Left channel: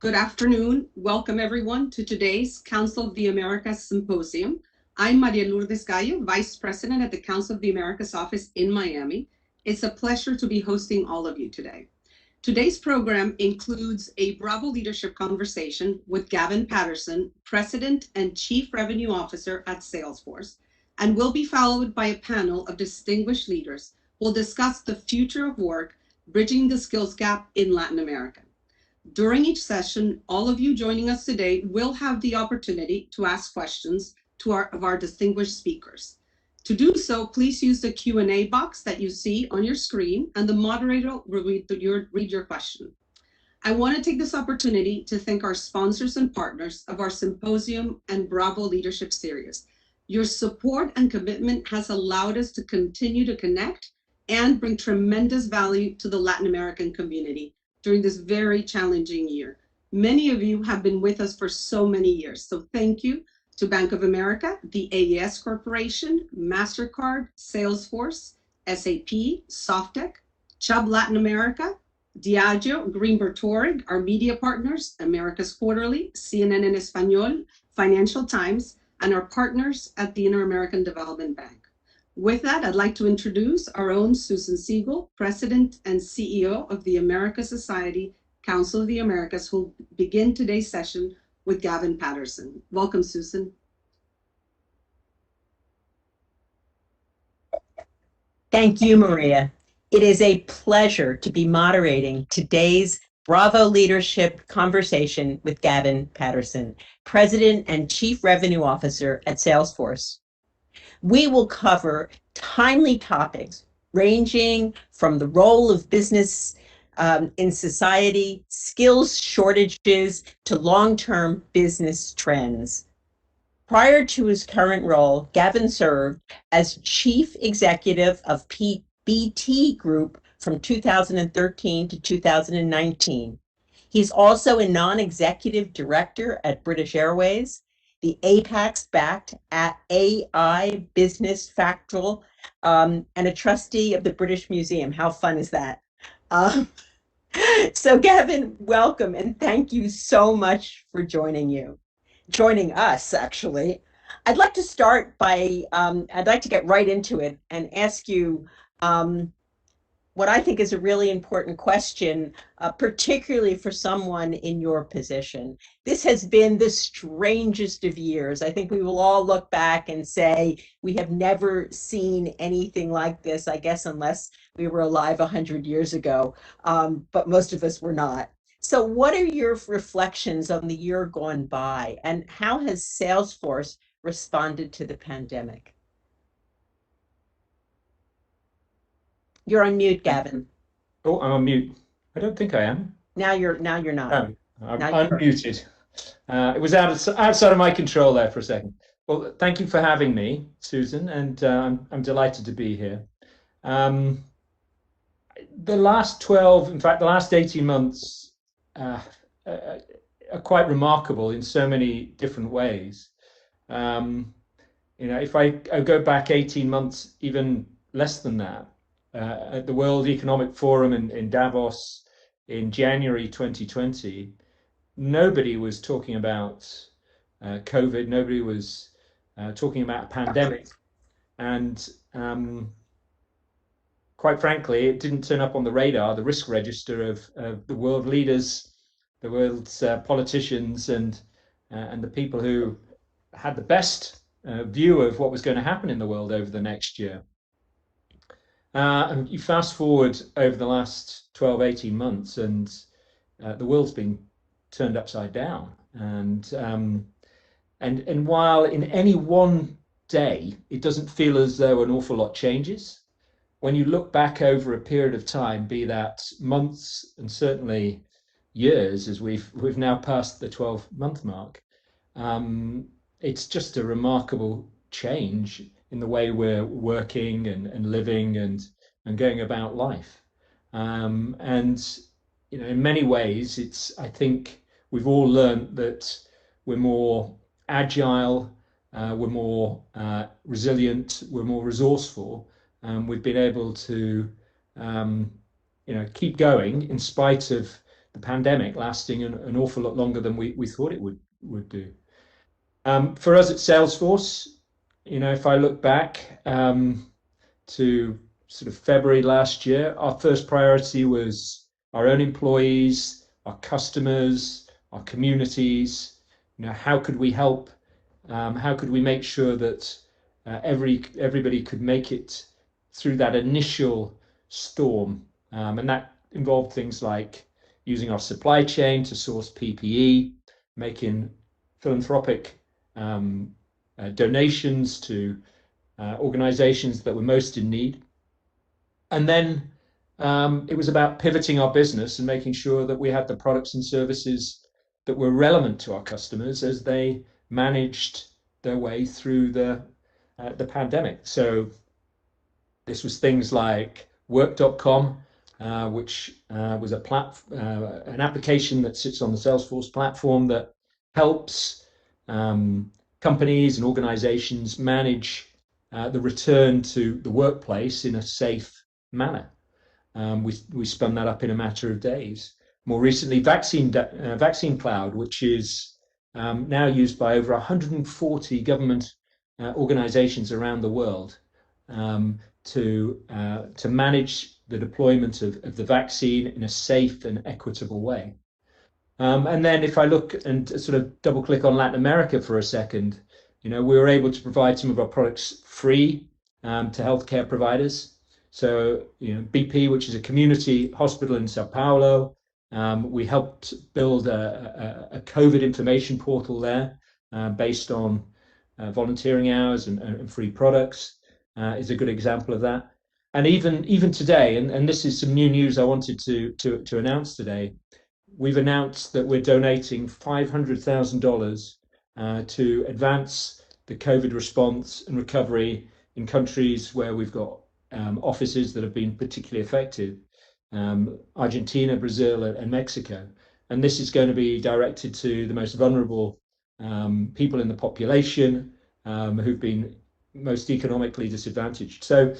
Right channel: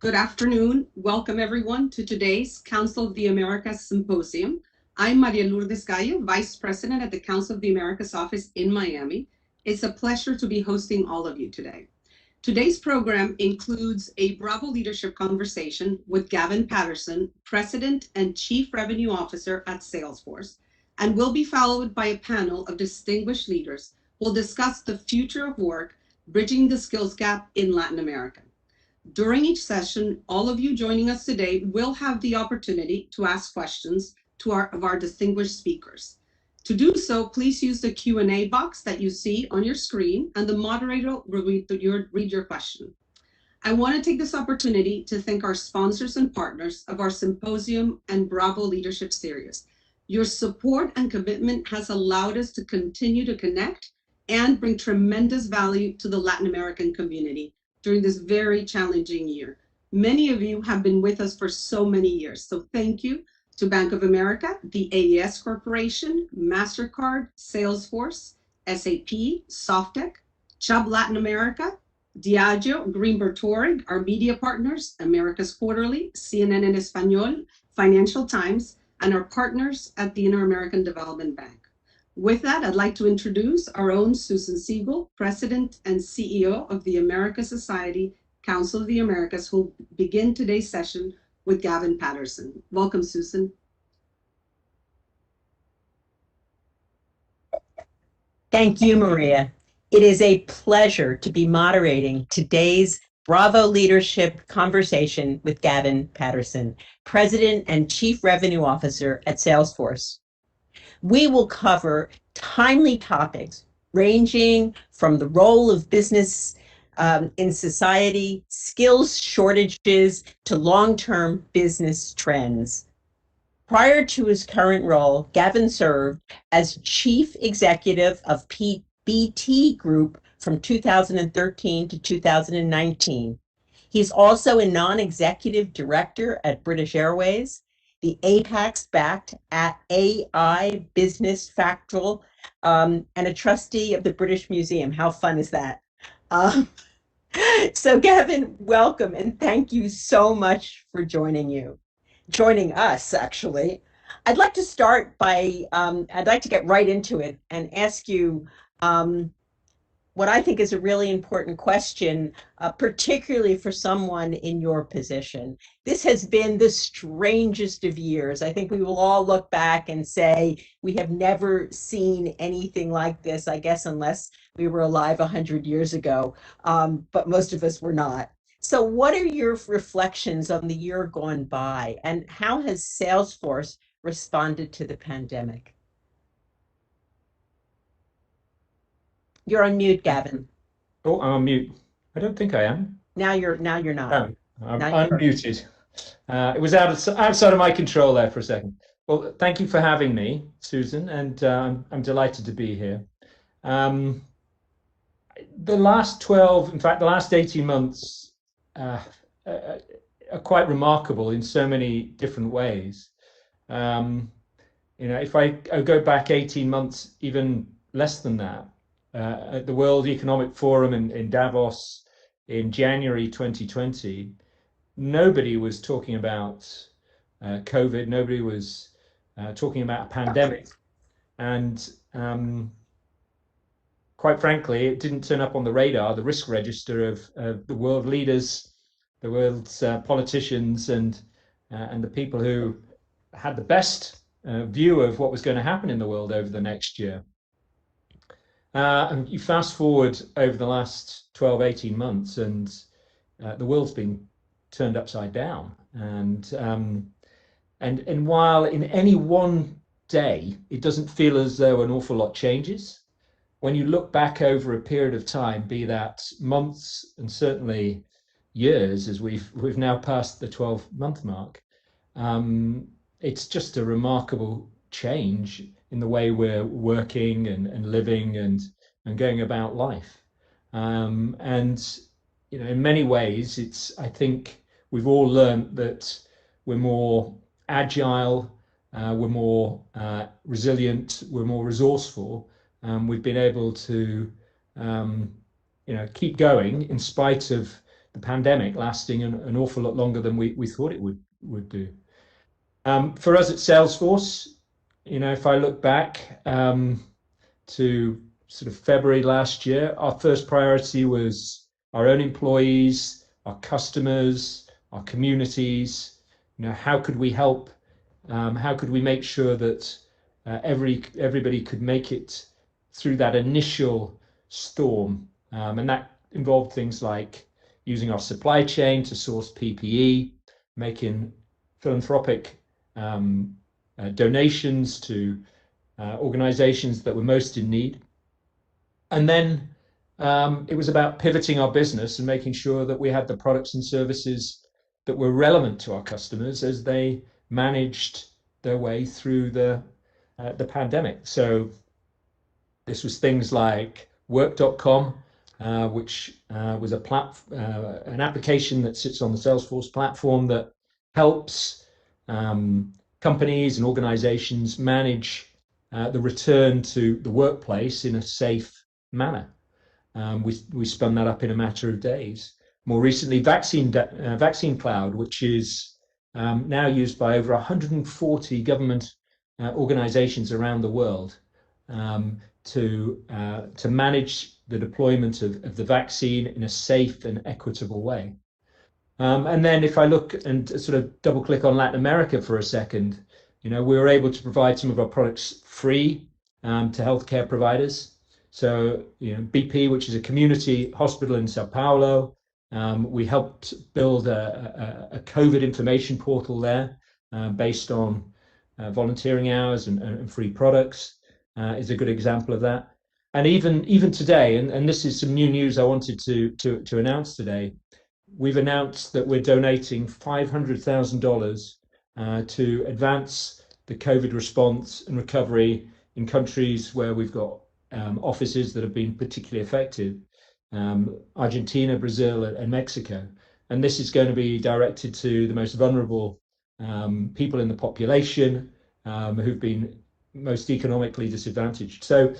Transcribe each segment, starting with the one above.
Good afternoon. Welcome everyone to today's Council of the Americas Symposium. I'm Maria Lourdes Gallo, Vice President at the Council of the Americas office in Miami. It's a pleasure to be hosting all of you today. Today's program includes a Bravo leadership conversation with Gavin Patterson, President and Chief Revenue Officer at Salesforce, and will be followed by a panel of distinguished leaders who will discuss the future of work, bridging the skills gap in Latin America. During each session, all of you joining us today will have the opportunity to ask questions to our distinguished speakers. To do so, please use the Q&A box that you see on your screen, and the moderator will read your question. I want to take this opportunity to thank our sponsors and partners of our Symposium and Bravo Leadership Series. Your support and commitment has allowed us to continue to connect and bring tremendous value to the Latin American community during this very challenging year. Many of you have been with us for so many years, so thank you to Bank of America, the AES Corporation, MasterCard, Salesforce, SAP, Softec, Chubb Latin America, Diageo, Greenberg Traurig, our media partners, America's Quarterly, CNN en Español, Financial Times, and our partners at the Inter-American Development Bank. With that, I'd like to introduce our own Susan Segal, President and CEO of the America Society, Council of the Americas, who will begin today's session with Gavin Patterson. Welcome, Susan. Thank you, Maria. It is a pleasure to be moderating today's Bravo Leadership Conversation with Gavin Patterson, President and Chief Revenue Officer at Salesforce. We will cover timely topics ranging from the role of business in society, skills shortages, to long-term business trends. Prior to his current role, Gavin served as Chief Executive of BT Group from 2013 to 2019. He's also a non-executive director at British Airways, the Apax-backed AI Business Factual, and a trustee of the British Museum. How fun is that? So Gavin, welcome, and thank you so much for joining us, actually. I'd like to start by, I'd like to get right into it and ask you what I think is a really important question, particularly for someone in your position. This has been the strangest of years. I think we will all look back and say, we have never seen anything like this, I guess, unless we were alive 100 years ago, but most of us were not. So what are your reflections on the year gone by, and how has Salesforce responded to the pandemic? You're on mute, Gavin. Oh, I'm on mute. I don't think I am. Now you're not. I'm unmuted. It was outside of my control there for a second. Well, thank you for having me, Susan, and I'm delighted to be here. The last 18 months are quite remarkable in so many different ways. If I go back 18 months, even less than that, at the World Economic Forum in Davos in January 2020, nobody was talking about COVID, nobody was talking about a pandemic. And quite frankly, it didn't turn up on the radar, the risk register of the world leaders, the world's politicians, and the people who had the best view of what was going to happen in the world over the next year. And you fast forward over the last 18 months, and the world's been turned upside down. And while in any one day, it doesn't feel as though an awful lot changes, when you look back over a period of time, be that months and certainly years, as we've now passed the 12-month mark, it's just a remarkable change in the way we're working and living and going about life. And in many ways, I think we've all learned that we're more agile, we're more resilient, we're more resourceful. We've been able to keep going in spite of the pandemic lasting an awful lot longer than we thought it would do. For us at Salesforce, if I look back to sort of February last year, our first priority was our own employees, our customers, our communities. How could we help? How could we make sure that everybody could make it through that initial storm? And that involved things like using our supply chain to source PPE, making philanthropic donations to organizations that were most in need. And then it was about pivoting our business and making sure that we had the products and services that were relevant to our customers as they managed their way through the pandemic. So this was things like work.com, which was an application that sits on the Salesforce platform that helps companies and organizations manage the return to the workplace in a safe manner. We spun that up in a matter of days. More recently, Vaccine Cloud, which is now used by over 140 government organizations around the world to manage the deployment of the vaccine in a safe and equitable way. And then if I look and sort of double click on Latin America for a second, we were able to provide some of our products free to healthcare providers. So, BP, which is a community hospital in Sao Paulo, we helped build a COVID information portal there based on volunteering hours and free products is a good example of that. And even today, and this is some new news I wanted to announce today, we've announced that we're donating $500,000 to advance the COVID response and recovery in countries where we've got offices that have been particularly affected, Argentina, Brazil, and Mexico. And this is going to be directed to the most vulnerable people in the population who've been most economically disadvantaged. So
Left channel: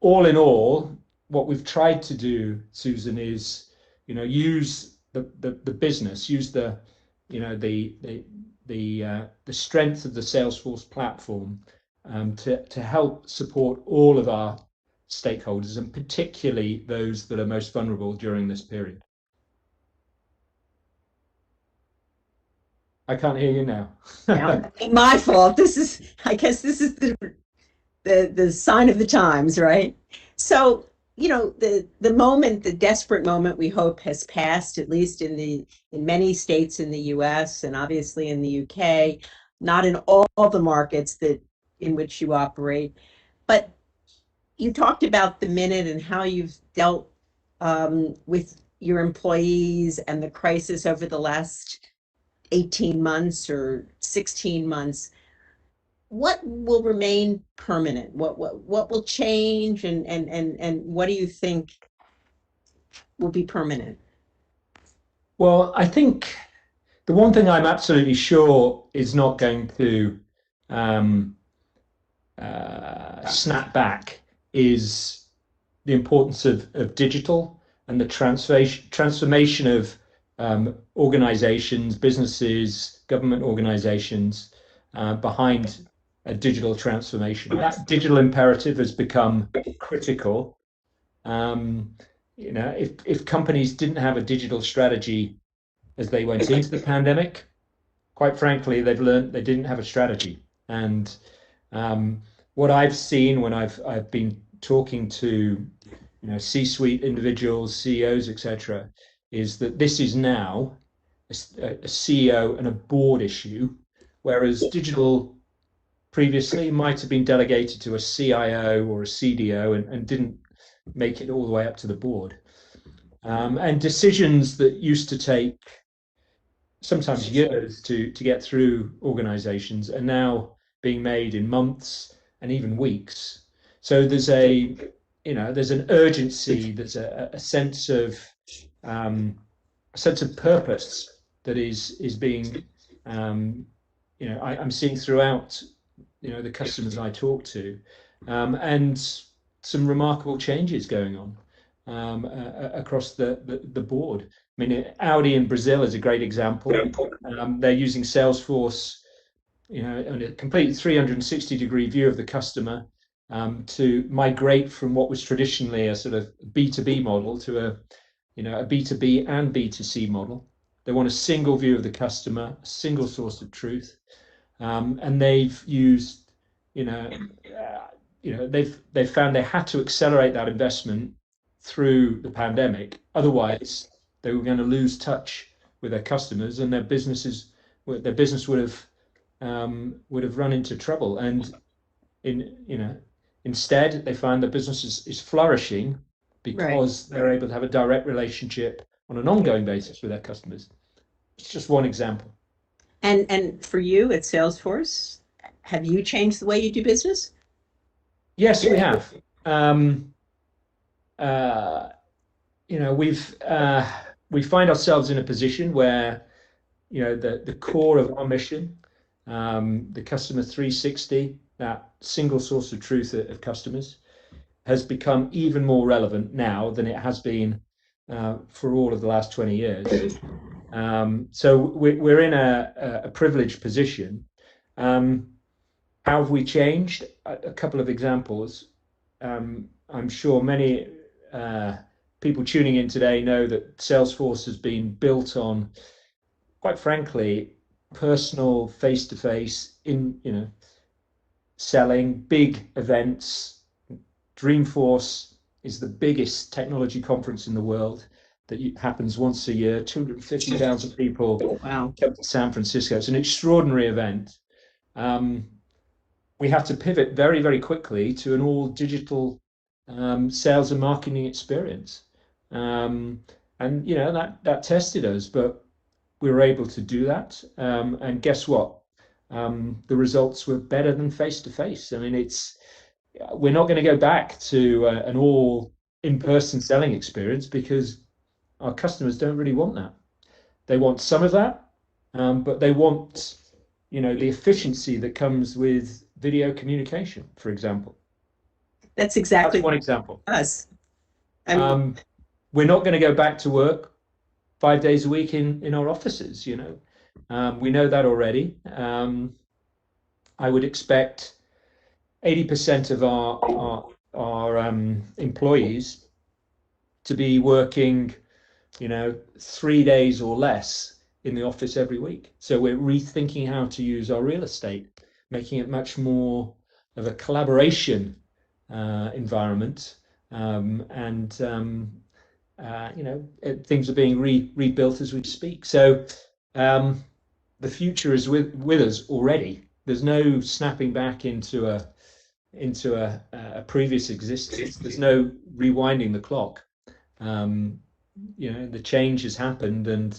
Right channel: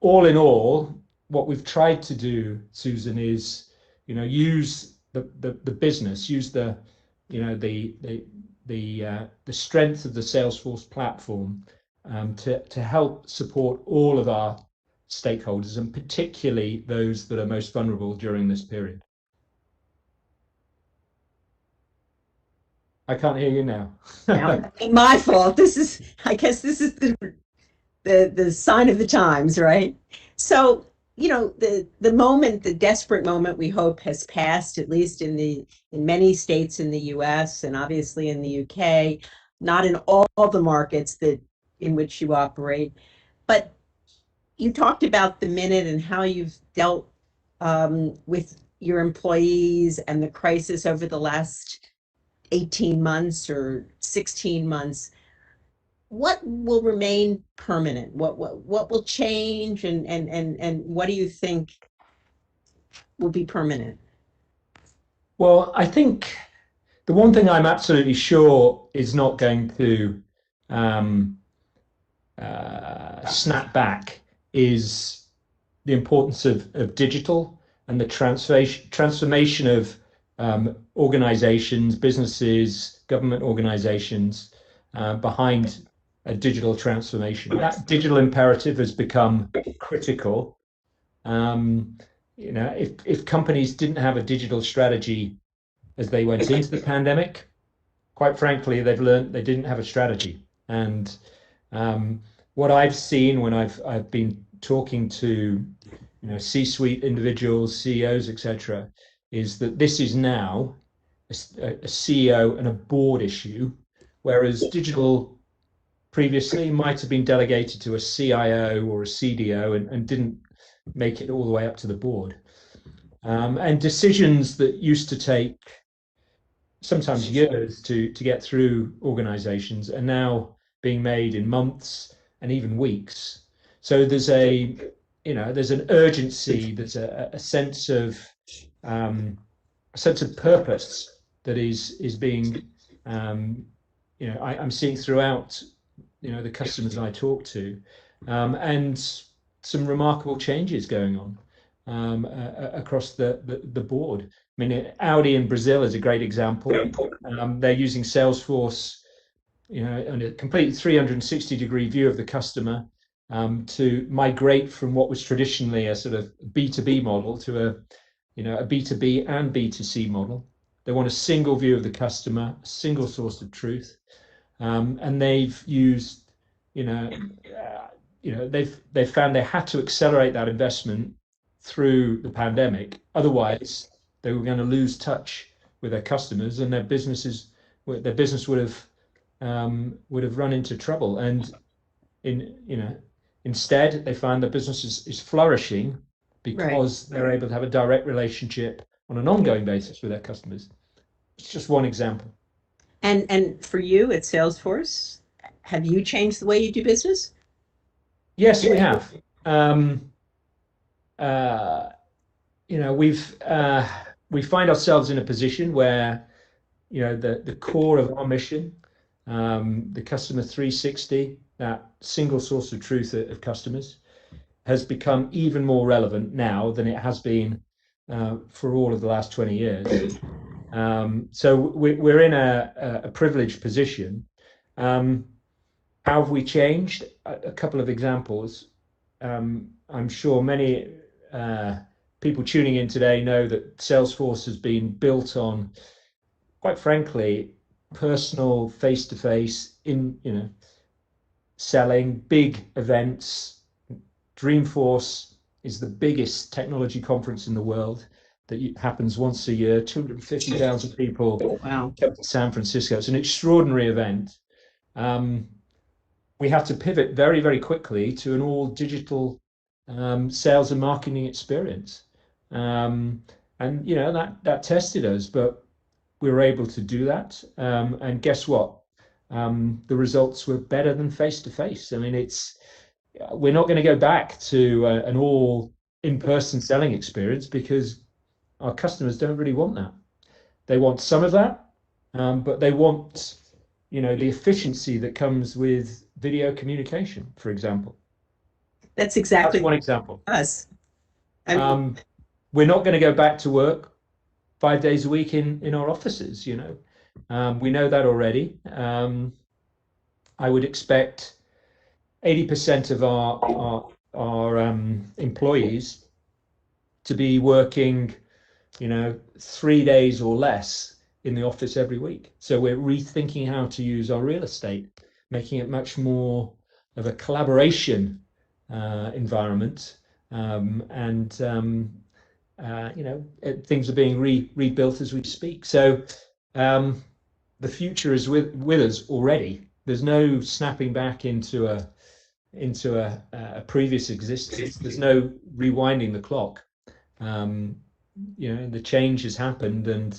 all in all, what we've tried to do, Susan, is use the business, use the strength of the Salesforce platform to help support all of our stakeholders, and particularly those that are most vulnerable during this period. I can't hear you now. My fault. I guess this is the sign of the times, right? So, the moment, the desperate moment, we hope has passed, at least in many states in the US and obviously in the UK, not in all the markets in which you operate. But you talked about the minute and how you've dealt with your employees and the crisis over the last 18 months or 16 months. What will remain permanent? What will change, and what do you think will be permanent? Well, I think the one thing I'm absolutely sure is not going to snap back is the importance of digital and the transformation of organizations, businesses, government organizations behind a digital transformation. That digital imperative has become critical. If companies didn't have a digital strategy as they went into the pandemic, quite frankly, they've learned they didn't have a strategy. And what I've seen when I've been talking to C-suite individuals, CEOs, etc., is that this is now a CEO and a board issue, whereas digital previously might have been delegated to a CIO or a CDO and didn't make it all the way up to the board. And decisions that used to take sometimes years to get through organizations are now being made in months and even weeks. So there's an urgency, there's a sense of purpose that is being I'm seeing throughout the customers I talk to, and some remarkable changes going on across the board. I mean, Audi in Brazil is a great example. They're using Salesforce, on a complete 360-degree view of the customer, to migrate from what was traditionally a sort of B2B model to a B2B and B2C model. They want a single view of the customer, a single source of truth, and they've used, they've found they had to accelerate that investment through the pandemic. Otherwise, they were going to lose touch with their customers, and their business would have run into trouble. And instead, they find the business is flourishing because they're able to have a direct relationship on an ongoing basis with their customers. It's just one example. And for you at Salesforce, have you changed the way you do business? Yes, we have. We find ourselves in a position where, the core of our mission, the customer 360, that single source of truth of customers, has become even more relevant now than it has been for all of the last 20 years. So we're in a privileged position. How have we changed? A couple of examples. I'm sure many people tuning in today know that Salesforce has been built on, quite frankly, personal, face-to-face, selling, big events. Dreamforce is the biggest technology conference in the world that happens once a year. 250,000 people come to San Francisco. It's an extraordinary event. We had to pivot very, very quickly to an all digital sales and marketing experience. And that tested us, but we were able to do that. And guess what? The results were better than face to face. I mean, we're not going to go back to an all in-person selling experience because our customers don't really want that. They want some of that, but they want, the efficiency that comes with video communication, for example. That's exactly one example. Us. We're not going to go back to work 5 days a week in our offices. We know that already. I would expect 80% of our employees to be working, 3 days or less in the office every week. So we're rethinking how to use our real estate, making it much more of a collaboration environment, things are being rebuilt as we speak. So the future is with us already. There's no snapping back into a previous existence. There's no rewinding the clock. The change has happened, and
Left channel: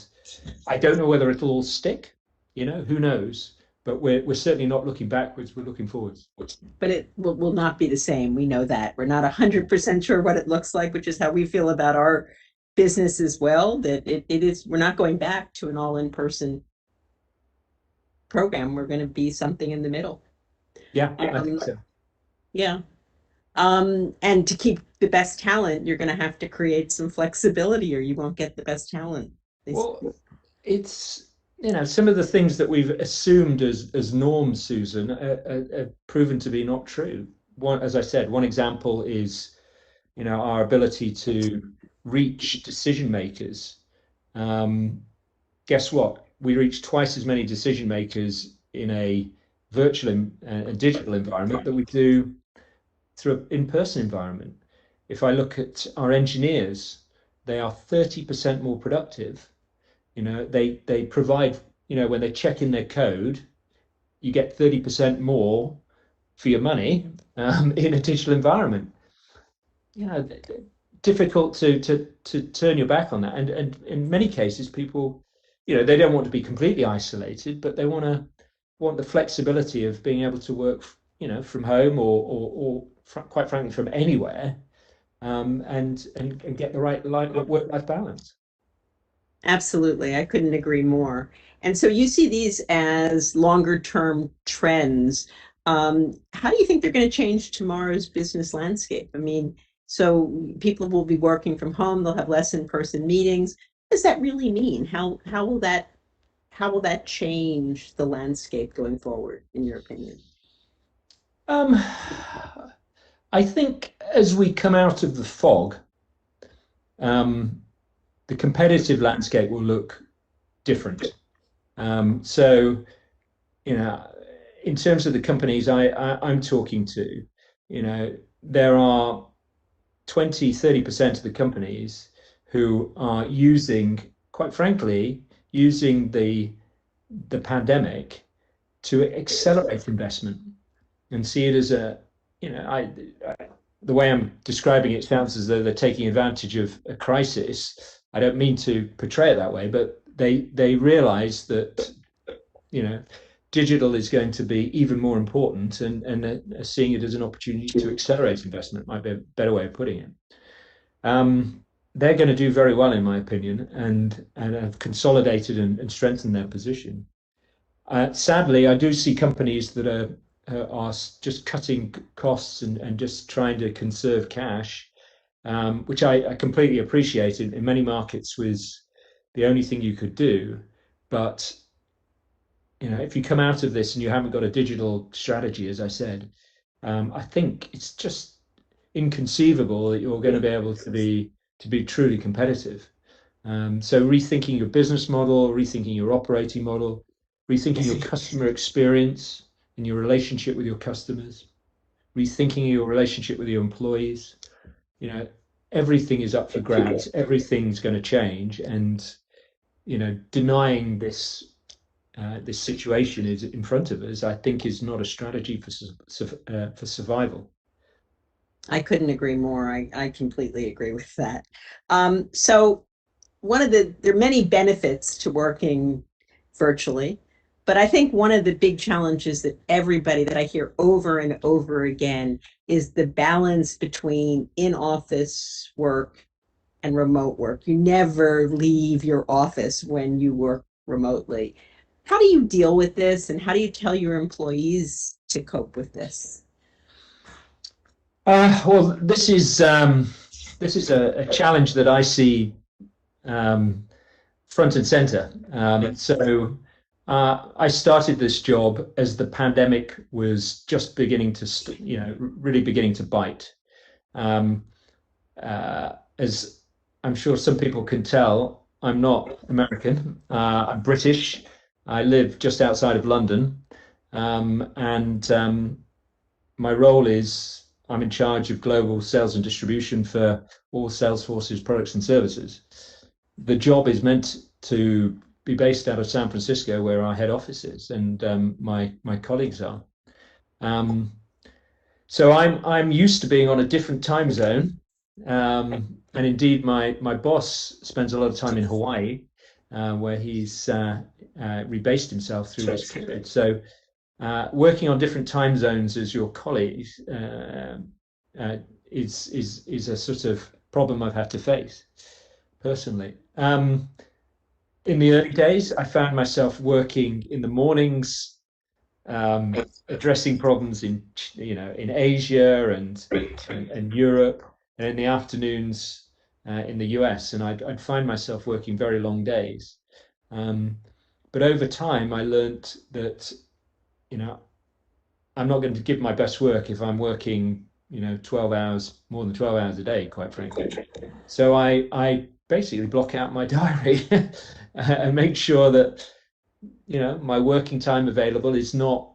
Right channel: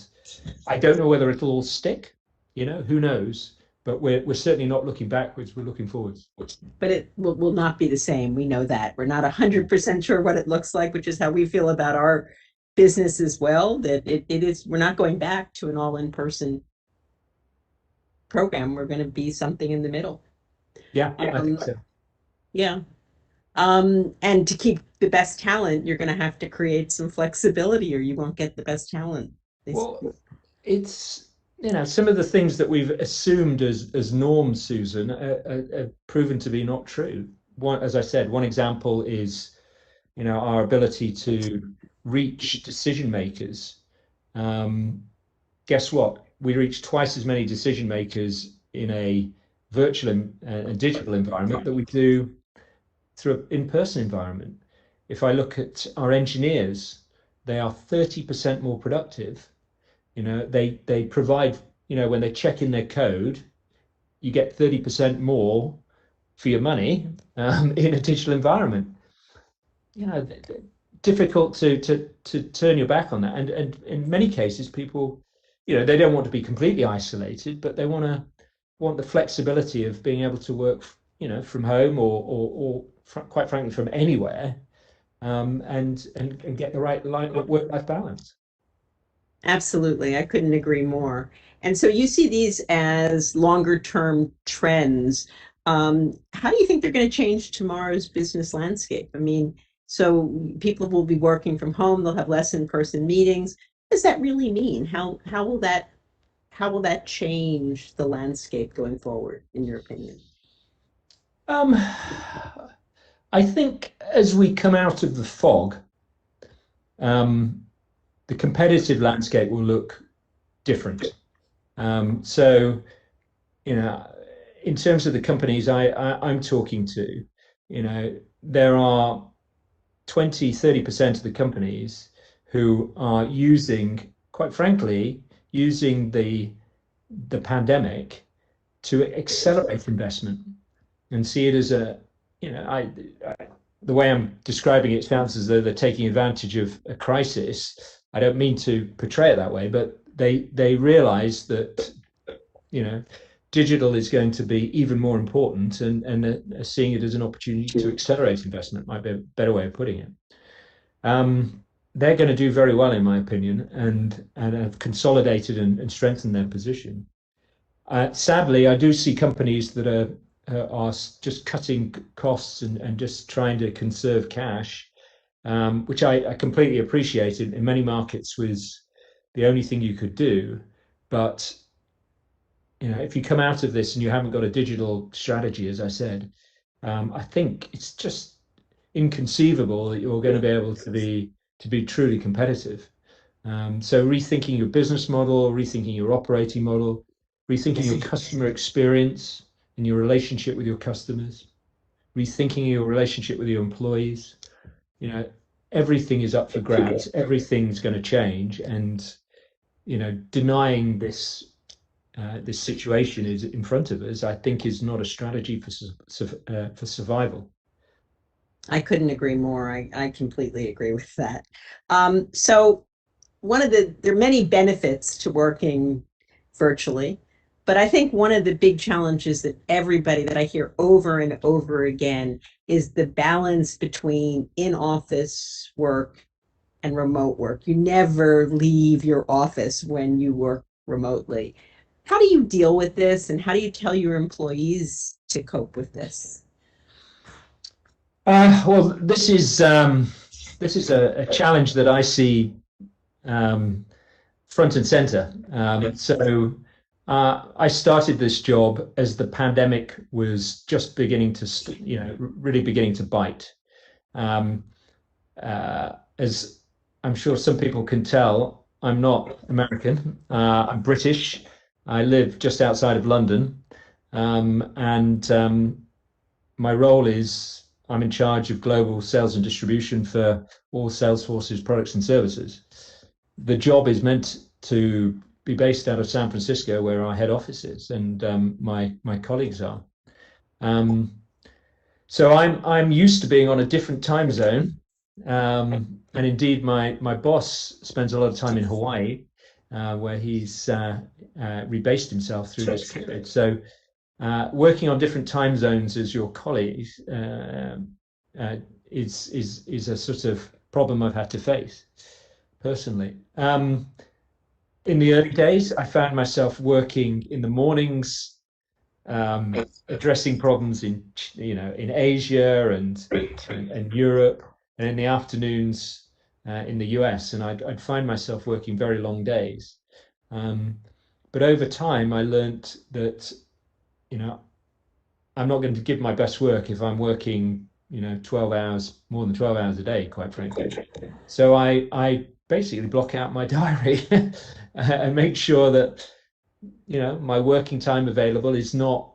I don't know whether it'll all stick. Who knows? But we're certainly not looking backwards. We're looking forwards. But it will not be the same. We know that. We're not 100% sure what it looks like, which is how we feel about our business as well. That it is. We're not going back to an all in-person program. We're going to be something in the middle. Yeah, I think so. Yeah. And to keep the best talent, you're going to have to create some flexibility, or you won't get the best talent. Well, it's some of the things that we've assumed as norms, Susan, are proven to be not true. As I said, one example is our ability to reach decision makers. Guess what? We reach twice as many decision makers in a virtual and digital environment that we do through an in-person environment. If I look at our engineers, they are 30% more productive. They provide, when they check in their code, you get 30% more for your money in a digital environment. Difficult to turn your back on that. And in many cases, people, they don't want to be completely isolated, but they want the flexibility of being able to work, from home or quite frankly from anywhere, and get the right work-life balance. Absolutely. I couldn't agree more. And so you see these as longer term trends. How do you think they're going to change tomorrow's business landscape? I mean, so people will be working from home, they'll have less in-person meetings. does that really mean? How will that change the landscape going forward, in your opinion? Um, I think as we come out of the fog, um, the competitive landscape will look different. So, you know, in terms of the companies I'm talking to, there are 20-30% of the companies who are quite frankly, using the pandemic to accelerate investment and see it as the way I'm describing it sounds as though they're taking advantage of a crisis. I don't mean to portray it that way, but they realize that digital is going to be even more important, and seeing it as an opportunity to accelerate investment might be a better way of putting it. They're going to do very well, in my opinion, and have consolidated and strengthened their position. Sadly, I do see companies that are just cutting costs and just trying to conserve cash, which I completely appreciate. In many markets was the only thing you could do. But if you come out of this and you haven't got a digital strategy, as I said, I think it's just inconceivable that you're going to be able to be truly competitive. So rethinking your business model, rethinking your operating model, rethinking your customer experience and your relationship with your customers, rethinking your relationship with your employees. Everything is up for grabs. Everything's going to change, and denying this situation is in front of us, I think, is not a strategy for survival. I couldn't agree more. I completely agree with that. So there are many benefits to working virtually, but I think one of the big challenges that everybody that I hear over and over again is the balance between in-office work and remote work. You never leave your office when you work remotely. How do you deal with this, and how do you tell your employees to cope with this? Well, this is a challenge that I see front and center. So I started this job as the pandemic was just beginning to, really beginning to bite. As I'm sure some people can tell, I'm not American. I'm British. I live just outside of London, and my role is I'm in charge of global sales and distribution for all Salesforce's products and services. The job is meant to be based out of San Francisco, where our head office is, and my colleagues are. So I'm used to being on a different time zone, and indeed my boss spends a lot of time in Hawaii, where he's rebased himself through this period. So working on different time zones as your colleagues is a sort of problem I've had to face personally. In the early days, I found myself working in the mornings, addressing problems in Asia and Europe, and in the afternoons in the US, and I'd find myself working very long days. But over time, I learned that I'm not going to give my best work if I'm working 12 hours, more than 12 hours a day, quite frankly. So I basically block out my diary and make sure that my working time available is not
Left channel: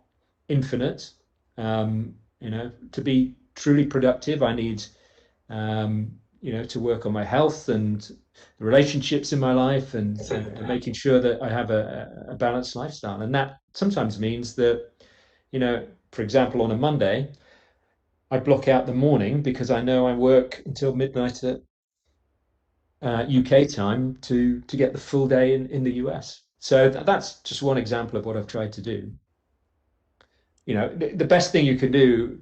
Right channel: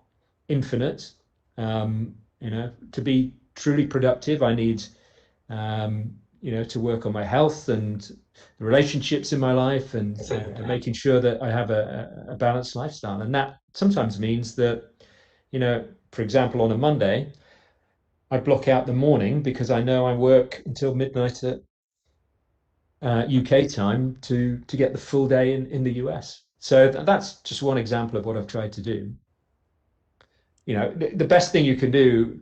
infinite. To be truly productive, I need to work on my health and the relationships in my life, and making sure that I have a balanced lifestyle. And that sometimes means that, for example, on a Monday, I block out the morning because I know I work until midnight at UK time to get the full day in the US. So that's just one example of what I've tried to do. The best thing you can do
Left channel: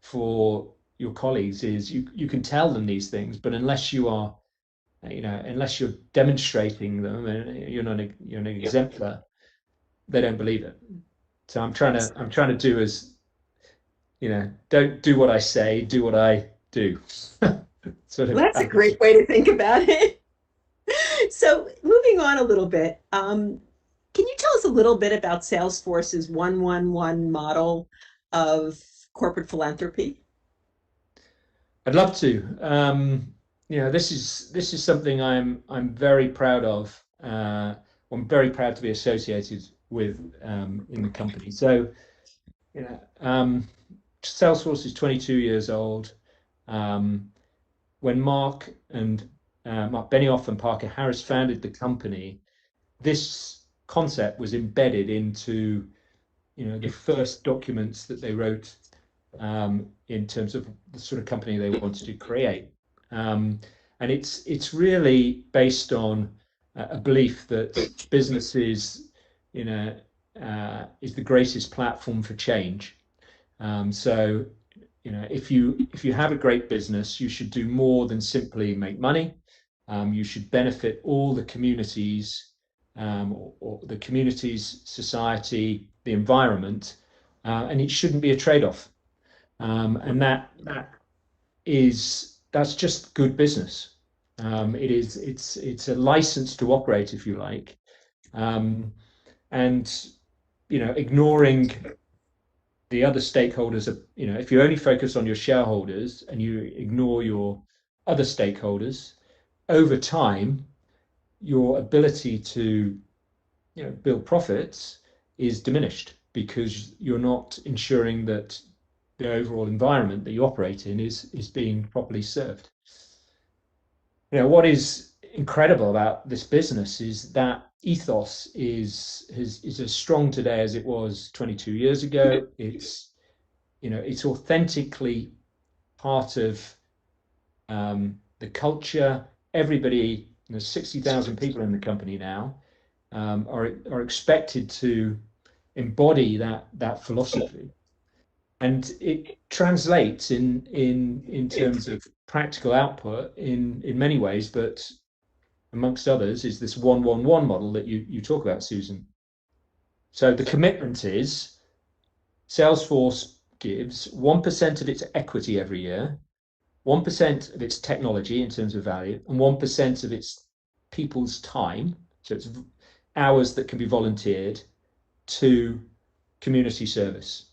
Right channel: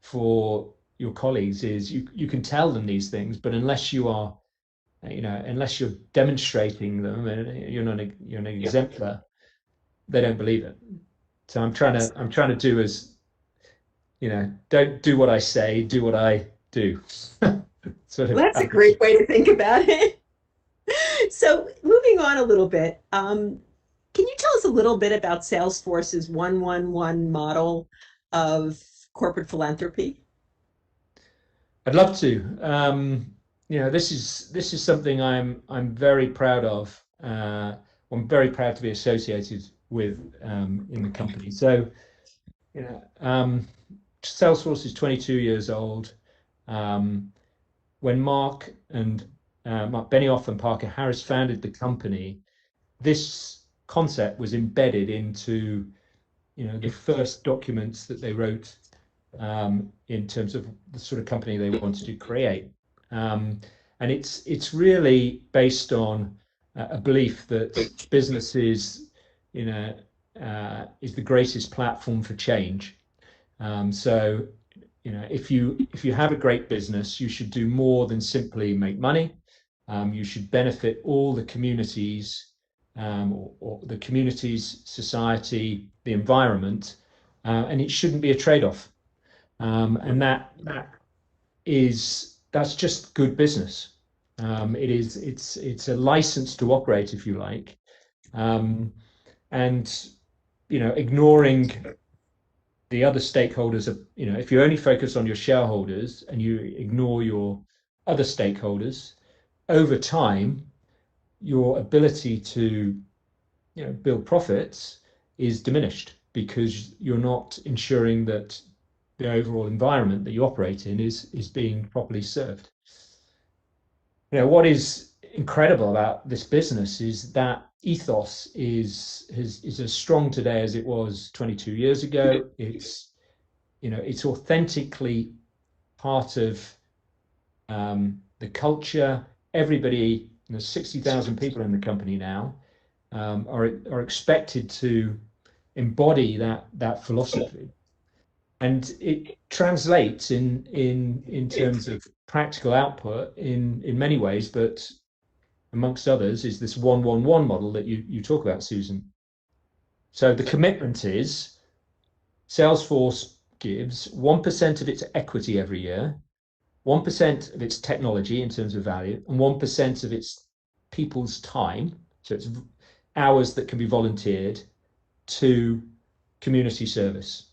for your colleagues is you can tell them these things, but unless you're demonstrating them and you're an exemplar, they don't believe it. So I'm trying to do as, don't do what I say, do what I do. That's a great way to think about it. So moving on a little bit, can you tell us a little bit about Salesforce's 111 model of corporate philanthropy? I'd love to. This is something I'm very proud of. I'm very proud to be associated with in the company. So, you know, Salesforce is 22 years old. When Mark Benioff and Parker Harris founded the company, this concept was embedded into the first documents that they wrote in terms of the sort of company they wanted to create. And it's really based on a belief that business is the greatest platform for change. So if you have a great business, you should do more than simply make money. You should benefit all the communities, or the communities, society, the environment, and it shouldn't be a trade-off. And that's just good business. It's a license to operate, if you like, and ignoring the other stakeholders. If you only focus on your shareholders and you ignore your other stakeholders, over time, your ability to build profits is diminished because you're not ensuring that the overall environment that you operate in is being properly served. What is incredible about this business is that ethos is as strong today as it was 22 years ago. It's authentically part of the culture. Everybody, 60,000 people in the company now, are expected to embody that philosophy, and it translates in terms of practical output in many ways, but amongst others is this 111 model that you talk about, Susan. So the commitment is Salesforce gives 1% of its equity every year, 1% of its technology in terms of value, and 1% of its people's time, so it's hours that can be volunteered, to community service.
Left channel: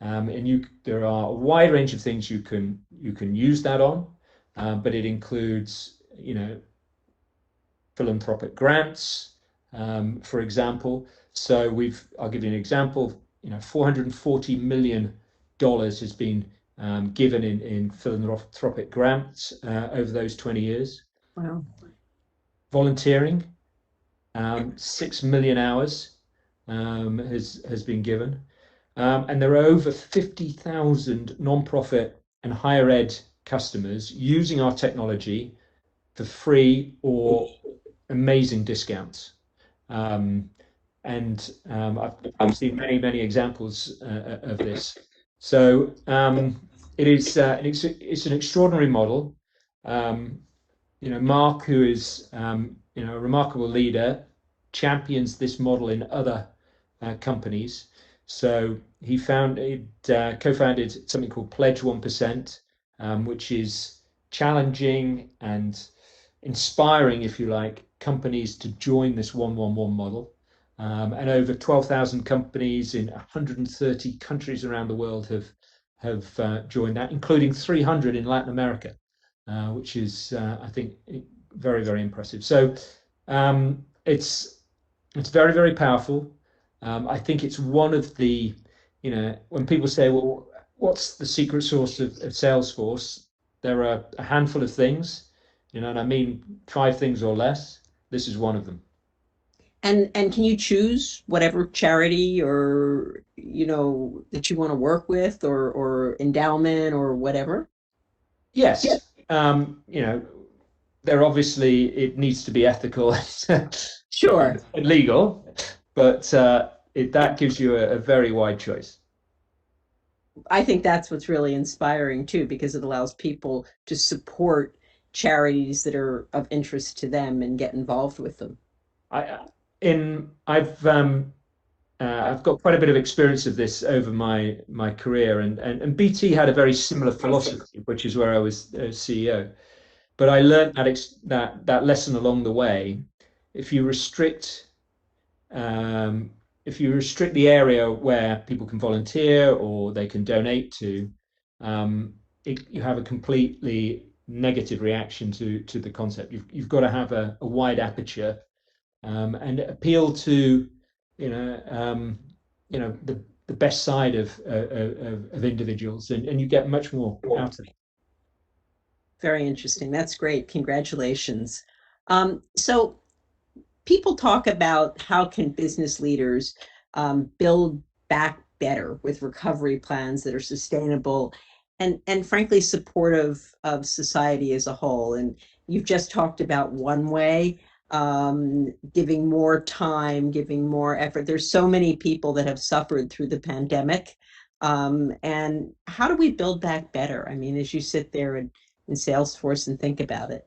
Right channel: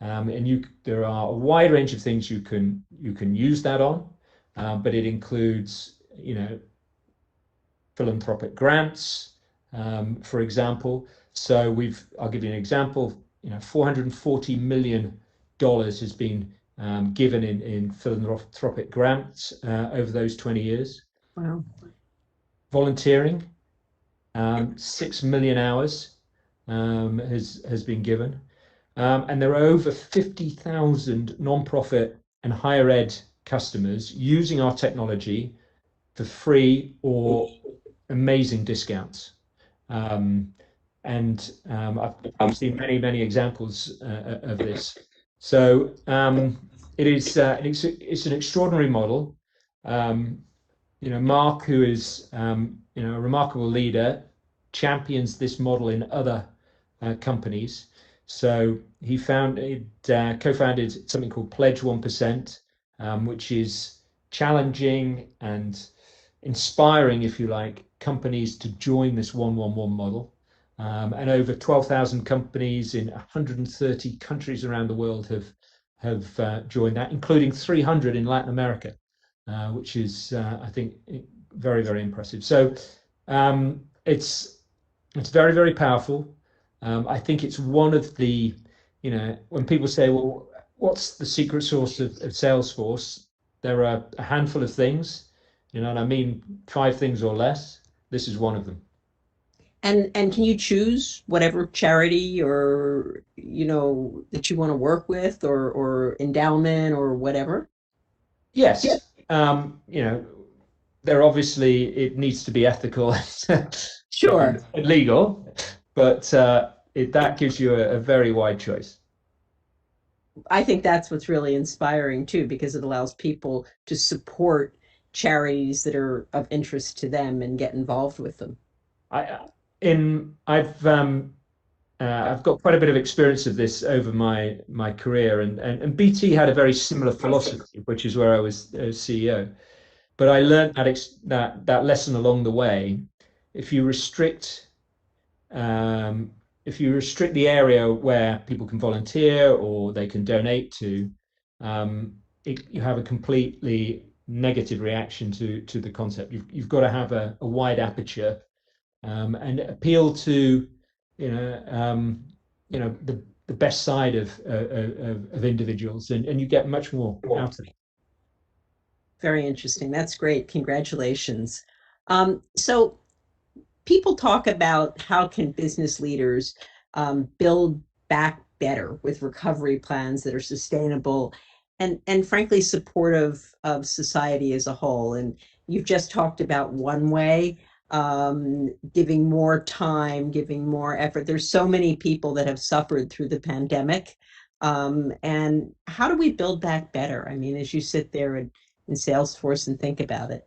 And there are a wide range of things you can use that on, but it includes philanthropic grants, for example. So I'll give you an example. $440 million has been given in philanthropic grants over those 20 years. Wow. Volunteering, 6 million hours has been given. And there are over 50,000 non-profit and higher ed customers using our technology for free or amazing discounts. And I've seen many examples of this. So it's an extraordinary model. Mark, who is a remarkable leader, champions this model in other companies. So he co-founded something called Pledge 1%, which is challenging and inspiring, if you like, companies to join this 111 model. And over 12,000 companies in 130 countries around the world have joined that, including 300 in Latin America, which is, I think, very, very impressive. So it's very, very powerful. I think it's one of the, when people say, well, what's the secret sauce of Salesforce? There are a handful of things, and I mean 5 things or less. This is one of them. And can you choose whatever charity or that you want to work with, or endowment or whatever? Yes. There obviously it needs to be ethical Sure. and legal, but that gives you a very wide choice. I think that's what's really inspiring too, because it allows people to support charities that are of interest to them and get involved with them. I've got quite a bit of experience of this over my career, and BT had a very similar philosophy, which is where I was CEO. But I learned that lesson along the way, if you restrict the area where people can volunteer or they can donate to, you have a completely negative reaction to the concept. You've got to have a wide aperture and appeal to the best side of individuals, and you get much more out of it. Very interesting. That's great. Congratulations. So people talk about how can business leaders build back better with recovery plans that are sustainable and frankly supportive of society as a whole. And you've just talked about one way, giving more time, giving more effort. There's so many people that have suffered through the pandemic. And how do we build back better? I mean, as you sit there in Salesforce and think about it.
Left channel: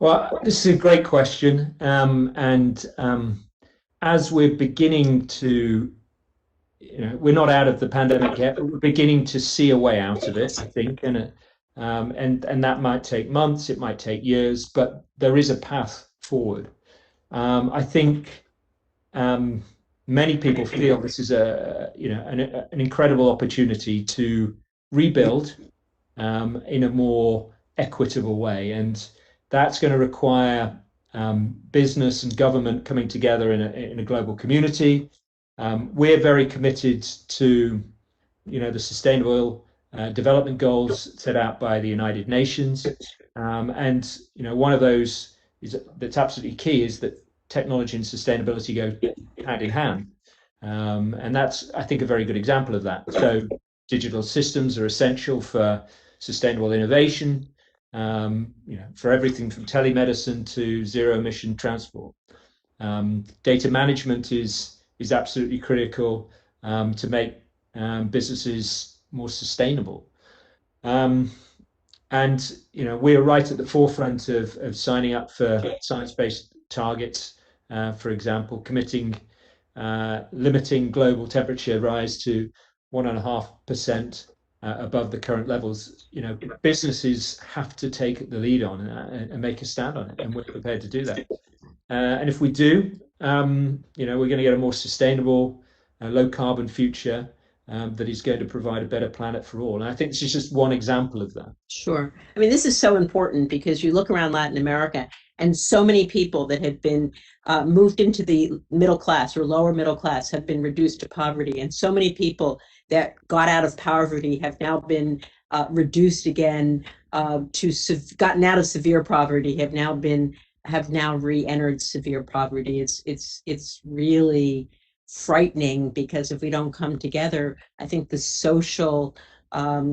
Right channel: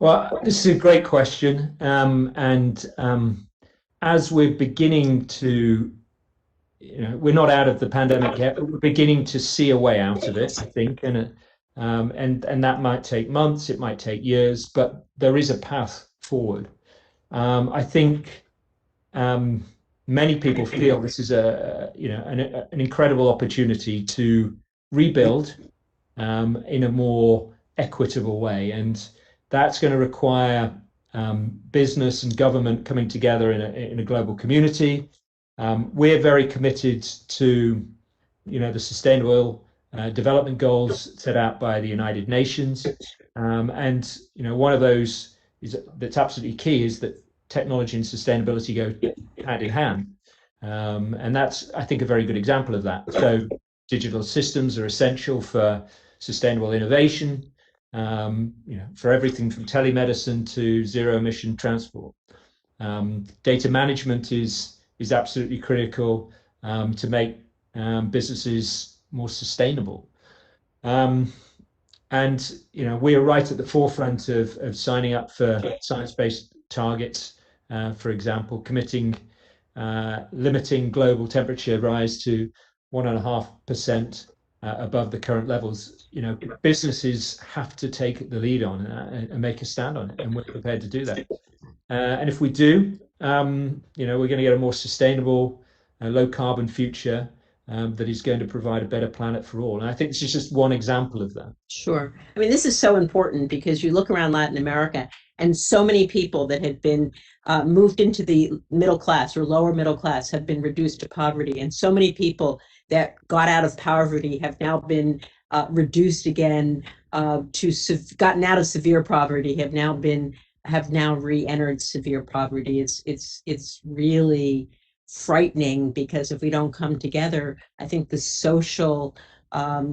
Well, this is a great question. As we're beginning to, we're not out of the pandemic yet, but we're beginning to see a way out of it, I think. And that might take months, it might take years, but there is a path forward. I think many people feel this is an incredible opportunity to rebuild in a more equitable way, and that's going to require business and government coming together in a global community. We're very committed to, the sustainable development goals set out by the United Nations, and one of those that's absolutely key is that technology and sustainability go hand in hand, and that's, I think, a very good example of that. So digital systems are essential for sustainable innovation. For everything from telemedicine to zero emission transport. Data management is absolutely critical to make businesses more sustainable. And we're right at the forefront of signing up for science-based targets, for example, committing limiting global temperature rise to 1.5% above the current levels. Businesses have to take the lead on and make a stand on it, and we're prepared to do that. And if we do, we're going to get a more sustainable, low carbon future that is going to provide a better planet for all. And I think this is just one example of that. Sure. I mean, this is so important because you look around Latin America and so many people that had been moved into the middle class or lower middle class have been reduced to poverty. And so many people that got out of poverty have now been reduced again gotten out of severe poverty, have now re-entered severe poverty. It's really frightening, because if we don't come together, I think the social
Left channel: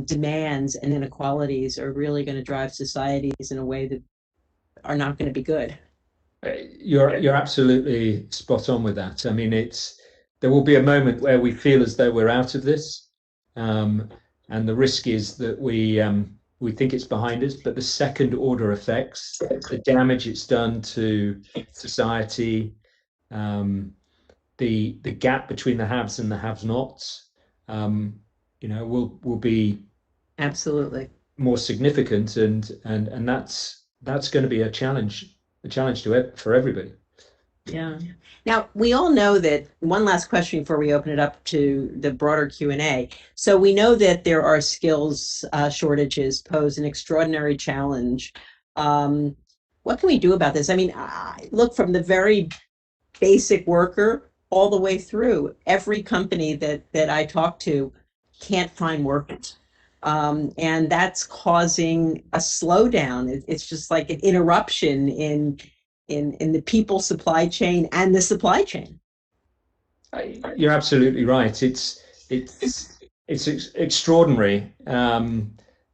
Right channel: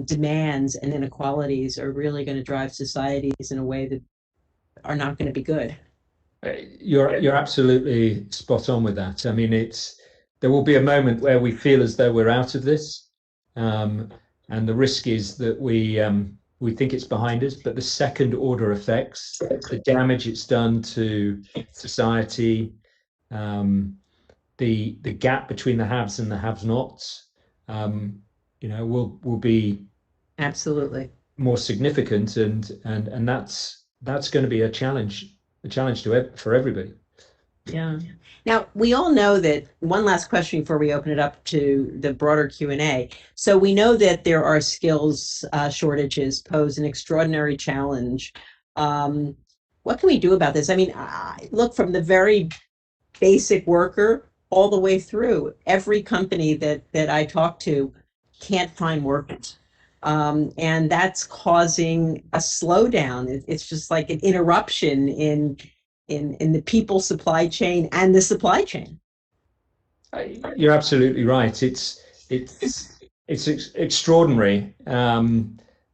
demands and inequalities are really going to drive societies in a way that are not going to be good. You're absolutely spot on with that. I mean, there will be a moment where we feel as though we're out of this, and the risk is that we think it's behind us, but the second order effects, the damage it's done to society, the gap between the haves and the have-nots, will be absolutely more significant, and that's going to be a challenge for everybody. Yeah. Now, we all know that, one last question before we open it up to the broader Q&A. So we know that there are skills shortages pose an extraordinary challenge. What can we do about this? I mean, look, from the very basic worker all the way through, every company that I talk to can't find workers. And that's causing a slowdown. It's just like an interruption in the people supply chain and the supply chain. You're absolutely right. It's extraordinary.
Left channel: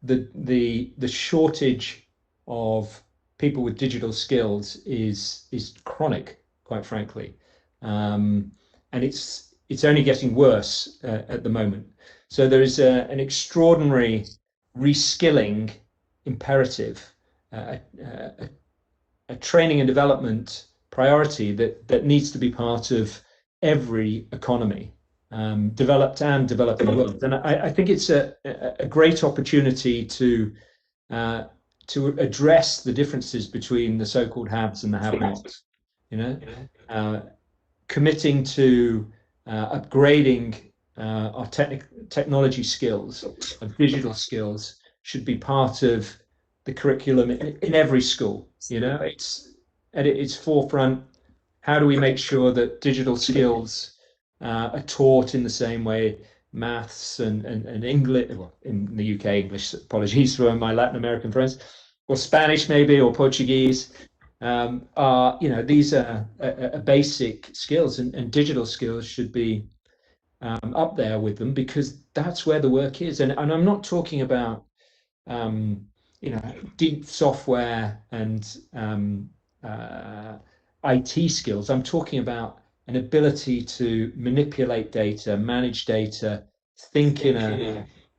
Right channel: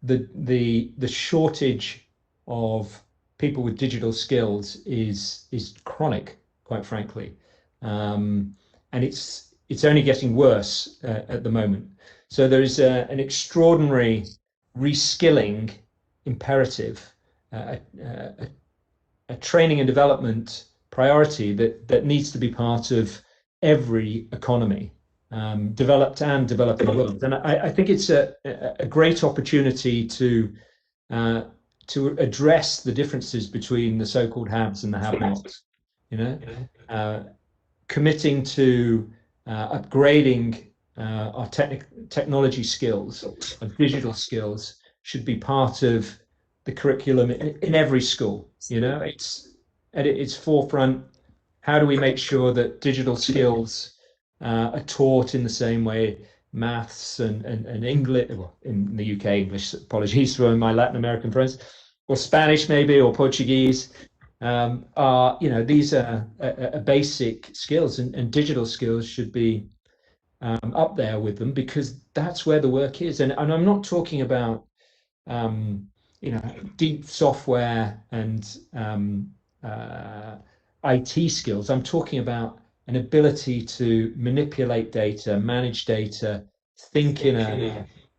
The shortage of people with digital skills is chronic, quite frankly, and it's only getting worse at the moment. So there is an extraordinary reskilling imperative, a training and development priority that needs to be part of every economy, developed and developing world. And I think it's a great opportunity to to address the differences between the so-called haves and the have-nots. Committing to upgrading our technology skills, our digital skills, should be part of the curriculum in every school. It's at its forefront. How do we make sure that digital skills are taught in the same way maths and English, well, in the UK, English, apologies for my Latin American friends, or Spanish maybe, or Portuguese, these are basic skills, and digital skills should be up there with them, because that's where the work is. And I'm not talking about deep software and IT skills. I'm talking about an ability to manipulate data, manage data, think in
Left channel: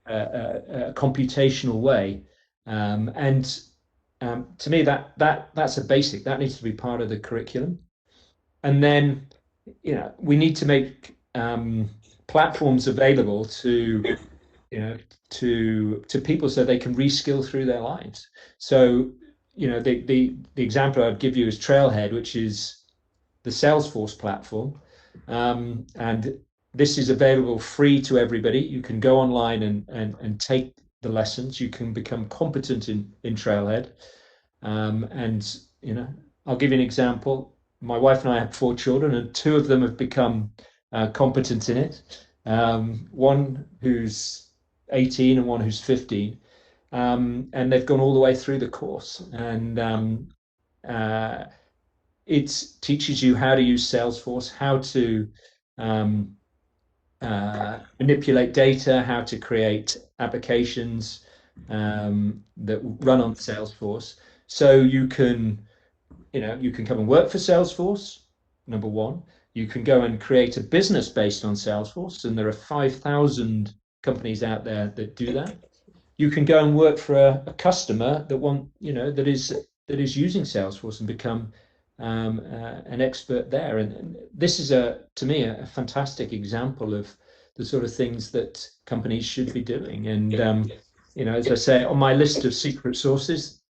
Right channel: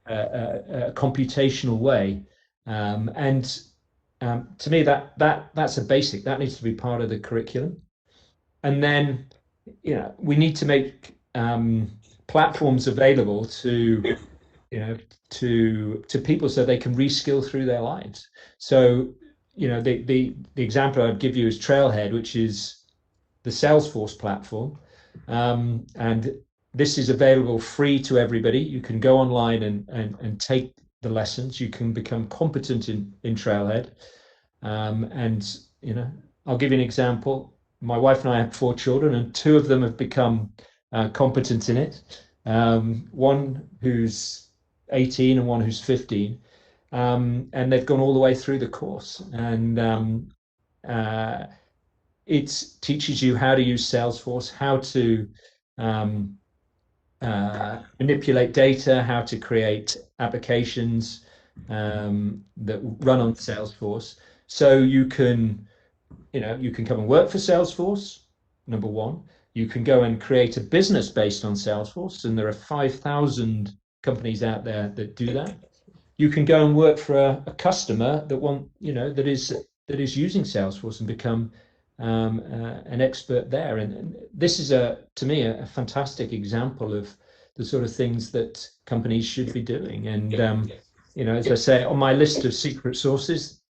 a computational way, and to me that's a basic that needs to be part of the curriculum. And then we need to make platforms available to people so they can reskill through their lives. So the example I'd give you is Trailhead, which is the Salesforce platform, and this is available free to everybody. You can go online and take the lessons. You can become competent in Trailhead, and I'll give you an example. My wife and I have 4 children, and 2 of them have become competent in it. One who's 18 and one who's 15, and they've gone all the way through the course. And it teaches you how to use Salesforce, how to manipulate data, how to create applications that run on Salesforce. So you can come and work for Salesforce, number one. You can go and create a business based on Salesforce, and there are 5,000 companies out there that do that. You can go and work for a customer that is using Salesforce and become an expert there. And this is to me a fantastic example of the sort of things that companies should be doing. And as I say, on my list of secret sources,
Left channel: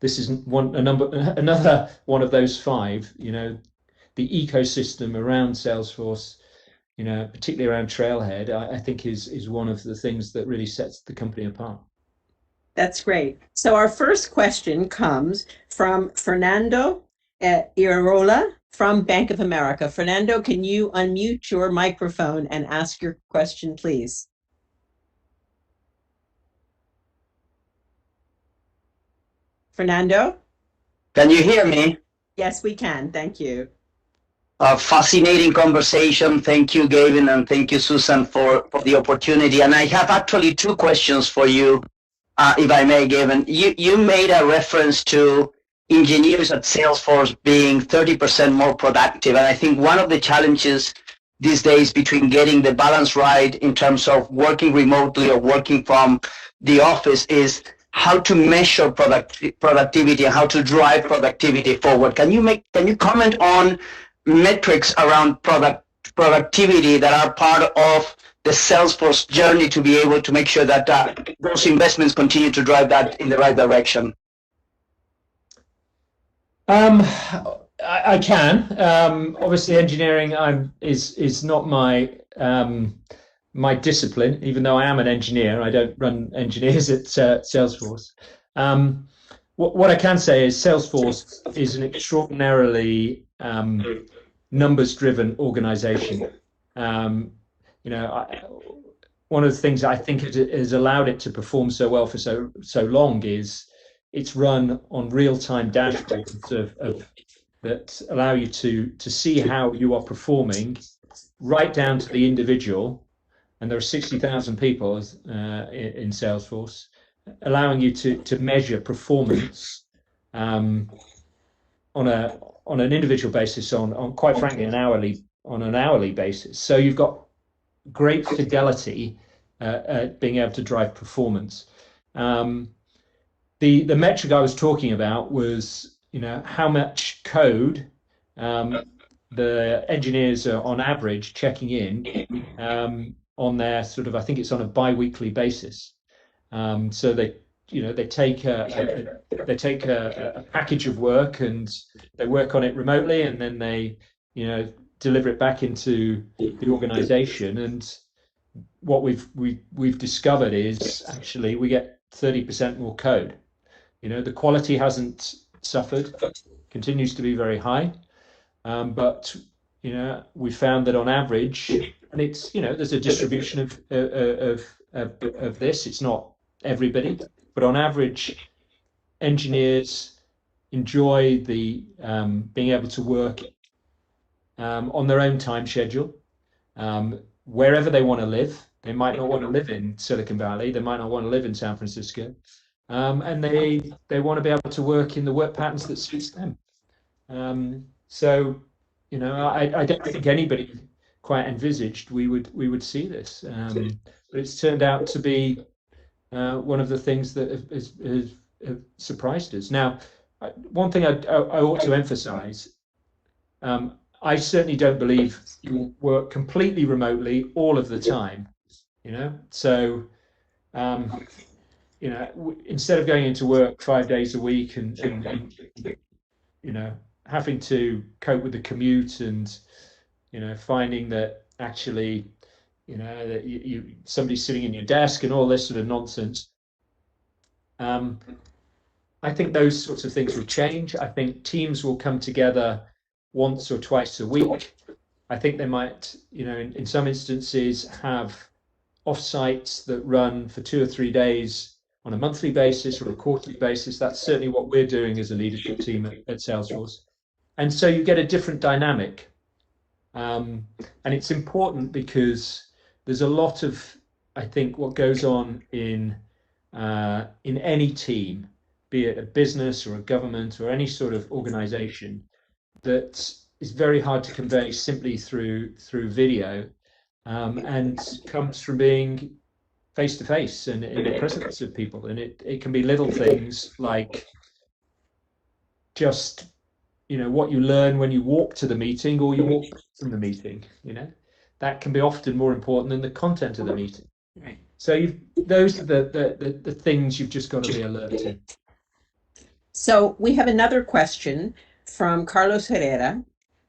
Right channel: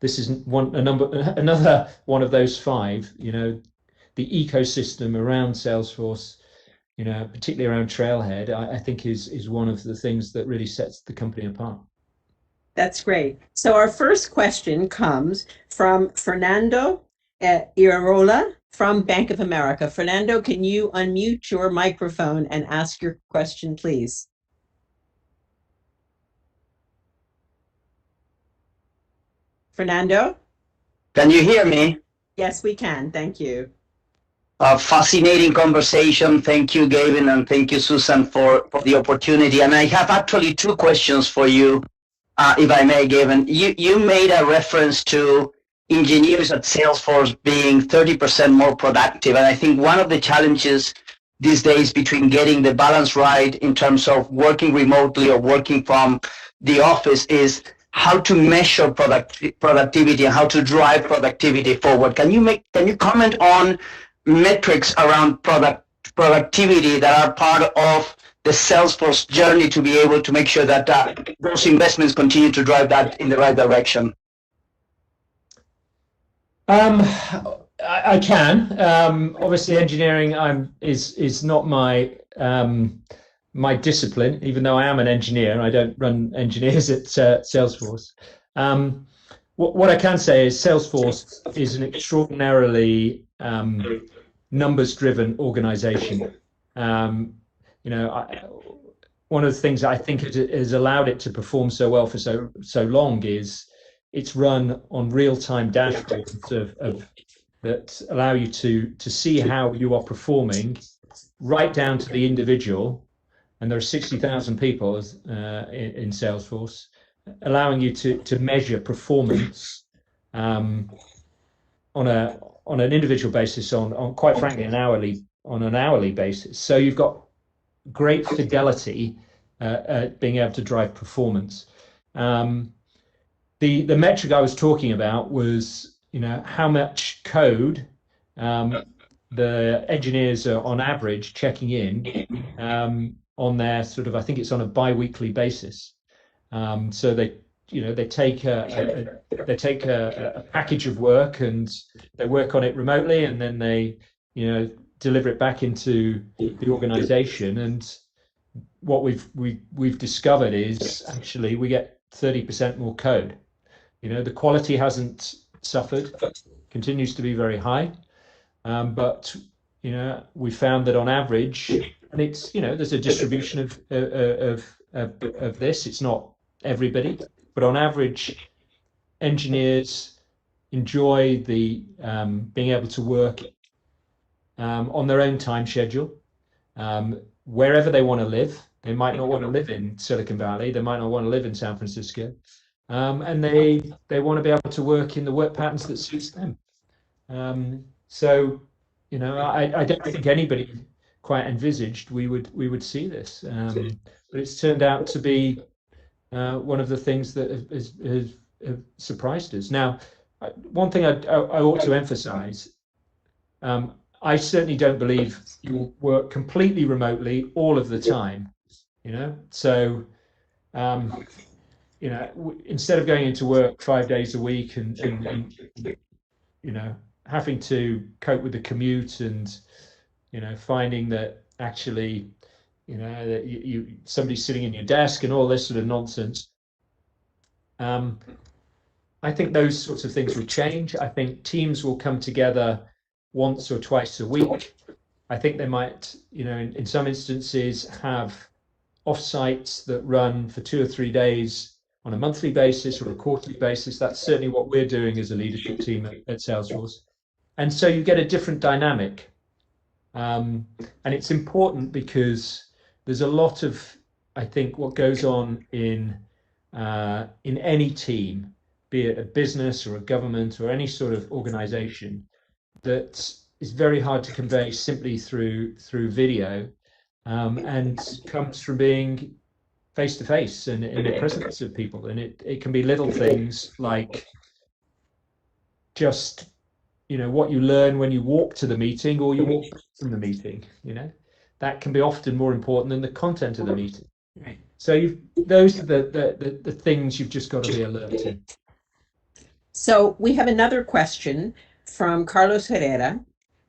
this is another one of those 5. The ecosystem around Salesforce, particularly around Trailhead, I think is one of the things that really sets the company apart. That's great. So our first question comes from Fernando Iraola from Bank of America. Fernando, can you unmute your microphone and ask your question, please? Fernando? Can you hear me? Yes, we can. Thank you. A fascinating conversation. Thank you, Gavin, and thank you, Susan, for the opportunity. And I have actually 2 questions for you, if I may, Gavin. You made a reference to engineers at Salesforce being 30% more productive. And I think one of the challenges these days between getting the balance right in terms of working remotely or working from the office is how to measure productivity and how to drive productivity forward. Can you comment on metrics around productivity that are part of the Salesforce journey to be able to make sure that those investments continue to drive that in the right direction? I can. Obviously, engineering is not my my discipline. Even though I am an engineer, I don't run engineers at Salesforce. What I can say is Salesforce is an extraordinarily numbers-driven organization. One of the things I think has allowed it to perform so well for so long is it's run on real-time dashboards that allow you to see how you are performing right down to the individual. And there are 60,000 people in Salesforce, allowing you to measure performance on an individual basis, on quite frankly on an hourly basis. So you've got great fidelity at being able to drive performance. The metric I was talking about was how much code the engineers are on average checking in on their sort of, I think it's on a bi-weekly basis. So they take a package of work and they work on it remotely, and then they deliver it back into the organization. And what we've discovered is actually we get 30% more code. The quality hasn't suffered, continues to be very high, but we found that on average, and it's there's a distribution of this. It's not everybody, but on average, engineers enjoy the being able to work on their own time schedule, wherever they want to live. They might not want to live in Silicon Valley. They might not want to live in San Francisco, and they want to be able to work in the work patterns that suits them. So, I don't think anybody quite envisaged we would see this, but it's turned out to be one of the things that have surprised us. Now, one thing I ought to emphasize, I certainly don't believe you work completely remotely all of the time, so instead of going into work 5 days a week and having to cope with the commute and finding that actually that somebody's sitting in your desk and all this sort of nonsense, I think those sorts of things will change. I think teams will come together once or twice a week. I think they might, in some instances, have offsites that run for 2 or 3 days on a monthly basis or a quarterly basis. That's certainly what we're doing as a leadership team at Salesforce. And so you get a different dynamic. And it's important because there's a lot of, I think, what goes on in any team, be it a business or a government or any sort of organization, that is very hard to convey simply through video, and comes from being face to face and in the presence of people. And it can be little things like just what you learn when you walk to the meeting or you walk from the meeting. That can be often more important than the content of the meeting. Right. So those are the things you've just got to be alert to. So we have another question from Carlos Herrera.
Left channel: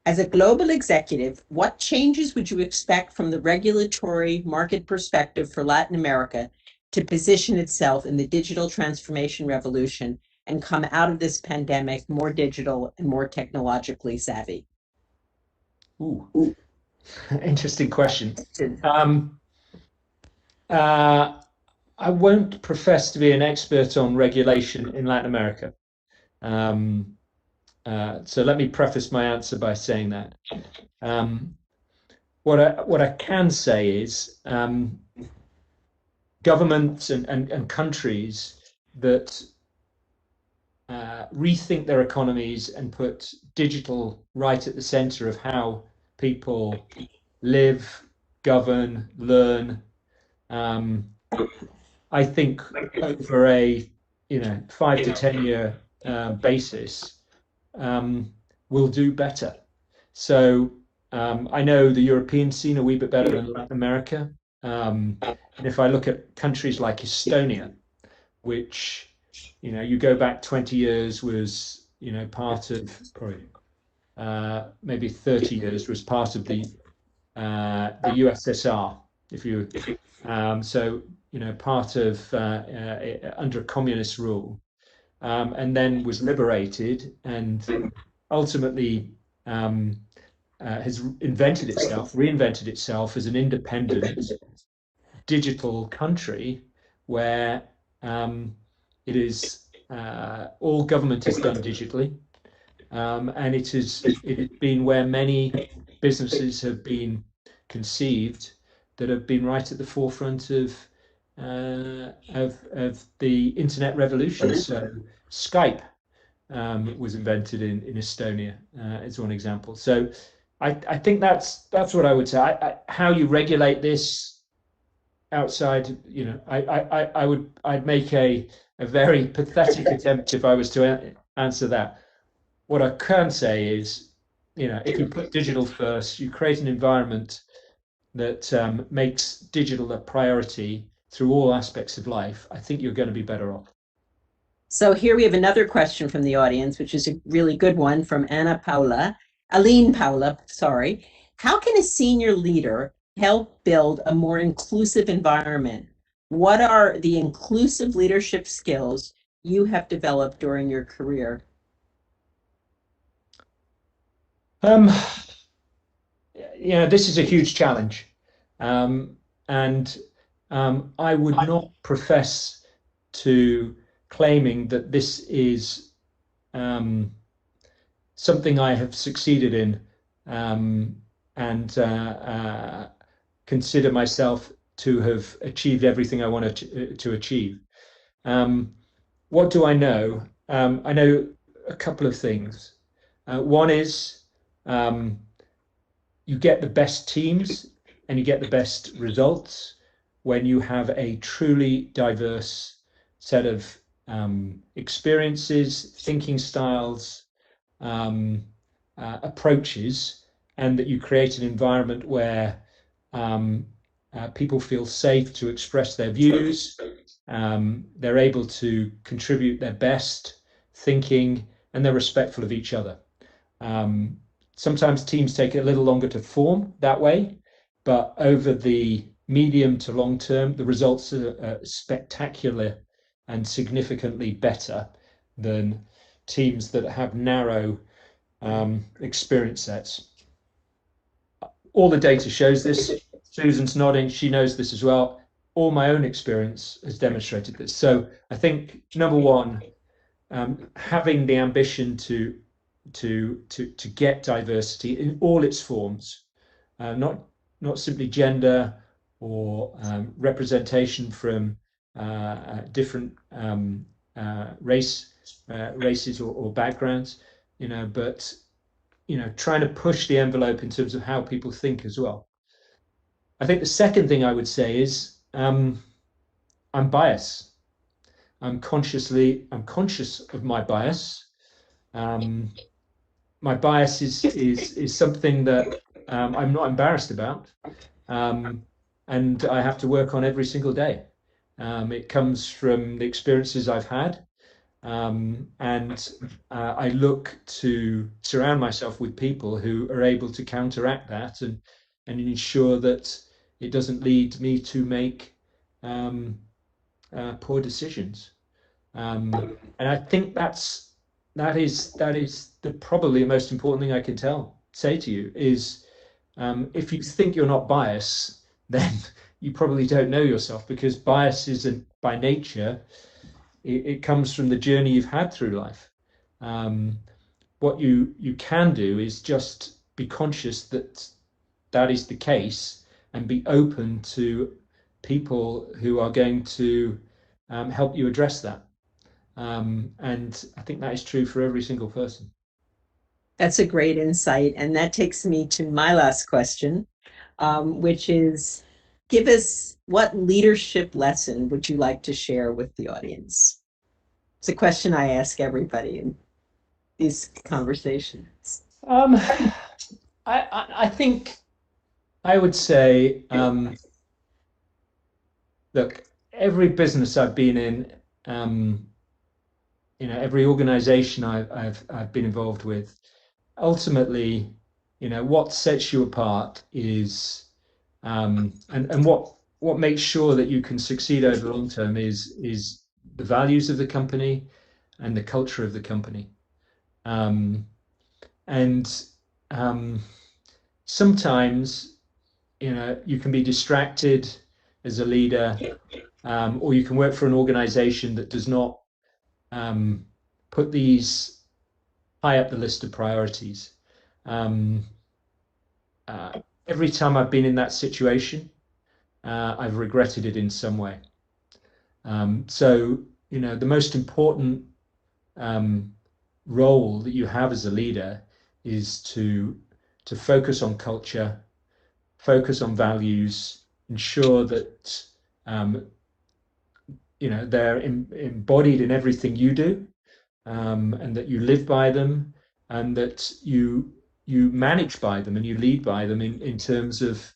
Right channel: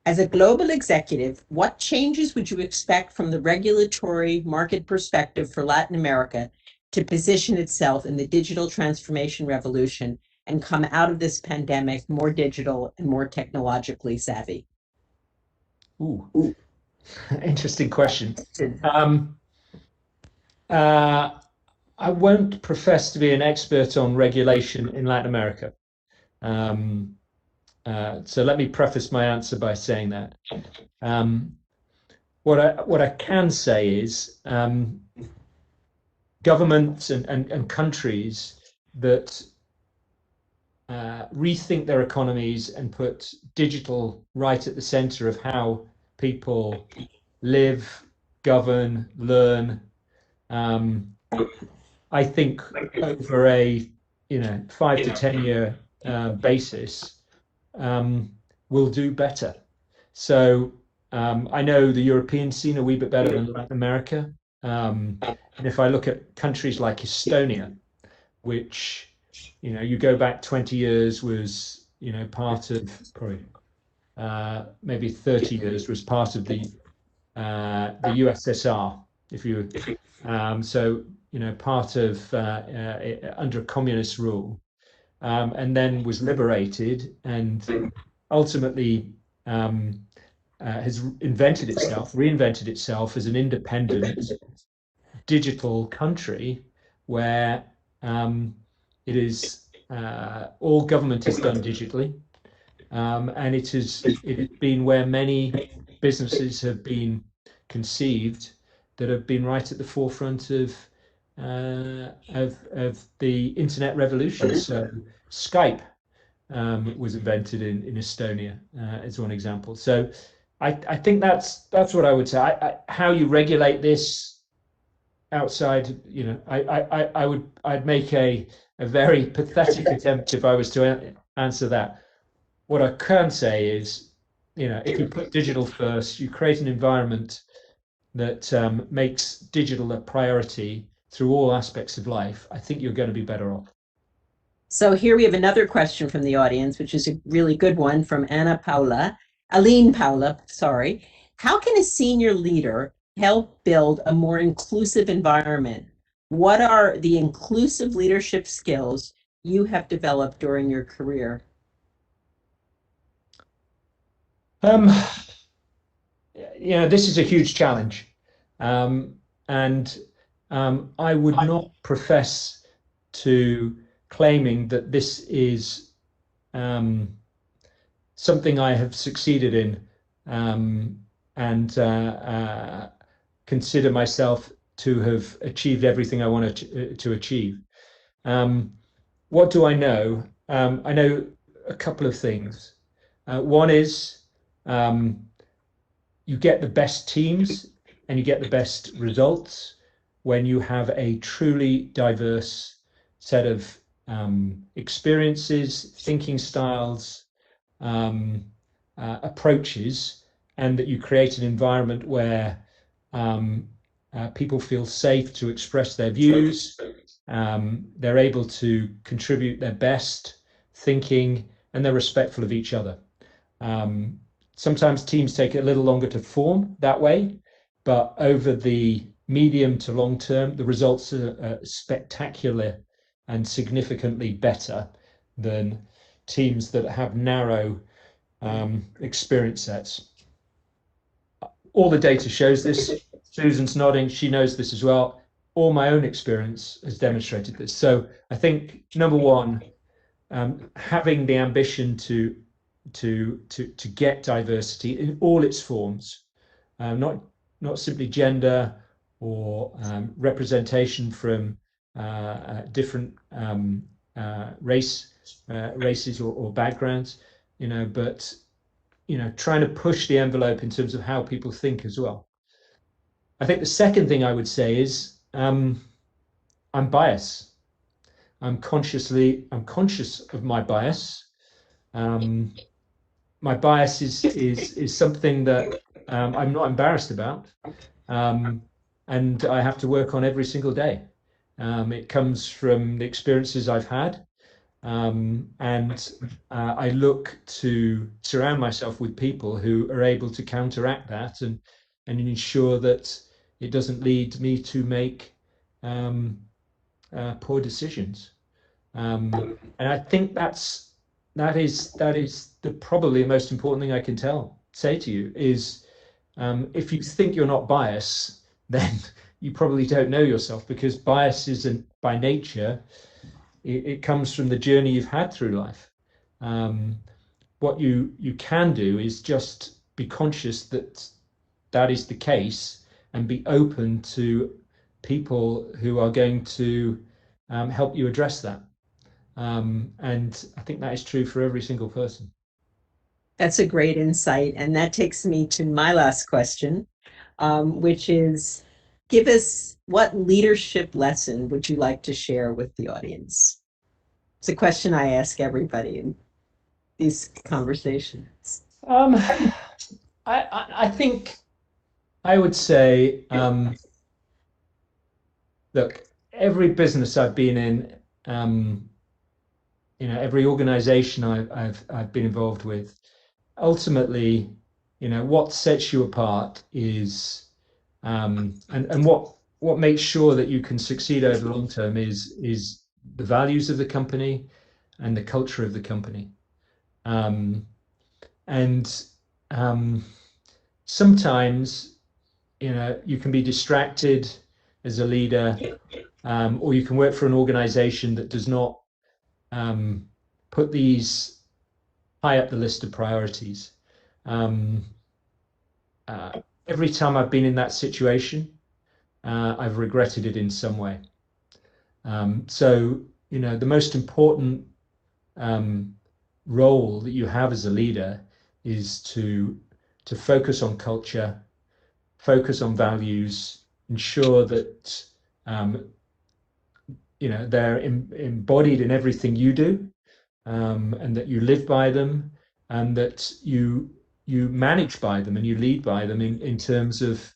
As a global executive, what changes would you expect from the regulatory market perspective for Latin America to position itself in the digital transformation revolution and come out of this pandemic more digital and more technologically savvy? Ooh. Interesting question. I won't profess to be an expert on regulation in Latin America. So let me preface my answer by saying that. What I can say is governments and countries that rethink their economies and put digital right at the center of how people live, govern, learn. I think over a 5 to 10 year basis, will do better. So I know the European scene a wee bit better than Latin America. And if I look at countries like Estonia, which you go back 20 years was part of probably maybe 30 years was part of the USSR, if you so part of under communist rule, and then was liberated and ultimately has reinvented itself as an independent digital country where it is all government is done digitally, and it has been where many businesses have been conceived that have been right at the forefront of the internet revolution. So Skype was invented in Estonia as one example. So I think that's what I would say. How you regulate this outside, I'd make a very pathetic attempt if I was to answer that. What I can say is, if you put digital first, you create an environment that makes digital a priority through all aspects of life, I think you're going to be better off. So here we have another question from the audience, which is a really good one from Aline Paula, sorry. How can a senior leader help build a more inclusive environment? What are the inclusive leadership skills you have developed during your career? This is a huge challenge. And I would not profess to claiming that this is something I have succeeded in, and consider myself to have achieved everything I wanted to achieve. What do I know? I know a couple of things. One is you get the best teams and you get the best results when you have a truly diverse set of experiences, thinking styles, approaches, and that you create an environment where people feel safe to express their views, they're able to contribute their best thinking, and they're respectful of each other. Sometimes teams take a little longer to form that way, but over the medium to long term, the results are spectacular and significantly better than teams that have narrow experience sets. All the data shows this. Susan's nodding, she knows this as well. All my own experience has demonstrated this. So I think, number one, having the ambition to get diversity in all its forms, not simply gender or representation from different races or backgrounds, but trying to push the envelope in terms of how people think as well. I think the second thing I would say is I'm biased. I'm conscious of my bias. My bias is something that I'm not embarrassed about, and I have to work on every single day. It comes from the experiences I've had, and I look to surround myself with people who are able to counteract that and ensure that it doesn't lead me to make poor decisions. And I think that is the probably the most important thing I can say to you is, if you think you're not biased, then you probably don't know yourself, because bias isn't by nature. It comes from the journey you've had through life. What you can do is just be conscious that is the case, and be open to people who are going to help you address that. And I think that is true for every single person. That's a great insight. And that takes me to my last question, which is, give us, what leadership lesson would you like to share with the audience? It's a question I ask everybody in these conversations. I think I would say, look, every business I've been in, every organization I've been involved with, ultimately, what sets you apart is, and what makes sure that you can succeed over the long term is the values of the company and the culture of the company. Sometimes, you can be distracted as a leader, or you can work for an organization that does not put these high up the list of priorities. Every time I've been in that situation, I've regretted it in some way. So, the most important role that you have as a leader is to focus on culture, focus on values, ensure that they're embodied in everything you do, and that you live by them, and that you manage by them and you lead by them in terms of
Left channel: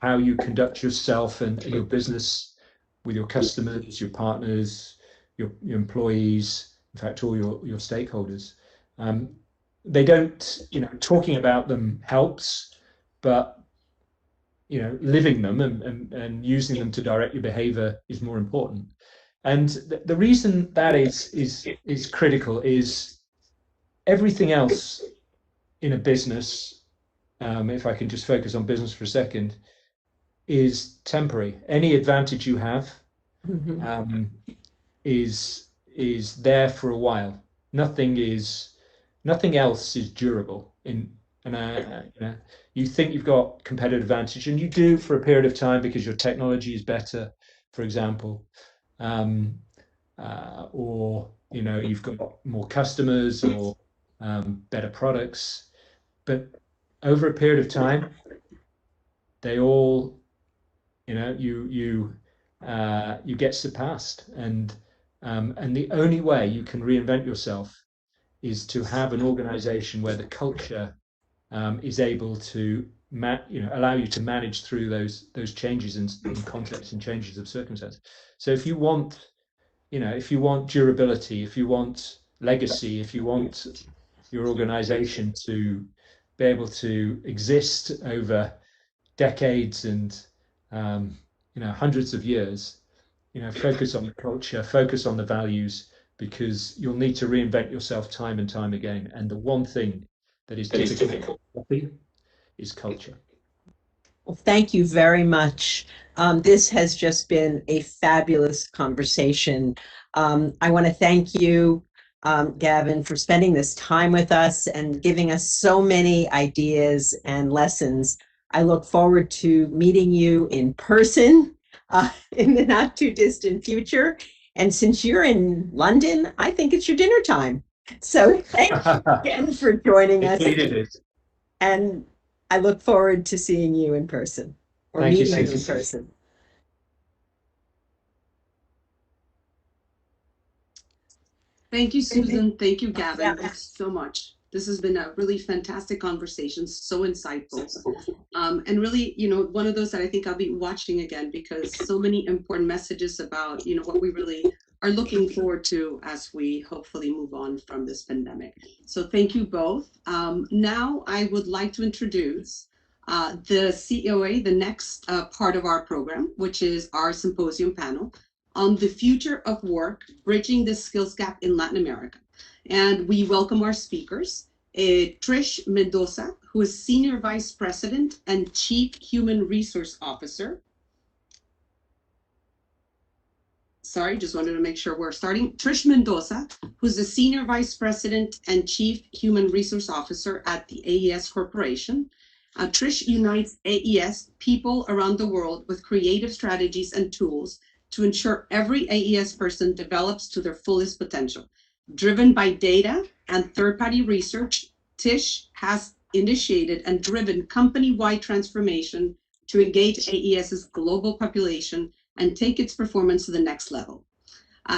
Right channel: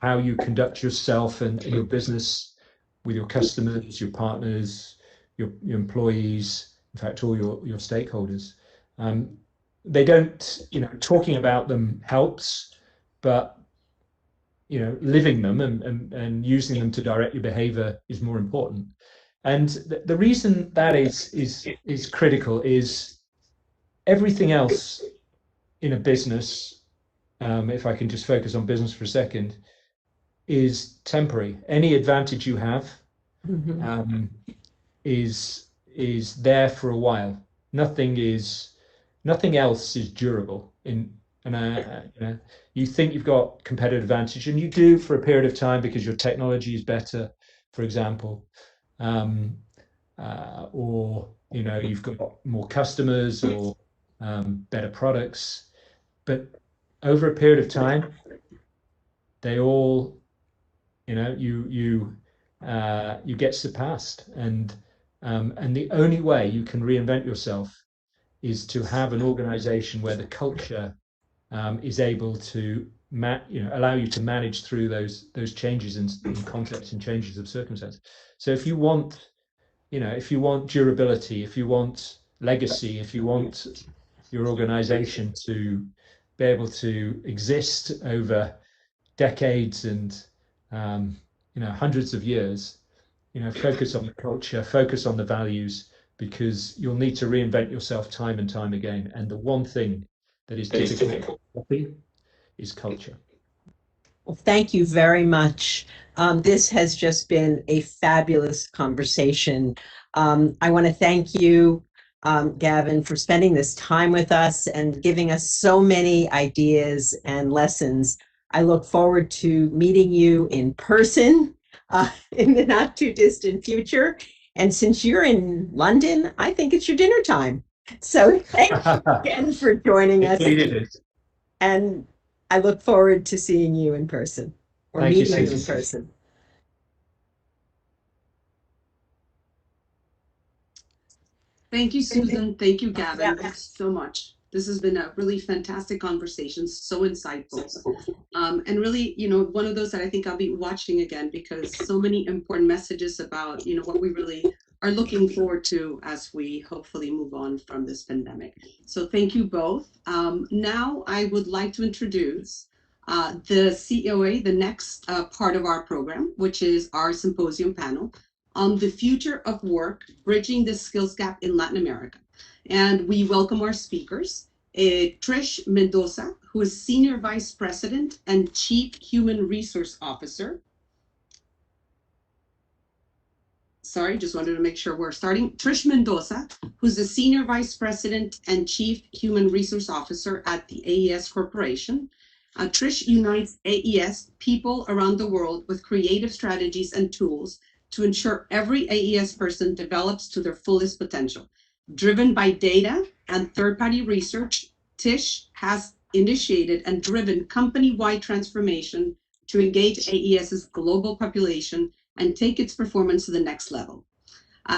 how you conduct yourself and your business with your customers, your partners, your employees, in fact, all your stakeholders. They don't, talking about them helps, but living them and using them to direct your behavior is more important. And the reason that is critical is everything else in a business, if I can just focus on business for a second, is temporary. Any advantage you have is there for a while. Nothing else is durable. You think you've got competitive advantage, and you do for a period of time because your technology is better, for example, or you've got more customers or better products. But over a period of time, they all, you get surpassed, and the only way you can reinvent yourself is to have an organization where the culture is able to allow you to manage through those changes in context and changes of circumstance. So if you want durability, if you want legacy, if you want your organization to be able to exist over decades and hundreds of years, focus on the culture, focus on the values, because you'll need to reinvent yourself time and time again. And the one thing that is difficult is culture. Well, thank you very much. This has just been a fabulous conversation. I want to thank you, Gavin, for spending this time with us and giving us so many ideas and lessons. I look forward to meeting you in person in the not too distant future. And since you're in London, I think it's your dinner time. So thank you again for joining us. And I look forward to seeing you in person or meeting you in person. Thank you, Susan. Thank you, Gavin. Thanks so much. This has been a really fantastic conversation, so insightful. And really, one of those that I think I'll be watching again, because so many important messages about, what we really are looking forward to as we hopefully move on from this pandemic. So thank you both. Now I would like to introduce the COA, the next part of our program, which is our symposium panel on the future of work, bridging the skills gap in Latin America. And we welcome our speakers, Trish Mendoza, who is Senior Vice President and Chief Human Resource Officer. Sorry, just wanted to make sure we're starting. Trish Mendoza, who's the Senior Vice President and Chief Human Resource Officer at the AES Corporation. Trish unites AES people around the world with creative strategies and tools to ensure every AES person develops to their fullest potential. Driven by data and third-party research, Tish has initiated and driven company-wide transformation to engage AES's global population and take its performance to the next level.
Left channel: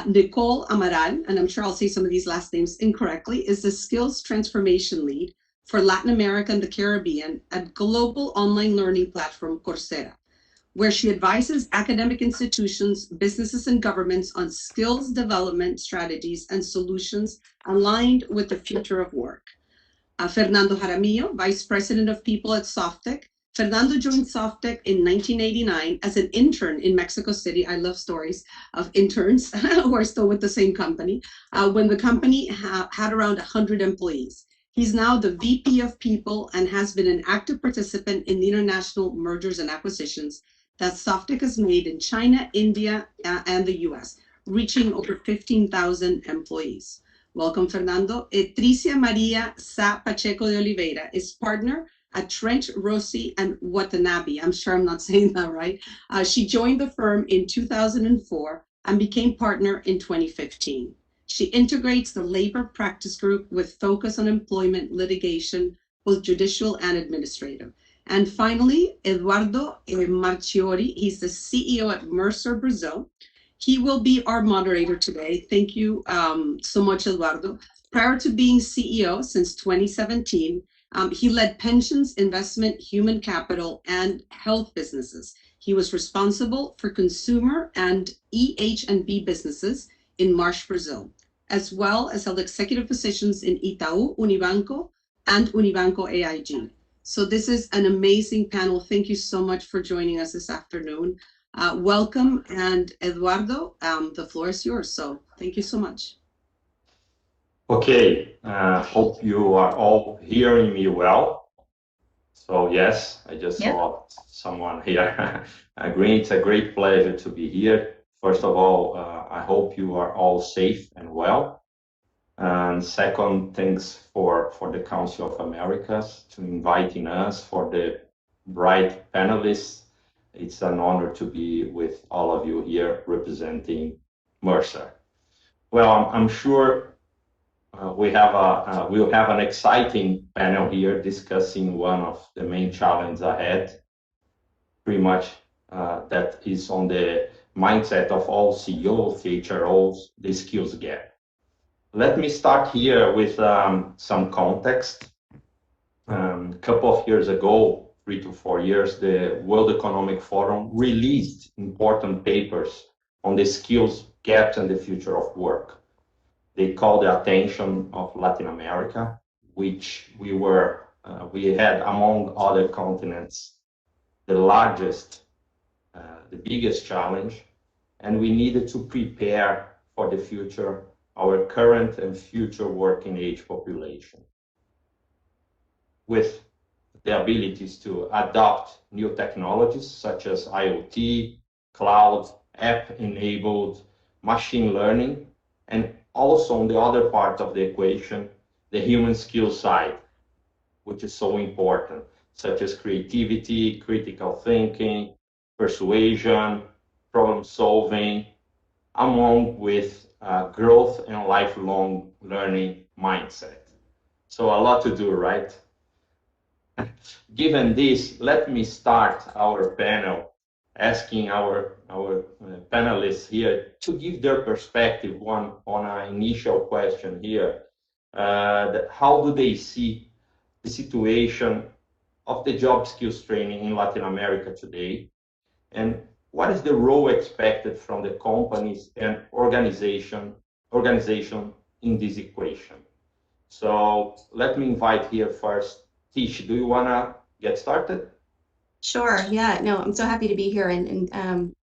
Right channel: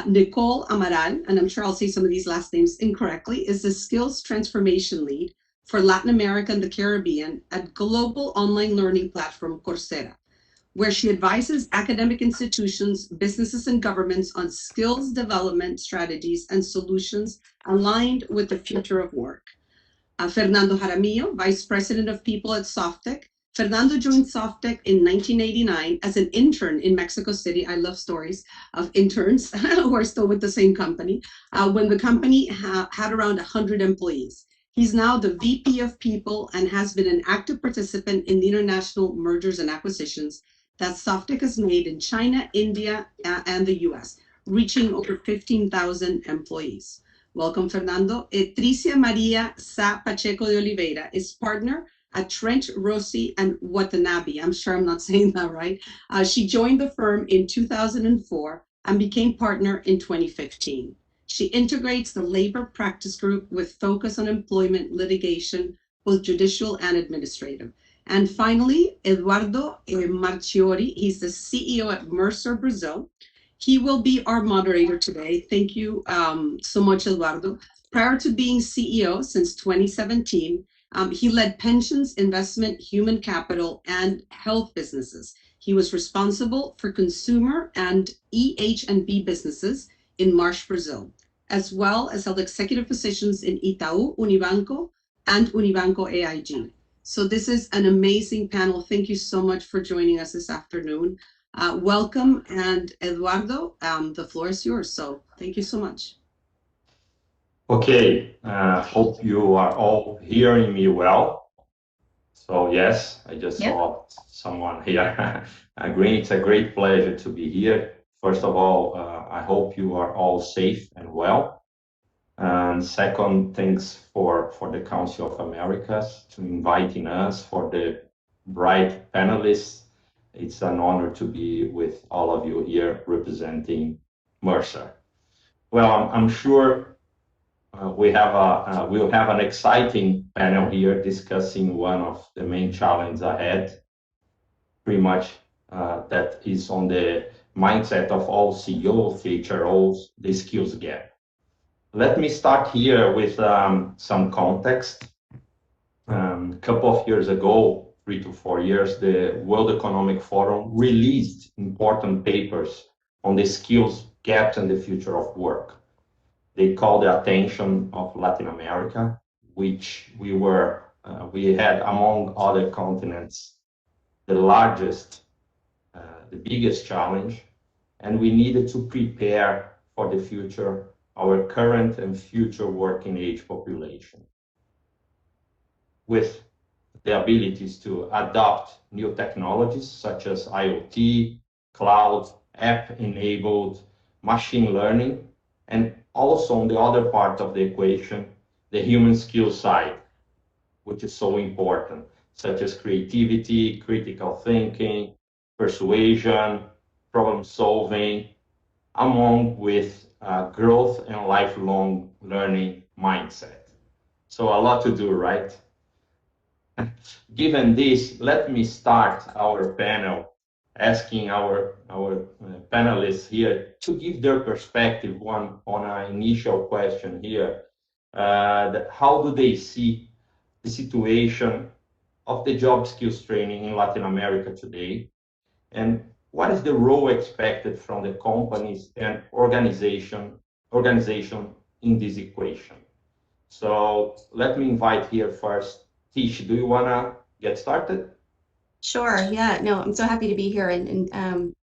Nicole Amaral, and I'm sure I'll say some of these last names incorrectly, is the Skills Transformation Lead for Latin America and the Caribbean at global online learning platform Coursera, where she advises academic institutions, businesses, and governments on skills development strategies and solutions aligned with the future of work. Fernando Jaramillo, Vice President of People at Softec. Fernando joined Softec in 1989 as an intern in Mexico City. I love stories of interns who are still with the same company, when the company had around 100 employees. He's now the VP of People and has been an active participant in the international mergers and acquisitions that Softec has made in China, India, and the US, reaching over 15,000 employees. Welcome, Fernando. Tricia Maria Sa Pacheco de Oliveira is partner at Trench, Rossi, and Watanabe. I'm sure I'm not saying that right. She joined the firm in 2004 and became partner in 2015. She integrates the labor practice group with focus on employment litigation, both judicial and administrative. And finally, Eduardo Marchiori, he's the CEO at Mercer Brazil. He will be our moderator today. Thank you so much, Eduardo. Prior to being CEO since 2017, he led pensions, investment, human capital, and health businesses. He was responsible for consumer and EH&B businesses in Marsh, Brazil. as well as held executive positions in Itaú, Unibanco, and Unibanco AIG. So this is an amazing panel. Thank you so much for joining us this afternoon. Welcome, and Eduardo, the floor is yours. So thank you so much. Okay, hope you are all hearing me well. So yes, I just saw someone here agreeing. It's a great pleasure to be here. First of all, I hope you are all safe and well. And second, thanks for the Council of Americas to inviting us, for the bright panelists. It's an honor to be with all of you here representing Mercer. Well, I'm sure we'll have an exciting panel here discussing one of the main challenges ahead, pretty much that is on the mindset of all CEOs, CHROs, the skills gap. Let me start here with some context. A couple of years ago, 3 to 4 years, the World Economic Forum released important papers on the skills gaps and the future of work. They called the attention of Latin America, which we had among other continents the largest, the biggest challenge, and we needed to prepare for the future our current and future working age population with the abilities to adopt new technologies such as IoT, cloud, app-enabled, machine learning, and also on the other part of the equation, the human skill side, which is so important, such as creativity, critical thinking, persuasion, problem solving, along with growth and lifelong learning mindset. So a lot to do, right? Given this, let me start our panel asking our panelists here to give their perspective on an initial question here. How do they see the situation of the job skills training in Latin America today? And what is the role expected from the companies and organization in this equation? So let me invite here first, Tish, do you want to get started? Sure. Yeah. No, I'm so happy to be here, and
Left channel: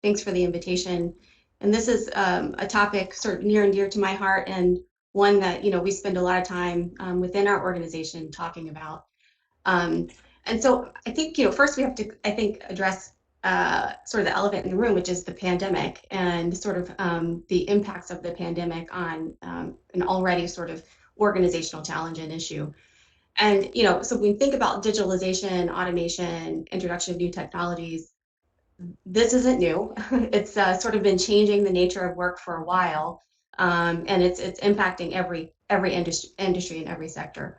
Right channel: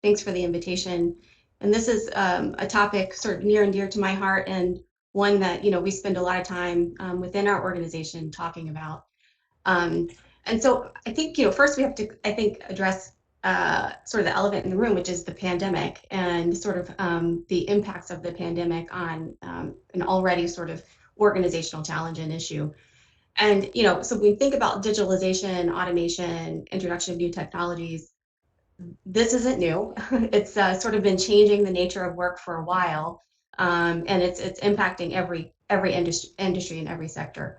thanks for the invitation. And this is a topic sort of near and dear to my heart, and one that we spend a lot of time within our organization talking about. And so I think first we have to address sort of the elephant in the room, which is the pandemic, and sort of the impacts of the pandemic on an already sort of organizational challenge and issue. And so when we think about digitalization, automation, introduction of new technologies, this isn't new. It's sort of been changing the nature of work for a while, and it's impacting every industry and every sector.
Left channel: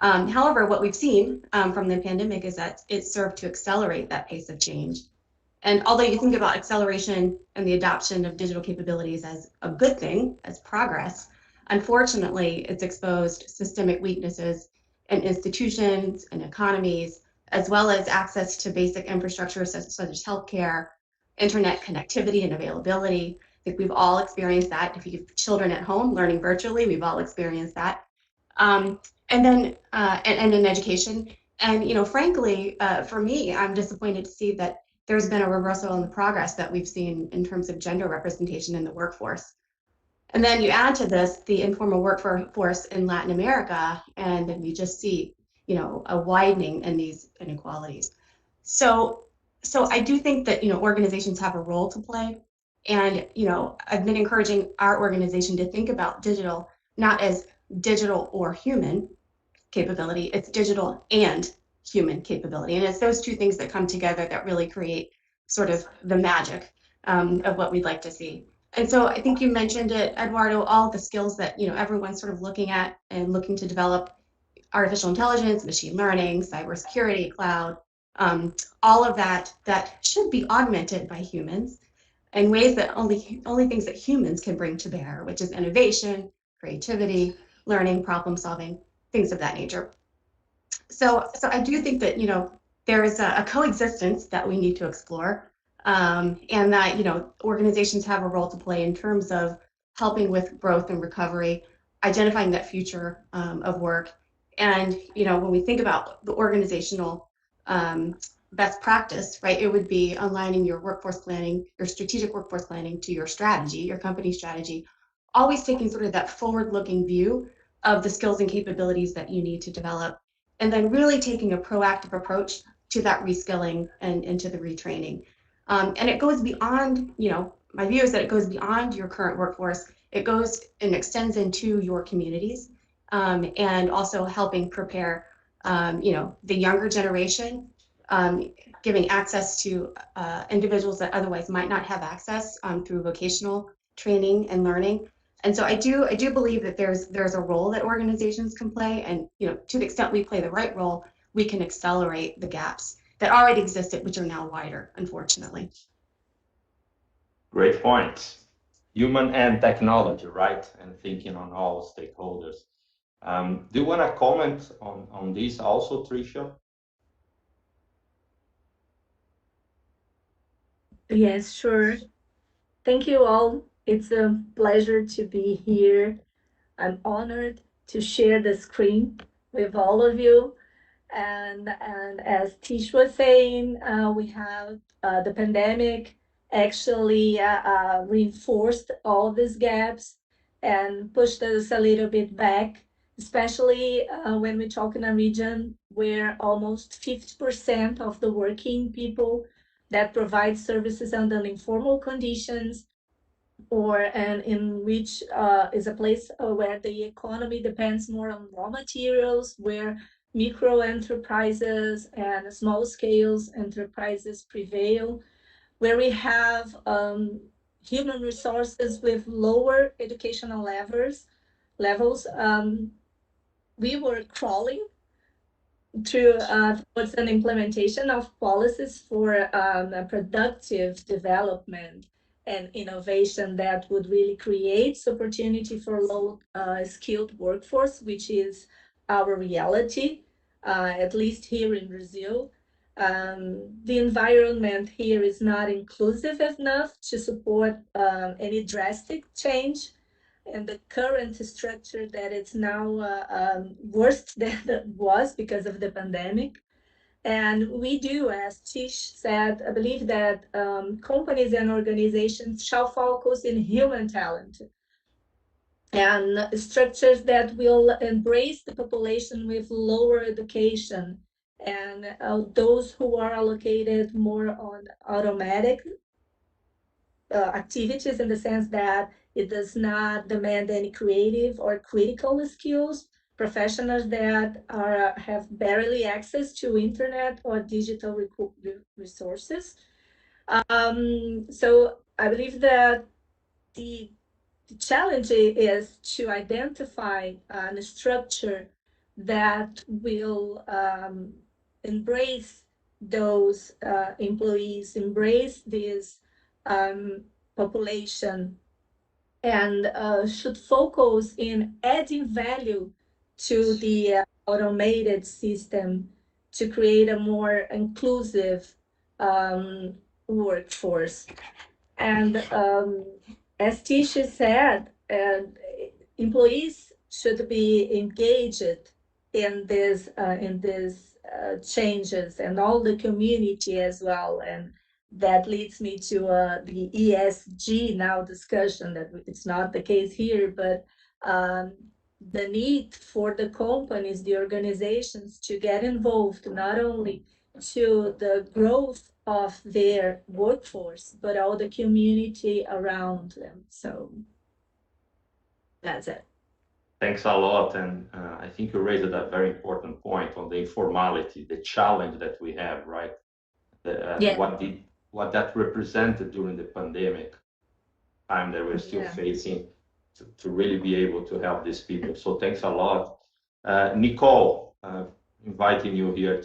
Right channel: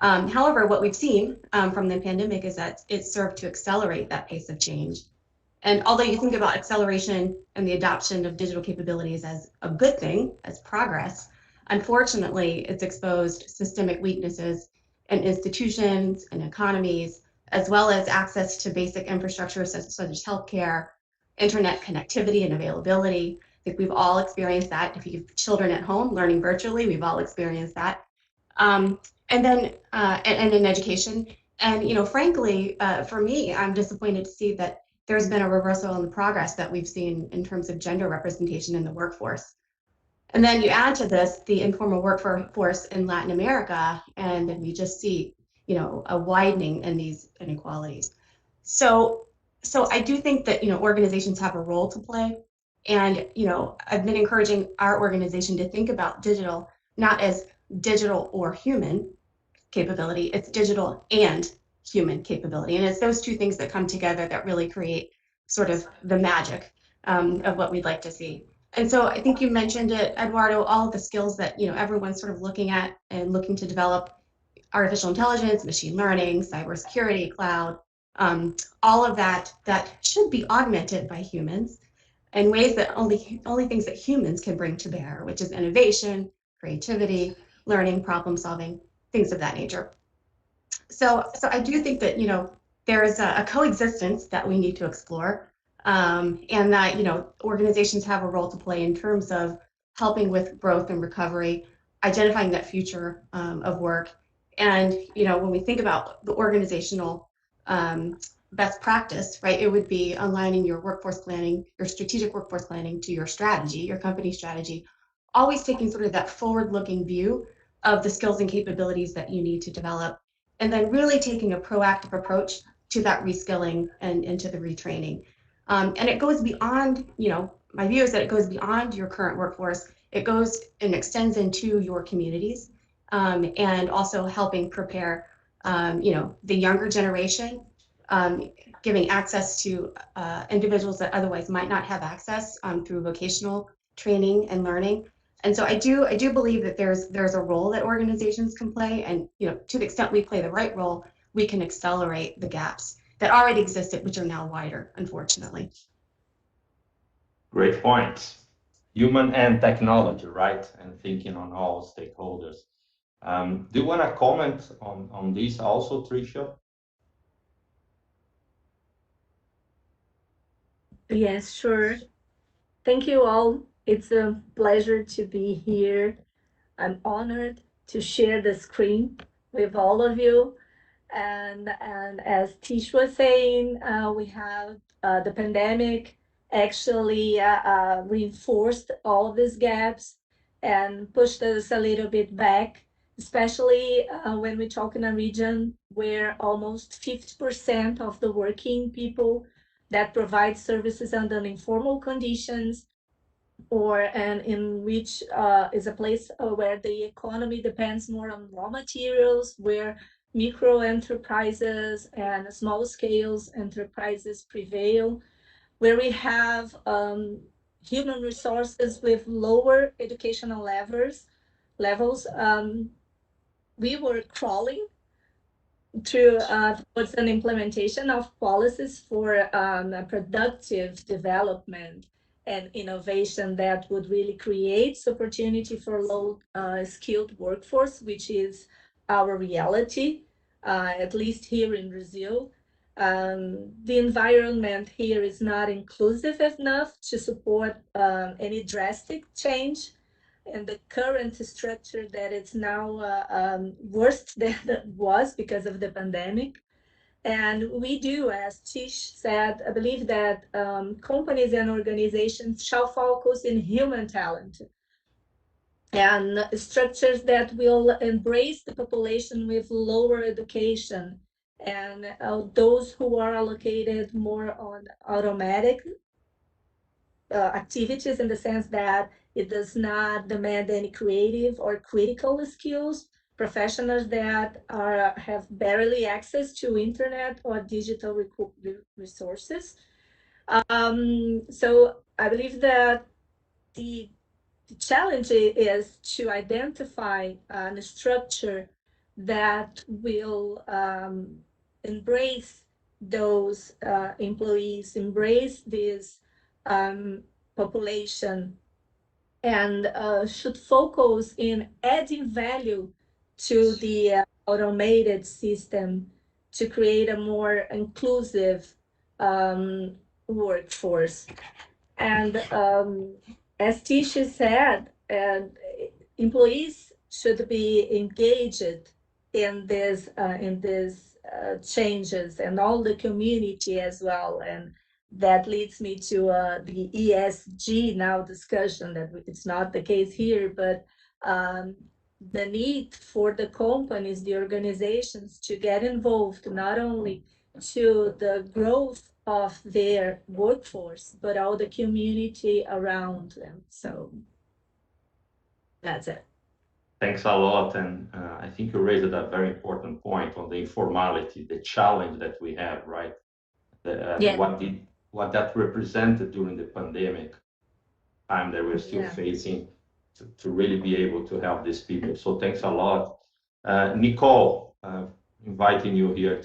However, what we've seen from the pandemic is that it served to accelerate that pace of change. And although you think about acceleration and the adoption of digital capabilities as a good thing, as progress, unfortunately, it's exposed systemic weaknesses in institutions and economies, as well as access to basic infrastructure such as healthcare, internet connectivity and availability. I think we've all experienced that. If you have children at home learning virtually, we've all experienced that. And then in education. And frankly, for me, I'm disappointed to see that there's been a reversal in the progress that we've seen in terms of gender representation in the workforce. And then you add to this the informal workforce in Latin America, and we just see, a widening in these inequalities. So I do think that, organizations have a role to play. And, I've been encouraging our organization to think about digital not as digital or human capability, it's digital and human capability. And it's those two things that come together that really create sort of the magic of what we'd like to see. And so I think you mentioned it, Eduardo, all the skills that everyone's sort of looking at and looking to develop: artificial intelligence, machine learning, cybersecurity, cloud, all of that should be augmented by humans in ways that only things that humans can bring to bear, which is innovation, creativity, learning, problem solving, things of that nature. So I do think that there is a coexistence that we need to explore. And that organizations have a role to play in terms of helping with growth and recovery, identifying that future of work. And, when we think about the organizational best practice, right, it would be aligning your workforce planning, your strategic workforce planning to your strategy, your company strategy, always taking sort of that forward-looking view of the skills and capabilities that you need to develop, and then really taking a proactive approach to that reskilling and to the retraining. And it goes beyond, my view is that it goes beyond your current workforce. It goes and extends into your communities, and also helping prepare, the younger generation, giving access to individuals that otherwise might not have access through vocational training and learning. And so I do believe that there's a role that organizations can play, and to the extent we play the right role, we can accelerate the gaps that already existed, which are now wider, unfortunately. Great points. Human and technology, right? And thinking on all stakeholders. Do you want to comment on this also, Tricia? Yes, sure. Thank you all. It's a pleasure to be here. I'm honored to share the screen with all of you. And as Tish was saying, we have the pandemic actually reinforced all these gaps and pushed us a little bit back, especially when we talk in a region where almost 50% of the working people that provide services under informal conditions, and in which is a place where the economy depends more on raw materials, where micro enterprises and small scales enterprises prevail, where we have human resources with lower educational levels. We were crawling through towards an implementation of policies for productive development and innovation that would really create opportunity for low skilled workforce, which is our reality, at least here in Brazil. The environment here is not inclusive enough to support any drastic change, and the current structure that it's now worse than it was because of the pandemic. And we do, as Tish said, I believe that companies and organizations shall focus in human talent and structures that will embrace the population with lower education, and those who are allocated more on automatic activities, in the sense that it does not demand any creative or critical skills, professionals that have barely access to internet or digital resources. So I believe that the challenge is to identify a structure that will embrace those employees, embrace this population, and should focus in adding value to the automated system to create a more inclusive workforce. And as Tisha said, employees should be engaged in this changes, and all the community as well. And that leads me to the ESG now discussion, that it's not the case here, but the need for the companies, the organizations, to get involved not only to the growth of their workforce, but all the community around them. So that's it. Thanks a lot. And I think you raised a very important point on the informality, the challenge that we have, right? Yeah. What that represented during the pandemic time that we're still facing to really be able to help these people. So thanks a lot. Nicole, inviting you here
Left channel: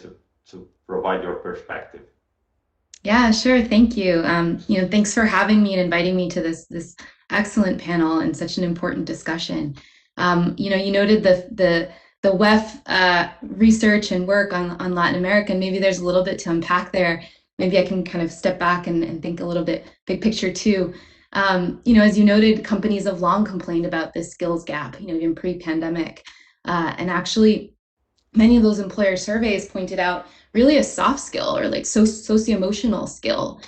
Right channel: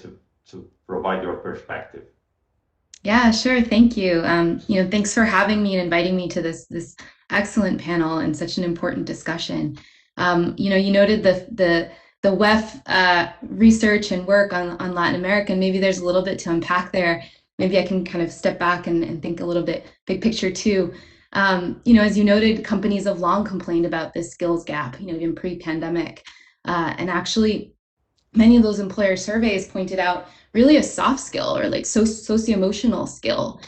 to provide your perspective. Yeah, sure. Thank you. Thanks for having me and inviting me to this excellent panel and such an important discussion. You noted the WEF research and work on Latin America, and maybe there's a little bit to unpack there. Maybe I can kind of step back and think a little bit big picture too. As you noted, companies have long complained about this skills gap, even pre-pandemic. And actually, many of those employer surveys pointed out really a soft skill or like socio-emotional skill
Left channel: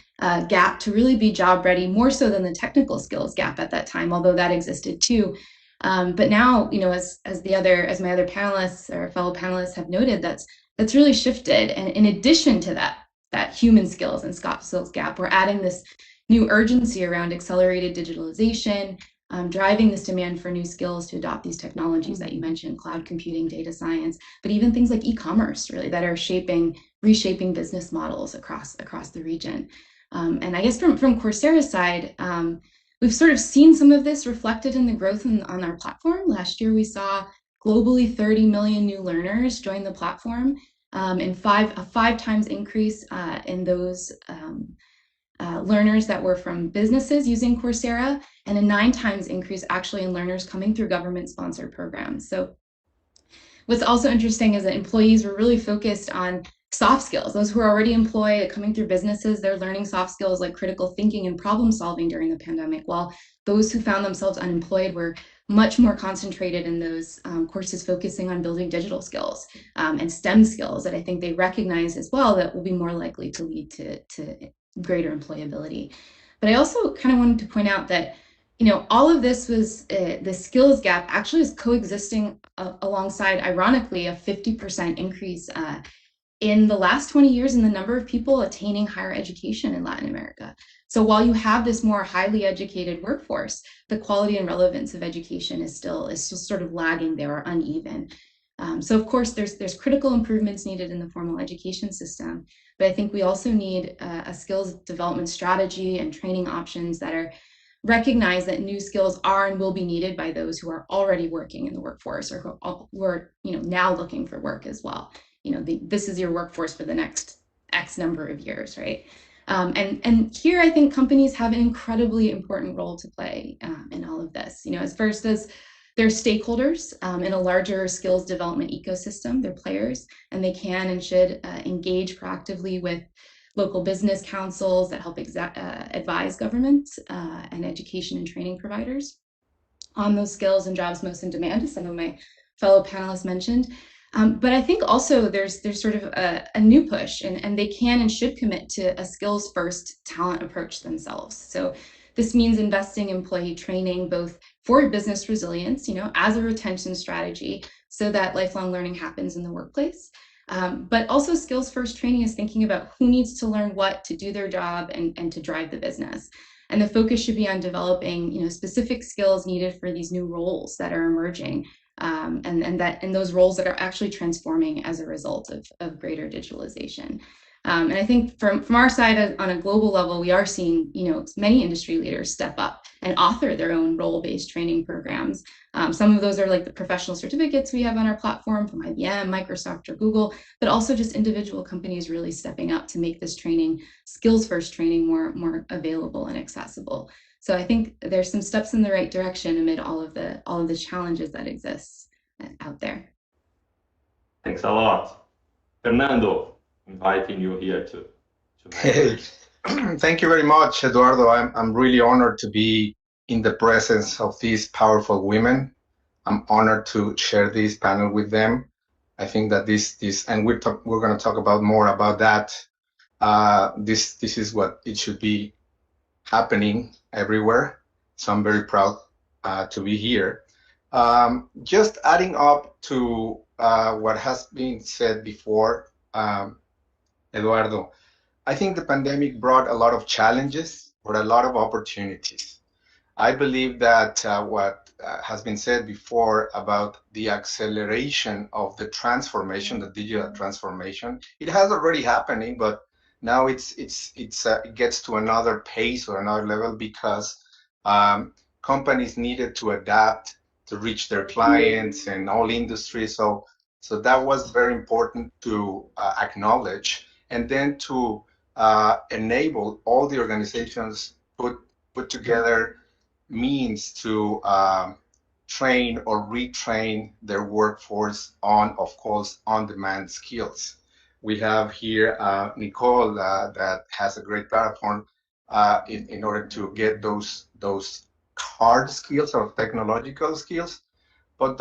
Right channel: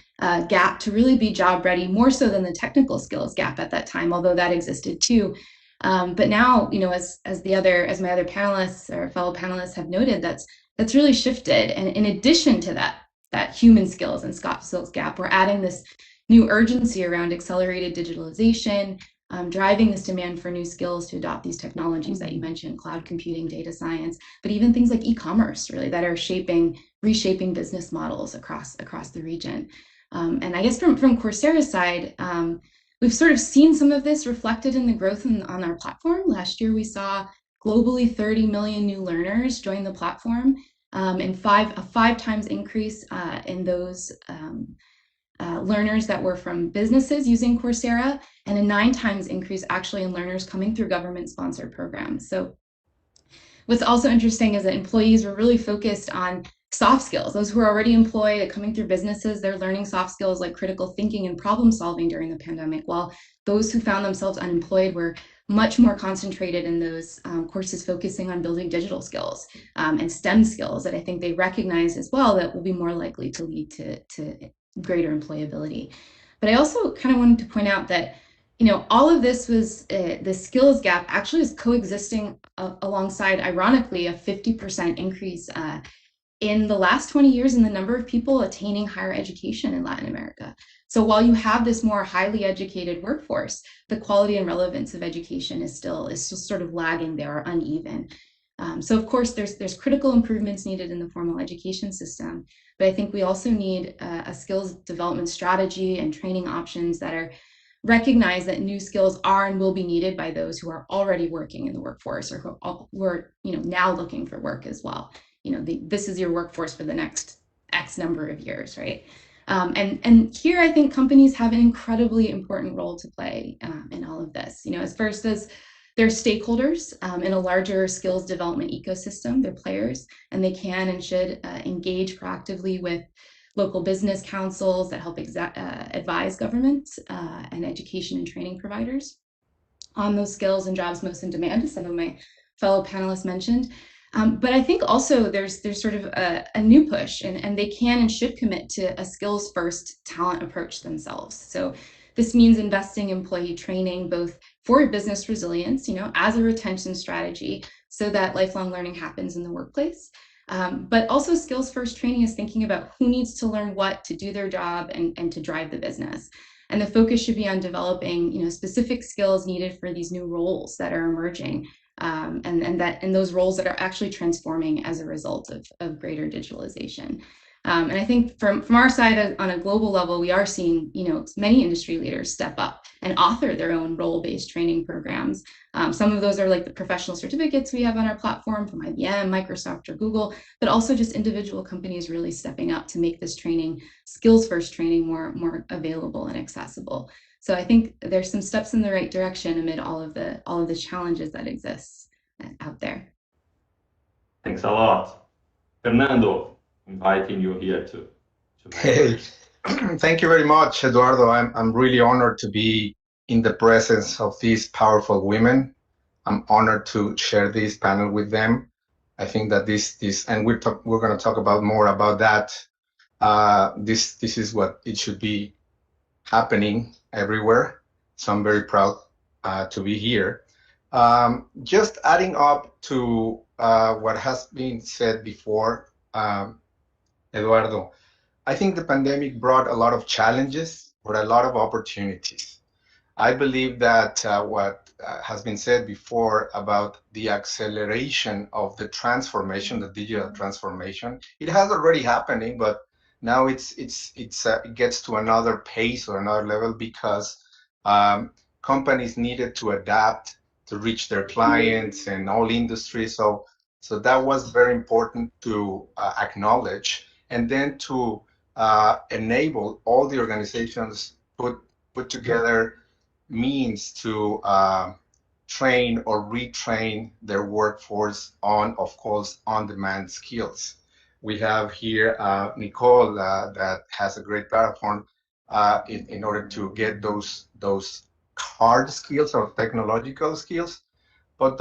gap to really be job ready, more so than the technical skills gap at that time, although that existed too. But now, as my other panelists or fellow panelists have noted, that's really shifted. And in addition to that human skills and soft skills gap, we're adding this new urgency around accelerated digitalization, driving this demand for new skills to adopt these technologies that you mentioned, cloud computing, data science, but even things like e-commerce, really, that are reshaping business models across the region. And I guess from Coursera's side, we've sort of seen some of this reflected in the growth on our platform. Last year, we saw globally 30 million new learners join the platform, and a five times increase in those learners that were from businesses using Coursera, and a 9 times increase actually in learners coming through government-sponsored programs. So what's also interesting is that employees were really focused on soft skills. Those who are already employed, coming through businesses, they're learning soft skills like critical thinking and problem solving during the pandemic, while those who found themselves unemployed were much more concentrated in those courses focusing on building digital skills and STEM skills that I think they recognize as well that will be more likely to lead to greater employability. But I also kind of wanted to point out that all of this was the skills gap actually is coexisting alongside, ironically, a 50% increase in the last 20 years in the number of people attaining higher education in Latin America. So while you have this more highly educated workforce, the quality and relevance of education is still sort of lagging there, or uneven. So of course, there's critical improvements needed in the formal education system, but I think we also need a skills development strategy and training options that are recognize that new skills are and will be needed by those who are already working in the workforce, or who are now looking for work as well. This is your workforce for the next X number of years, right? And here I think companies have an incredibly important role to play in all of this. As first as they're stakeholders in a larger skills development ecosystem, they're players, and they can and should engage proactively with local business councils that help advise governments and education and training providers on those skills and jobs most in demand, as some of my fellow panelists mentioned. But I think also there's sort of a new push, and they can and should commit to a skills-first talent approach themselves. So this means investing in employee training, both for business resilience, as a retention strategy, so that lifelong learning happens in the workplace. But also skills-first training is thinking about who needs to learn what to do their job and to drive the business. And the focus should be on developing, specific skills needed for these new roles that are emerging, and those roles that are actually transforming as a result of greater digitalization. And I think from our side on a global level, we are seeing, many industry leaders step up and author their own role-based training programs. Some of those are like the professional certificates we have on our platform from IBM, Microsoft, or Google, but also just individual companies really stepping up to make this training, skills-first training, more available and accessible. So I think there's some steps in the right direction amid all of the challenges that exist out there. Thanks a lot. Fernando, inviting you here to Hey, thank you very much, Eduardo. I'm really honored to be in the presence of these powerful women. I'm honored to share this panel with them. I think that this and we're going to talk about more about that. This is what it should be happening everywhere. So I'm very proud to be here. Just adding up to what has been said before, Eduardo, I think the pandemic brought a lot of challenges, but a lot of opportunities. I believe that what has been said before about the acceleration of the transformation, the digital transformation, it has already happening, but now it gets to another pace or another level because companies needed to adapt to reach their clients and all industries. So that was very important to acknowledge, and then to enable all the organizations put together means to train or retrain their workforce on, of course, on-demand skills. We have here Nicole that has a great platform in order to get those hard skills or technological skills. But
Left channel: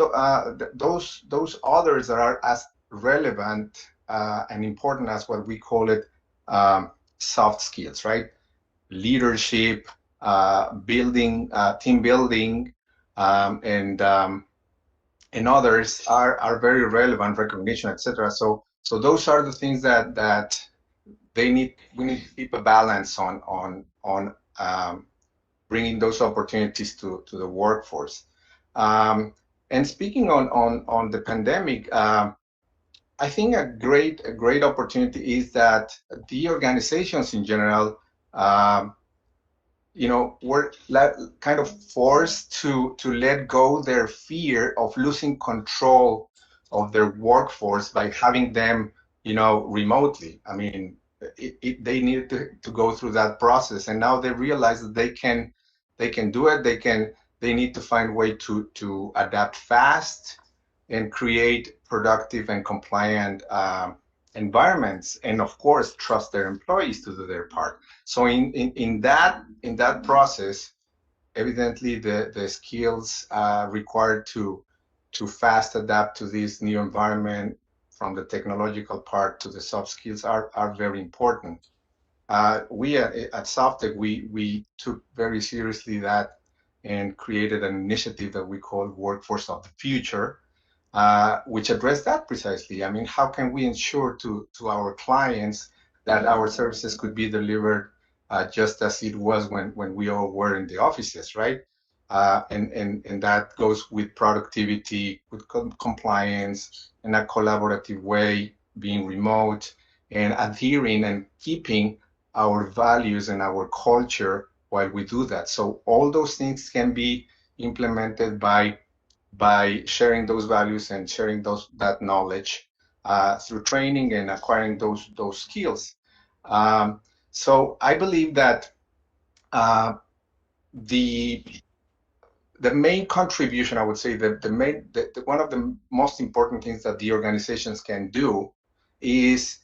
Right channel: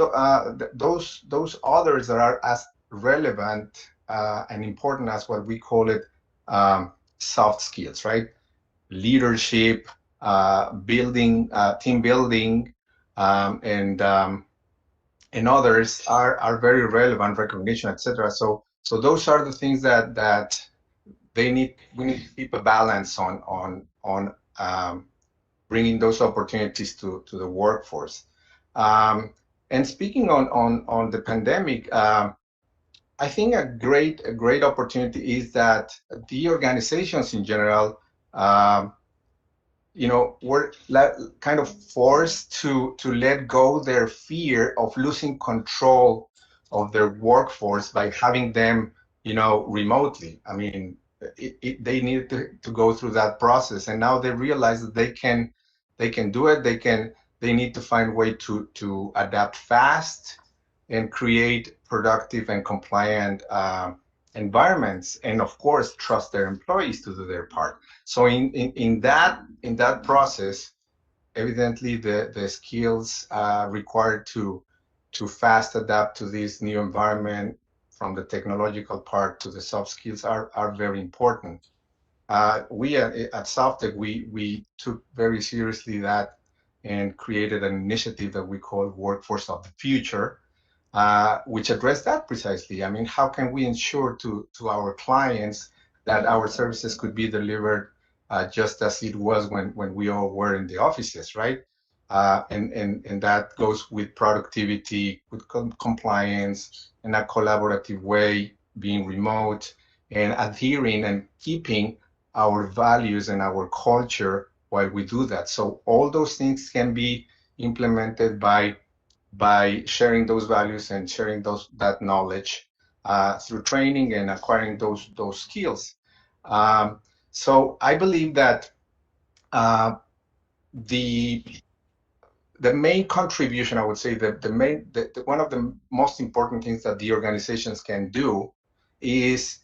those others that are as relevant and important as what we call it soft skills, right? Leadership, building, team building, and others are very relevant, recognition, etc. So those are the things that we need to keep a balance on bringing those opportunities to the workforce. And speaking on the pandemic, I think a great opportunity is that the organizations in general, were kind of forced to let go their fear of losing control of their workforce by having them, remotely. I mean, they needed to go through that process, and now they realize that they can do it. They need to find a way to adapt fast and create productive and compliant environments, and of course trust their employees to do their part. So in that process, evidently the skills required to fast adapt to this new environment, from the technological part to the soft skills, are very important. We at Softec, we took very seriously that and created an initiative that we call Workforce of the Future, which addressed that precisely. I mean, how can we ensure to our clients that our services could be delivered just as it was when we all were in the offices, right? And that goes with productivity, with compliance, in a collaborative way, being remote, and adhering and keeping our values and our culture while we do that. So all those things can be implemented by sharing those values and sharing that knowledge through training and acquiring those skills. So I believe that the main contribution, I would say, one of the most important things that the organizations can do is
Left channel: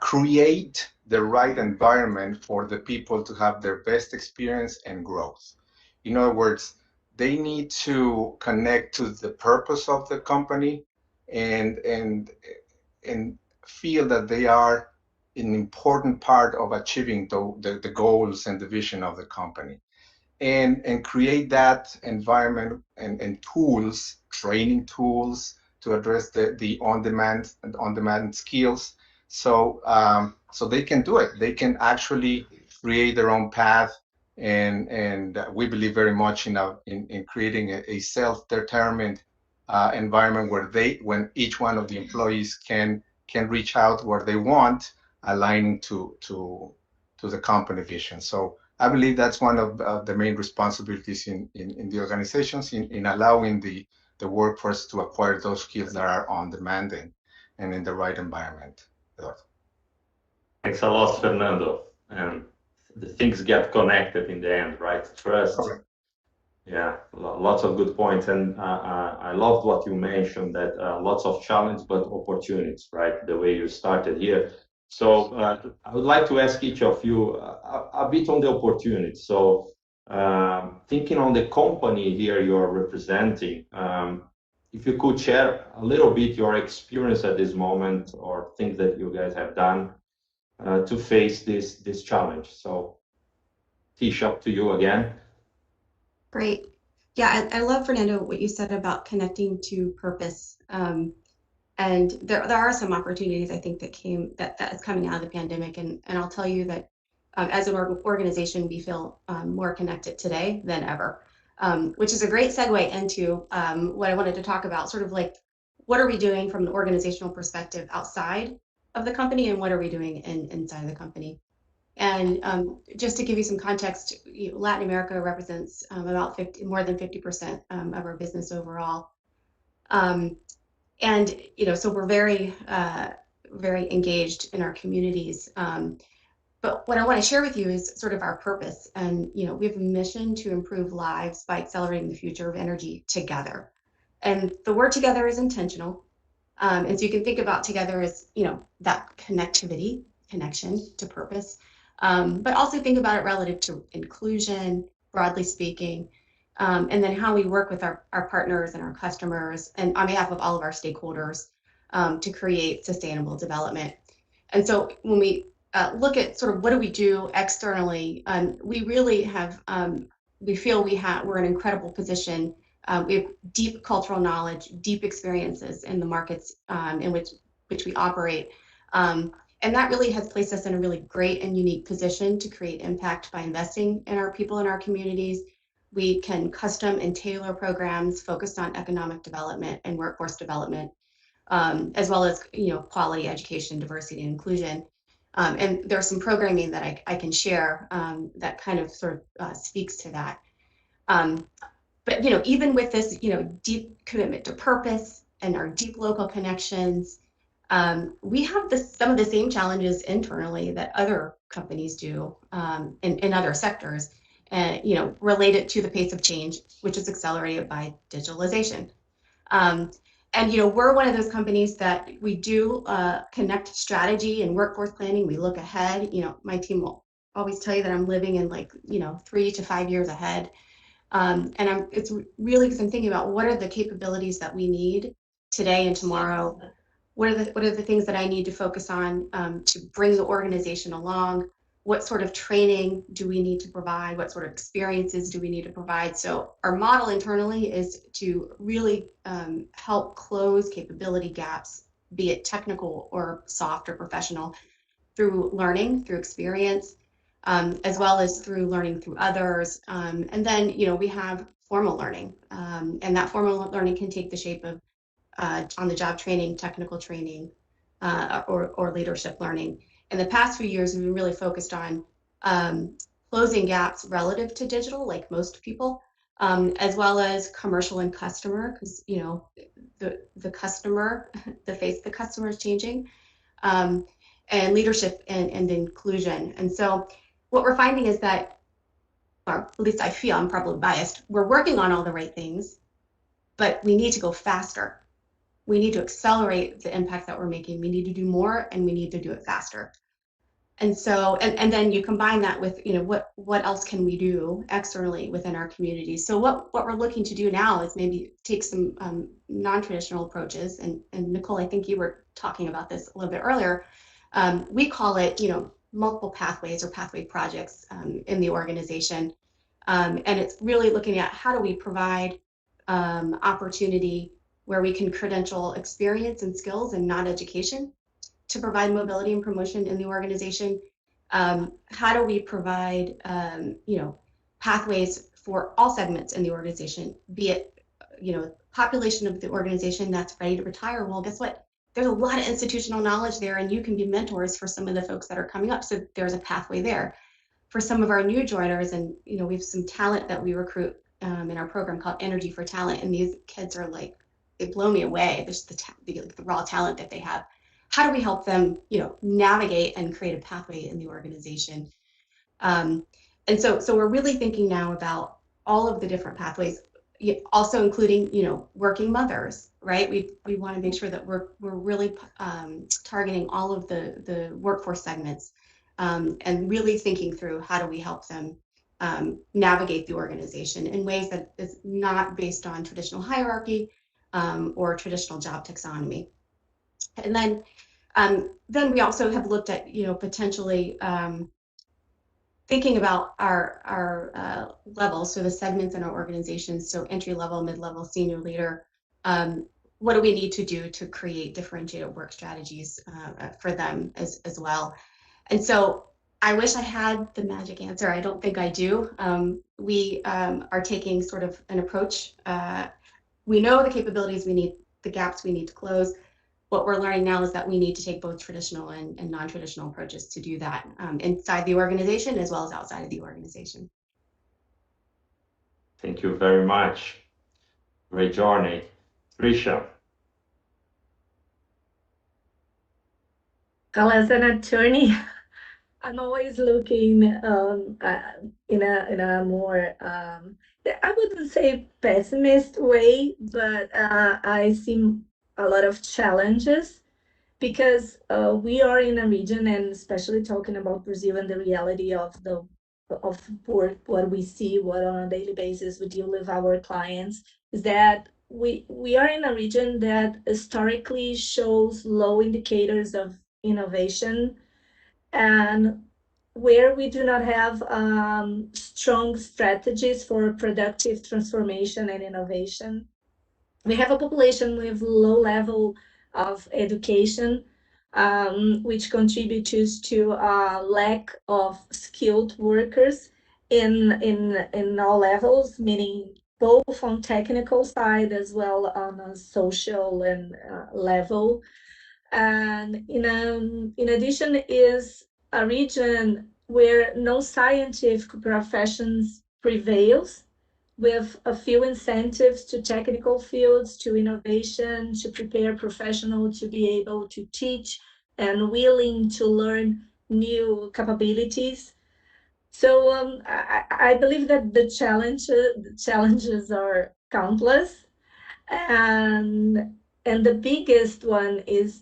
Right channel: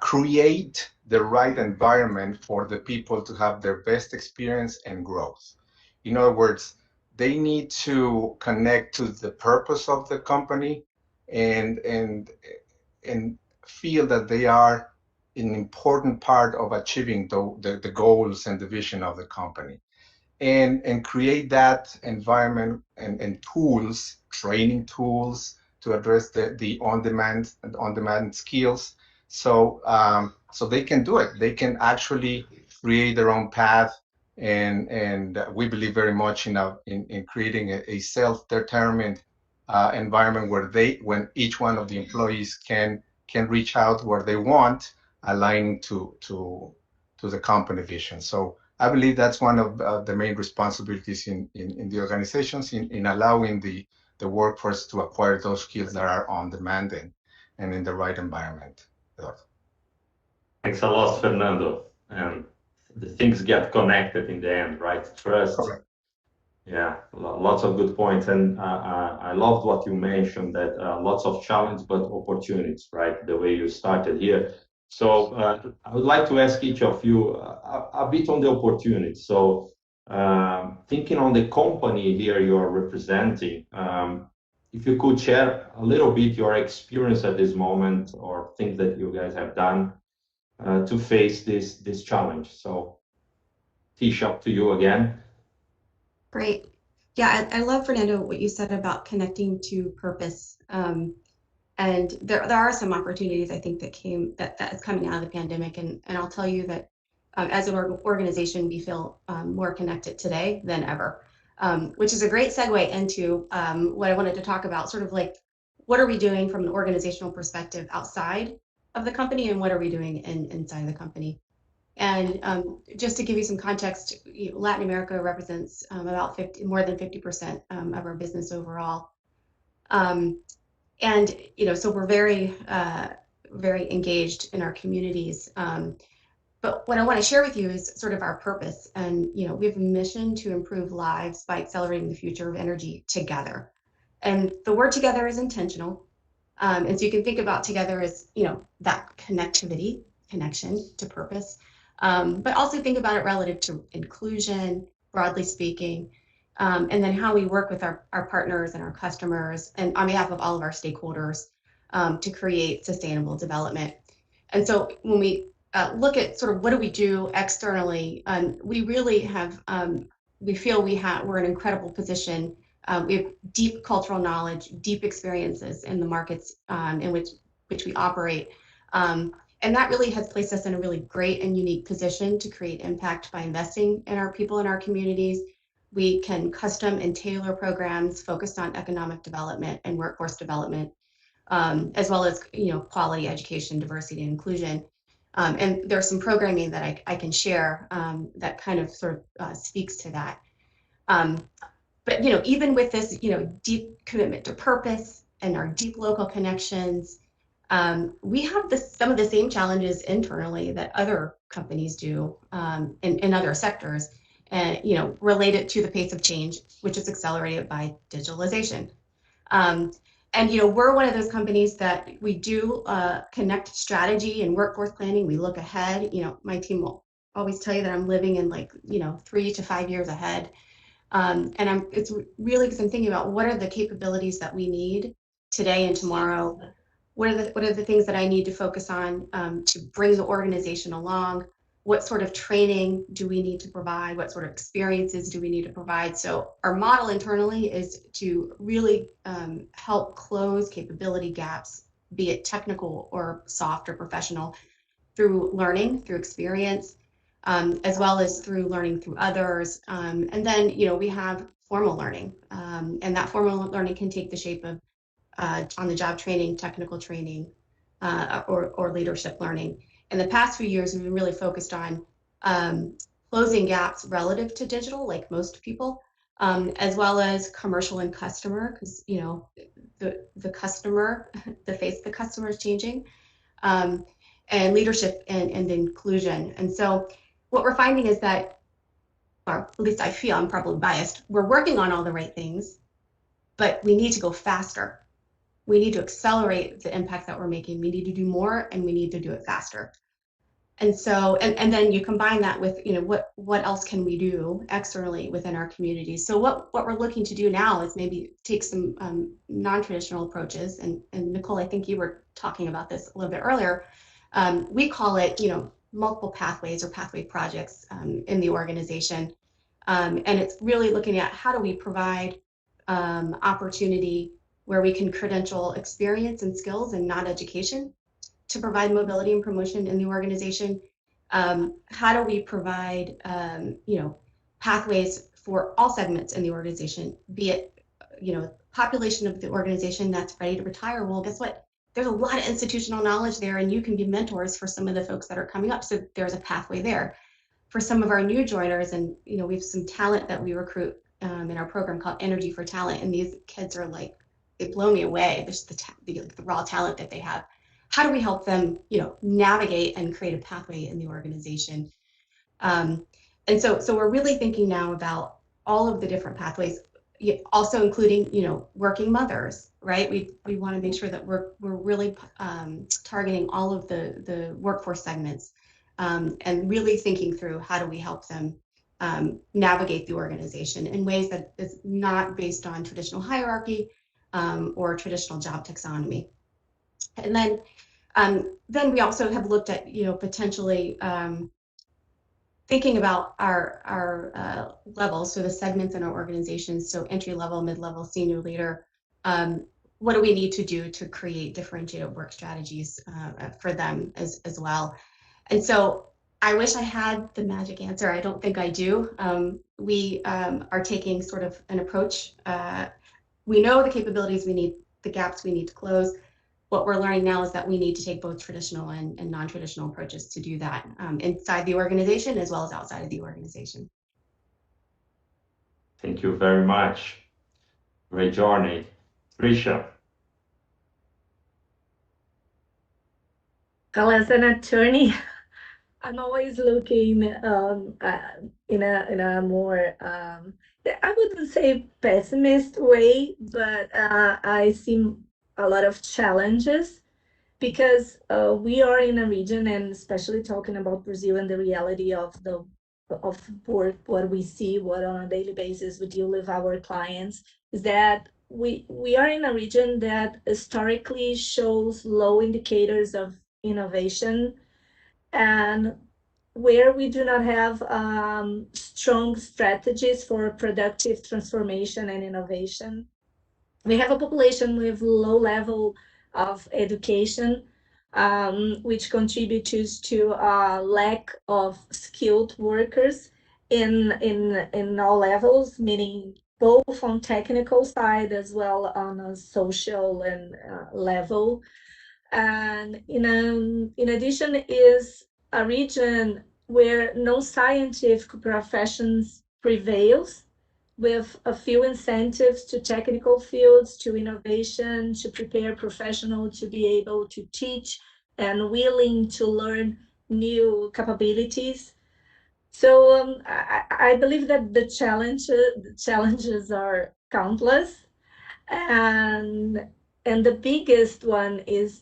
create the right environment for the people to have their best experience and growth. In other words, they need to connect to the purpose of the company and feel that they are an important part of achieving the goals and the vision of the company, and create that environment and tools, training tools, to address the on-demand skills. So they can do it. They can actually create their own path, and we believe very much in creating a self-determined environment when each one of the employees can reach out where they want, aligning to the company vision. So I believe that's one of the main responsibilities in the organizations, in allowing the workforce to acquire those skills that are on demand and in the right environment. Thanks a lot, Fernando. And the things get connected in the end, right? Trust. Correct. Yeah, lots of good points. And I loved what you mentioned, that lots of challenge, but opportunities, right? The way you started here. So I would like to ask each of you a bit on the opportunities. So thinking on the company here you are representing, if you could share a little bit your experience at this moment, or things that you guys have done to face this challenge. So Tish, up to you again. Great. Yeah, I love, Fernando, what you said about connecting to purpose. And there are some opportunities, I think, that is coming out of the pandemic. And I'll tell you that as an organization, we feel more connected today than ever, which is a great segue into what I wanted to talk about, sort of like, what are we doing from an organizational perspective outside of the company, and what are we doing inside the company? And just to give you some context, Latin America represents about more than 50% of our business overall. And so we're very, very engaged in our communities. But what I want to share with you is sort of our purpose. And we have a mission to improve lives by accelerating the future of energy together. And the word together is intentional. And so you can think about together as that connection to purpose. but also think about it relative to inclusion, broadly speaking, and then how we work with our partners and our customers and on behalf of all of our stakeholders to create sustainable development. And so when we look at sort of what do we do externally, we really have, we feel we're in an incredible position. We have deep cultural knowledge, deep experiences in the markets in which we operate. And that really has placed us in a really great and unique position to create impact by investing in our people and our communities. We can custom and tailor programs focused on economic development and workforce development, as well as quality education, diversity, and inclusion. And there's some programming that I can share that kind of sort of speaks to that. But even with this deep commitment to purpose and our deep local connections, we have some of the same challenges internally that other companies do in other sectors, and related to the pace of change, which is accelerated by digitalization. And we're one of those companies that we do connect strategy and workforce planning. We look ahead. My team will always tell you that I'm living in 3 to 5 years ahead. And it's really because I'm thinking about what are the capabilities that we need today and tomorrow. What are the things that I need to focus on to bring the organization along? What sort of training do we need to provide? What sort of experiences do we need to provide? So our model internally is to really help close capability gaps, be it technical or soft or professional, through learning, through experience, as well as through learning through others. And then, we have formal learning, and that formal learning can take the shape of on-the-job training, technical training, or leadership learning. In the past few years, we've been really focused on closing gaps relative to digital, like most people, as well as commercial and customer, because the customer, the face of the customer is changing, and leadership and inclusion. And so what we're finding is that, or at least I feel, I'm probably biased, we're working on all the right things, but we need to go faster. We need to accelerate the impact that we're making. We need to do more, and we need to do it faster. And so, and then you combine that with, what else can we do externally within our communities? So what we're looking to do now is maybe take some non-traditional approaches. And Nicole, I think you were talking about this a little bit earlier. We call it, multiple pathways or pathway projects in the organization. And it's really looking at how do we provide opportunity where we can credential experience and skills and not education to provide mobility and promotion in the organization. How do we provide pathways for all segments in the organization, be it population of the organization that's ready to retire? Well, guess what? There's a lot of institutional knowledge there, and you can be mentors for some of the folks that are coming up. So there's a pathway there. For some of our new joiners, and we have some talent that we recruit in our program called Energy for Talent, and these kids are like, they blow me away. There's the raw talent that they have. How do we help them, navigate and create a pathway in the organization? And so we're really thinking now about all of the different pathways, also including, working mothers, right? We want to make sure that we're really targeting all of the workforce segments, and really thinking through how do we help them navigate the organization in ways that is not based on traditional hierarchy or traditional job taxonomy. And then we also have looked at, potentially thinking about our levels, so the segments in our organizations, so entry level, mid-level, senior leader. What do we need to do to create differentiated work strategies for them as well? And so I wish I had the magic answer. I don't think I do. We are taking sort of an approach. We know the capabilities we need, the gaps we need to close. What we're learning now is that we need to take both traditional and non-traditional approaches to do that inside the organization as well as outside of the organization. Thank you very much. Great journey. Tricia. Well, as an attorney, I'm always looking in a more I wouldn't say pessimist way, but I see a lot of challenges because we are in a region, and especially talking about Brazil and the reality of work, what we see, what on a daily basis we deal with our clients, is that we are in a region that historically shows low indicators of innovation, and where we do not have strong strategies for productive transformation and innovation. We have a population with low level of education, which contributes to a lack of skilled workers in all levels, meaning both on technical side as well on a social and level. And in addition is a region where non-scientific professions prevails, with a few incentives to technical fields, to innovation, to prepare professionals to be able to teach and willing to learn new capabilities. So I believe that the challenges are countless, and the biggest one is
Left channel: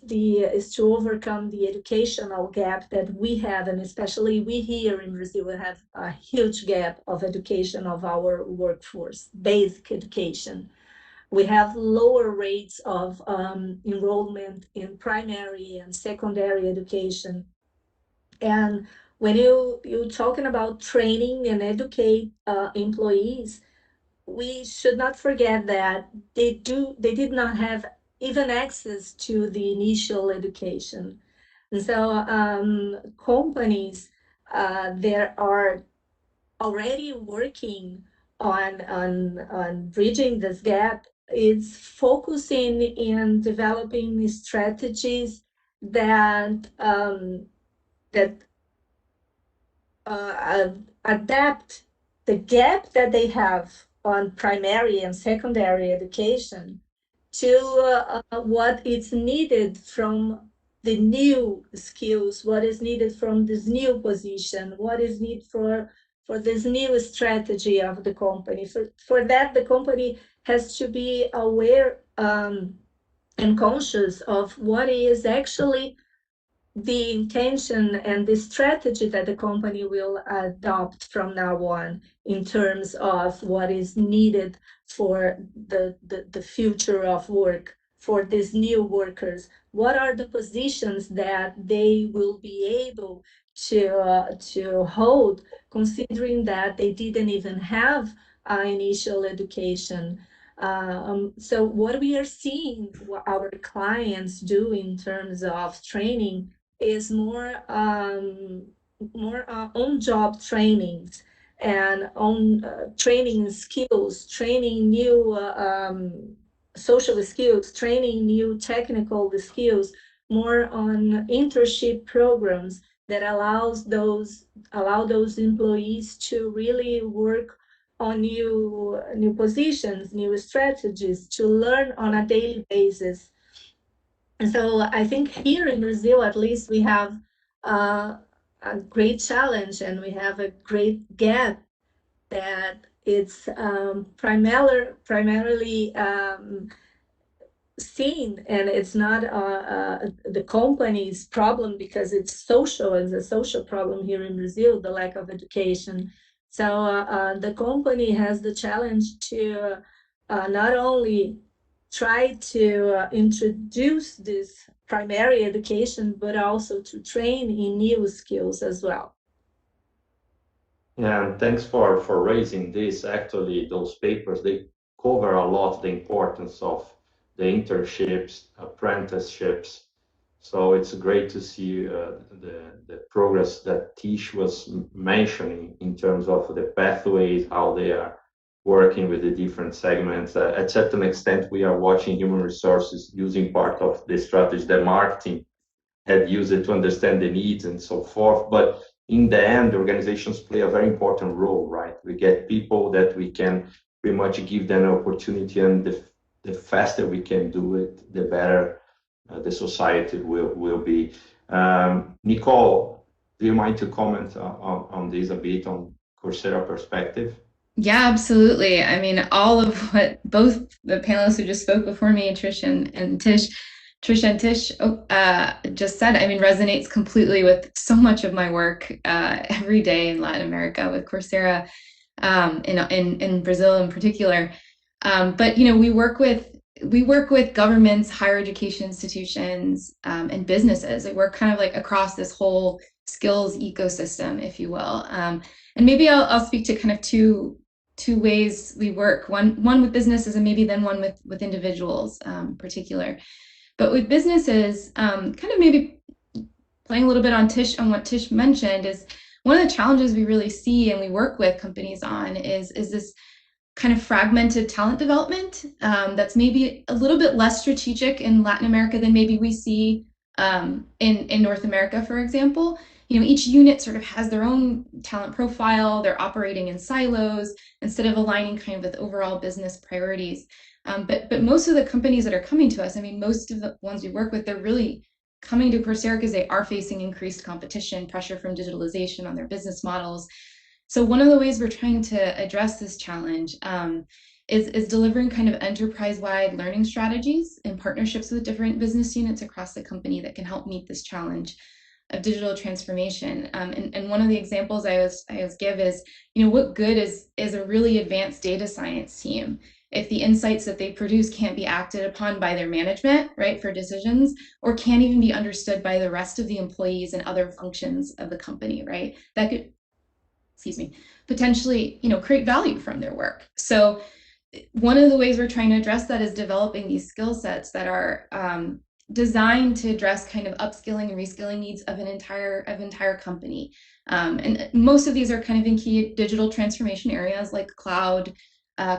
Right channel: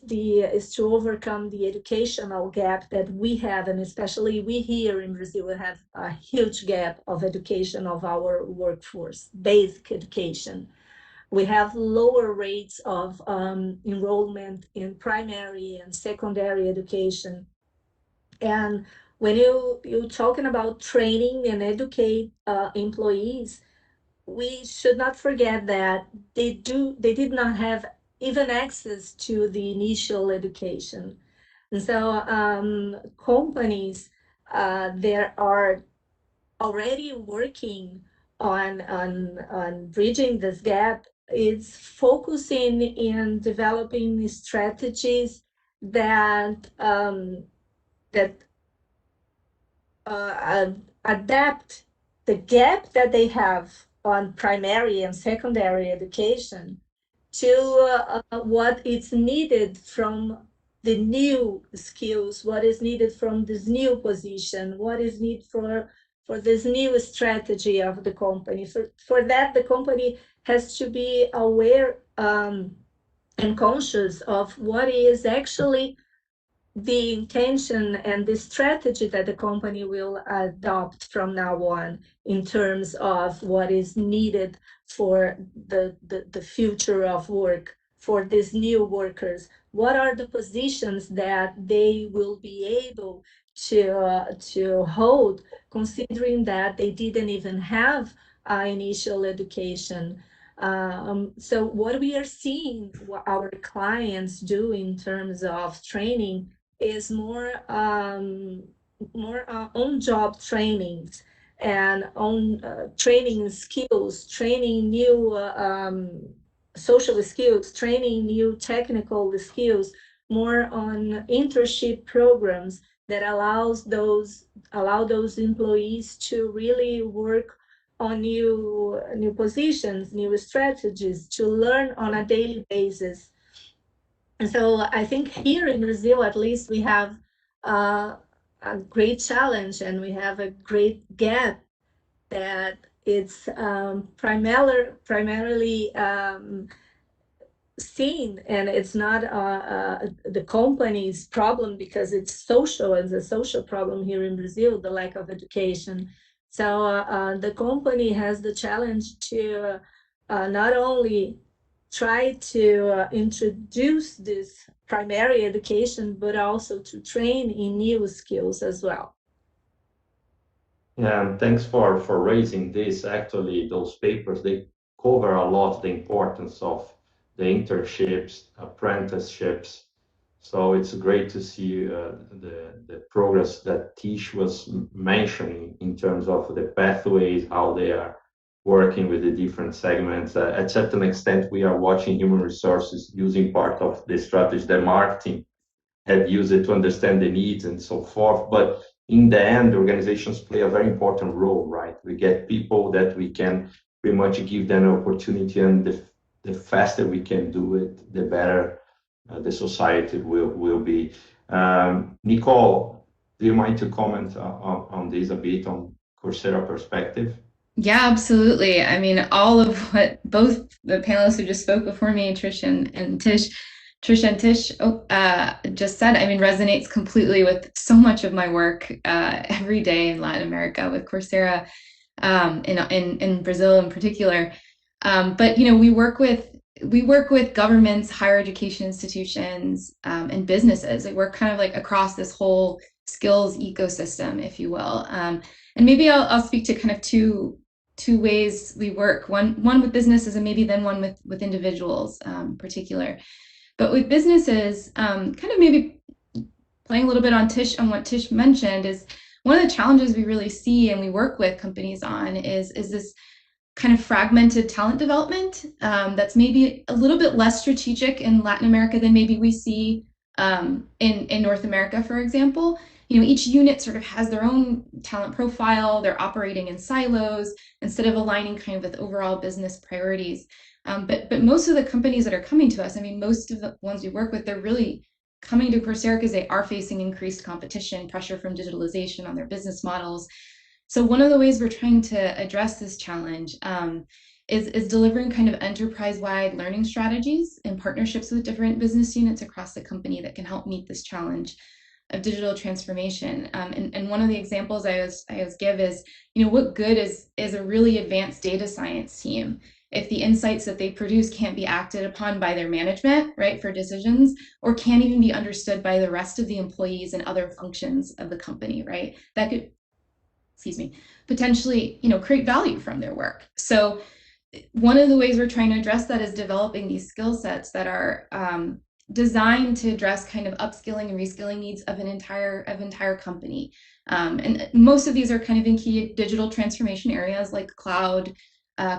to overcome the educational gap that we have, and especially we here in Brazil have a huge gap of education of our workforce, basic education. We have lower rates of enrollment in primary and secondary education. And when you're talking about training and educate employees, we should not forget that they did not have even access to the initial education. And so companies there are already working on bridging this gap. It's focusing in developing strategies that that adapt the gap that they have on primary and secondary education to what is needed from the new skills, what is needed from this new position, what is needed for this new strategy of the company. For that, the company has to be aware and conscious of what is actually the intention and the strategy that the company will adopt from now on in terms of what is needed for the future of work for these new workers. What are the positions that they will be able to hold, considering that they didn't even have initial education? So what we are seeing what our clients do in terms of training is more on-job trainings and on training skills, training new social skills, training new technical skills, more on internship programs that allow those employees to really work on new positions, new strategies, to learn on a daily basis. And so I think here in Brazil, at least, we have a great challenge, and we have a great gap that it's primarily seen, and it's not the company's problem, because it's social, and a social problem here in Brazil, the lack of education. So the company has the challenge to not only try to introduce this primary education, but also to train in new skills as well. Yeah, and thanks for raising this. Actually, those papers, they cover a lot the importance of the internships, apprenticeships. So it's great to see the progress that Tish was mentioning in terms of the pathways, how they are working with the different segments. At certain extent, we are watching human resources using part of the strategy that marketing had used it to understand the needs and so forth. But in the end, organizations play a very important role, right? We get people that we can pretty much give them an opportunity, and the faster we can do it, the better the society will be. Nicole, do you mind to comment on this a bit on Coursera perspective? Yeah, absolutely. I mean, all of what both the panelists who just spoke before me, Trish and Tish, Trish and Tish just said, I mean, resonates completely with so much of my work every day in Latin America with Coursera, in Brazil in particular. But we work with governments, higher education institutions, and businesses. Like, we're kind of like across this whole skills ecosystem, if you will. And maybe I'll speak to kind of two ways we work. One with businesses, and maybe then one with individuals in particular. But with businesses, kind of maybe playing a little bit on what Tish mentioned, is one of the challenges we really see and we work with companies on is this kind of fragmented talent development that's maybe a little bit less strategic in Latin America than maybe we see in North America, for example. Each unit sort of has their own talent profile. They're operating in silos instead of aligning kind of with overall business priorities. But most of the companies that are coming to us, I mean, most of the ones we work with, they're really coming to Coursera because they are facing increased competition, pressure from digitalization on their business models. So one of the ways we're trying to address this challenge is delivering kind of enterprise-wide learning strategies in partnerships with different business units across the company that can help meet this challenge of digital transformation. And one of the examples I always give is, what good is a really advanced data science team if the insights that they produce can't be acted upon by their management, right, for decisions, or can't even be understood by the rest of the employees and other functions of the company, right? That could, potentially, create value from their work. So one of the ways we're trying to address that is developing these skill sets that are designed to address kind of upskilling and reskilling needs of an entire company. And most of these are kind of in key digital transformation areas like cloud,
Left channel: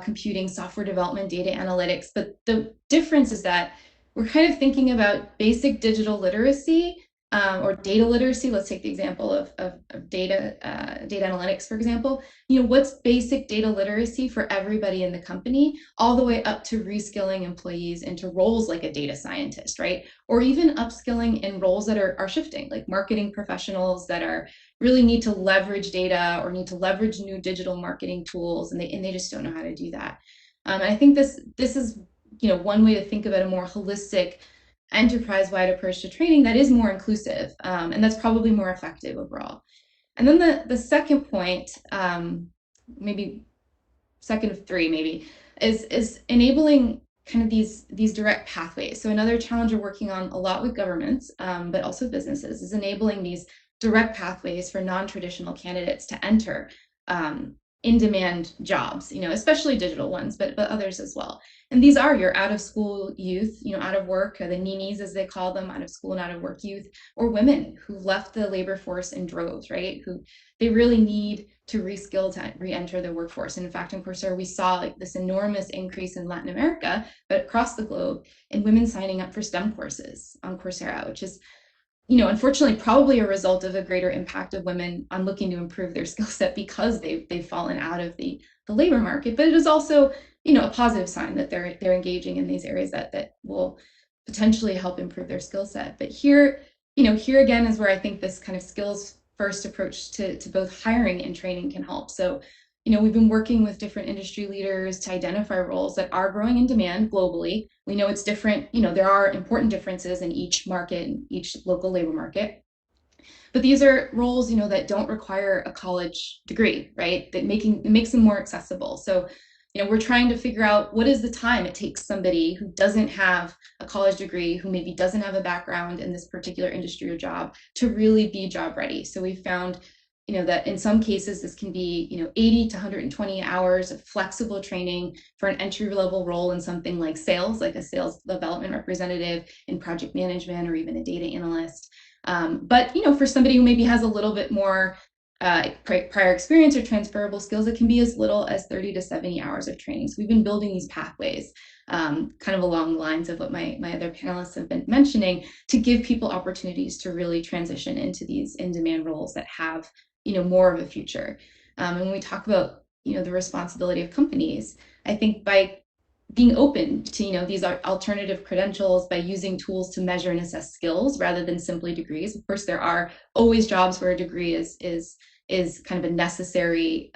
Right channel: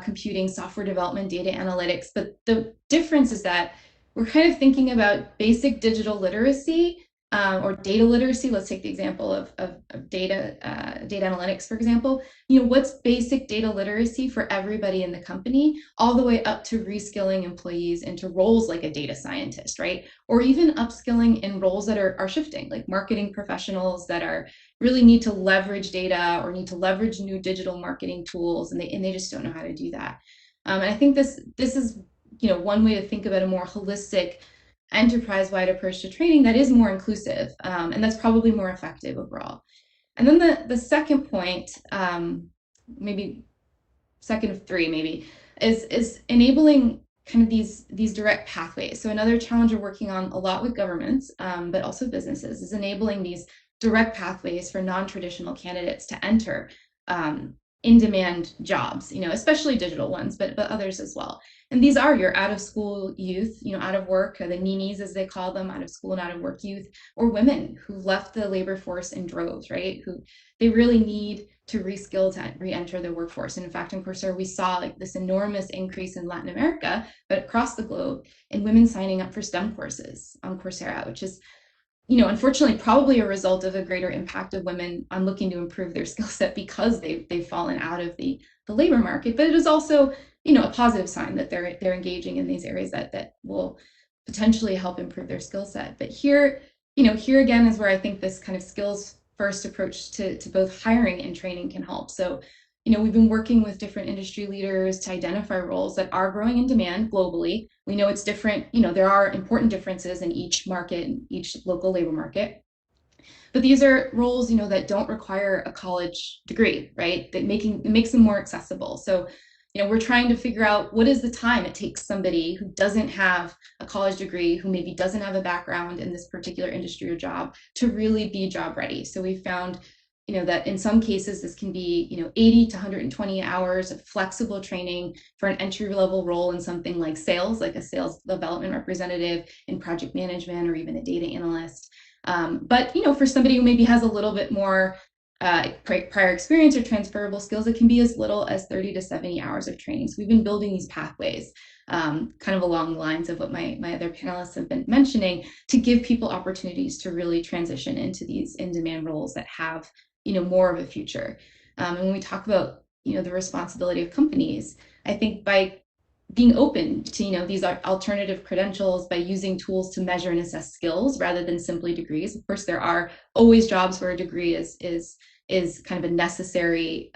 computing, software development, data analytics. But the difference is that we're kind of thinking about basic digital literacy or data literacy. Let's take the example of data analytics, for example. What's basic data literacy for everybody in the company, all the way up to reskilling employees into roles like a data scientist, right? Or even upskilling in roles that are shifting, like marketing professionals that are really need to leverage data or need to leverage new digital marketing tools, and they just don't know how to do that. And I think this is one way to think about a more holistic, enterprise-wide approach to training that is more inclusive, and that's probably more effective overall. And then the second point, maybe second of three, maybe, is enabling kind of these direct pathways. So another challenge we're working on a lot with governments, but also businesses, is enabling these direct pathways for non-traditional candidates to enter in-demand jobs, especially digital ones, but others as well. And these are your out-of-school youth, out of work, the ninis as they call them, out of school and out of work youth, or women who left the labor force in droves, right? Who they really need to reskill to re-enter the workforce. And in fact, in Coursera, we saw like this enormous increase in Latin America, but across the globe, in women signing up for STEM courses on Coursera, which is, unfortunately, probably a result of a greater impact of women on looking to improve their skill set because they've fallen out of the labor market. But it is also, a positive sign that they're engaging in these areas that will potentially help improve their skill set. But here again is where I think this kind of skills first approach to both hiring and training can help. So, we've been working with different industry leaders to identify roles that are growing in demand globally. We know it's different, there are important differences in each market, in each local labor market. But these are roles, that don't require a college degree, right? That it makes them more accessible. So, we're trying to figure out what is the time it takes somebody who doesn't have a college degree, who maybe doesn't have a background in this particular industry or job, to really be job ready. So we found, that in some cases this can be, 80 to 120 hours of flexible training for an entry-level role in something like sales, like a sales development representative, in project management, or even a data analyst. But for somebody who maybe has a little bit more prior experience or transferable skills, it can be as little as 30 to 70 hours of training. So we've been building these pathways kind of along the lines of what my other panelists have been mentioning, to give people opportunities to really transition into these in-demand roles that have more of a future. And when we talk about the responsibility of companies, I think by being open to these alternative credentials, by using tools to measure and assess skills rather than simply degrees. Of course, there are always jobs where a degree is kind of a necessary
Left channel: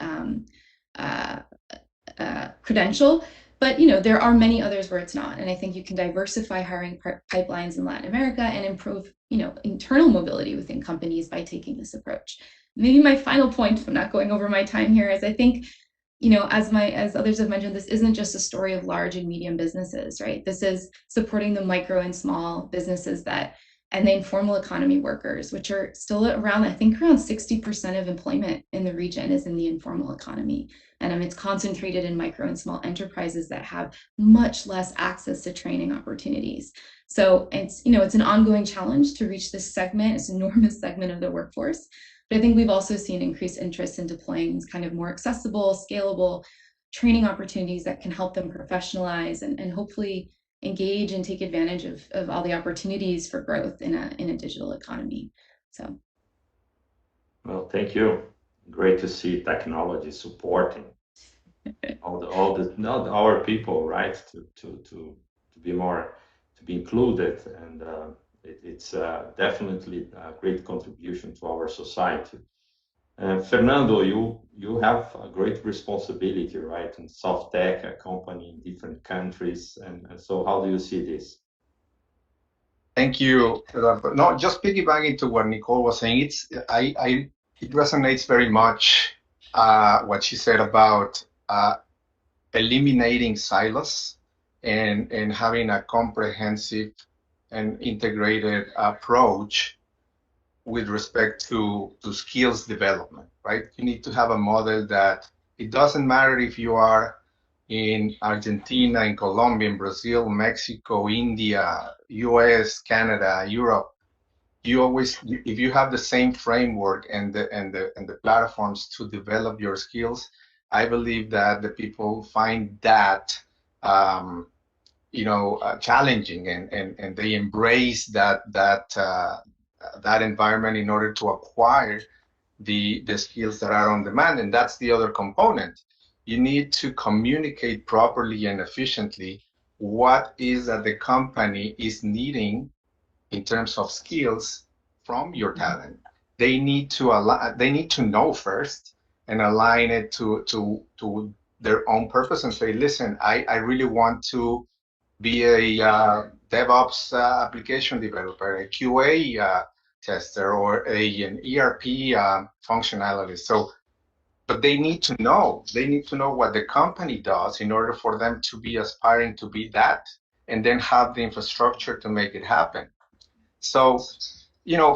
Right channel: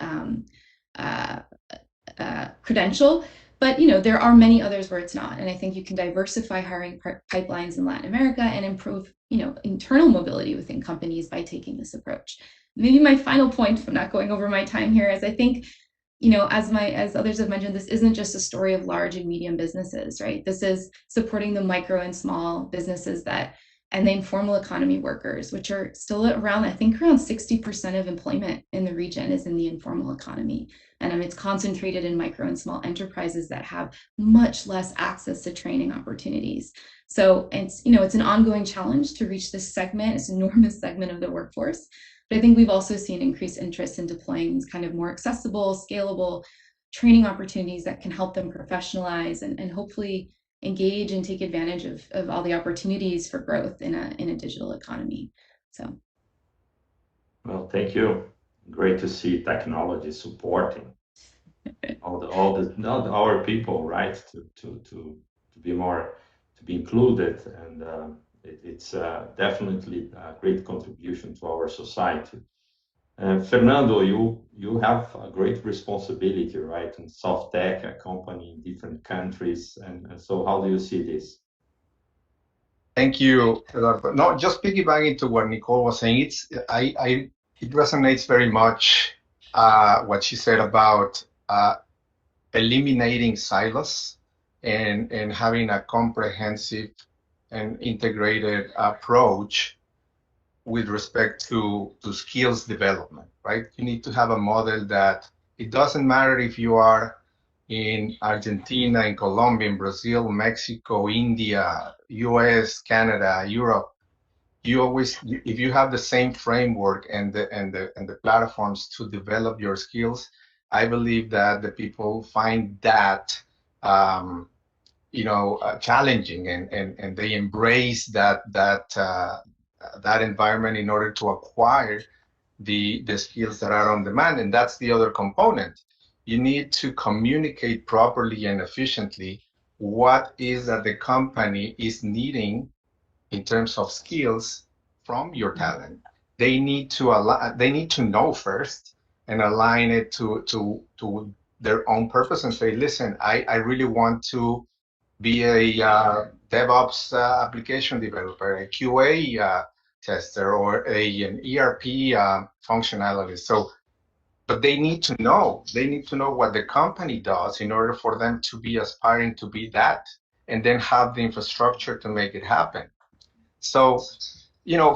credential, But you know, there are many others where it's not, and I think you can diversify hiring pipelines in Latin America and improve, you know, internal mobility within companies by taking this approach. Maybe my final point, if I'm not going over my time here, is I think, you know, as others have mentioned, this isn't just a story of large and medium businesses, right? This is supporting the micro and small businesses and the informal economy workers, which are still around, I think around 60% of employment in the region is in the informal economy. And it's concentrated in micro and small enterprises that have much less access to training opportunities. So it's, you know, it's an ongoing challenge to reach this segment, this enormous segment of the workforce. But I think we've also seen increased interest in deploying these kind of more accessible, scalable training opportunities that can help them professionalize and hopefully engage and take advantage of all the opportunities for growth in a digital economy. So. Well, thank you. Great to see technology supporting our people, right? To be more, to be included, and it's definitely a great contribution to our society. Fernando, you have a great responsibility, right? In soft tech, a company in different countries, and so how do you see this? Thank you, Eduardo. No, just piggybacking to what Nicole was saying, it resonates very much what she said about eliminating silos and having a comprehensive and integrated approach with respect to skills development, right? You need to have a model that it doesn't matter if you are in Argentina, in Colombia, in Brazil, Mexico, India, US, Canada, Europe. You always, if you have the same framework and the platforms to develop your skills, I believe that the people find that challenging, and they embrace that environment in order to acquire the skills that are on demand. And that's the other component. You need to communicate properly and efficiently what is that the company is needing in terms of skills from your talent. They need to know first and align it to their own purpose and say, listen, I really want to be a DevOps application developer, a QA tester, or an ERP functionality. So, but they need to know what the company does in order for them to be aspiring to be that, and then have the infrastructure to make it happen. So,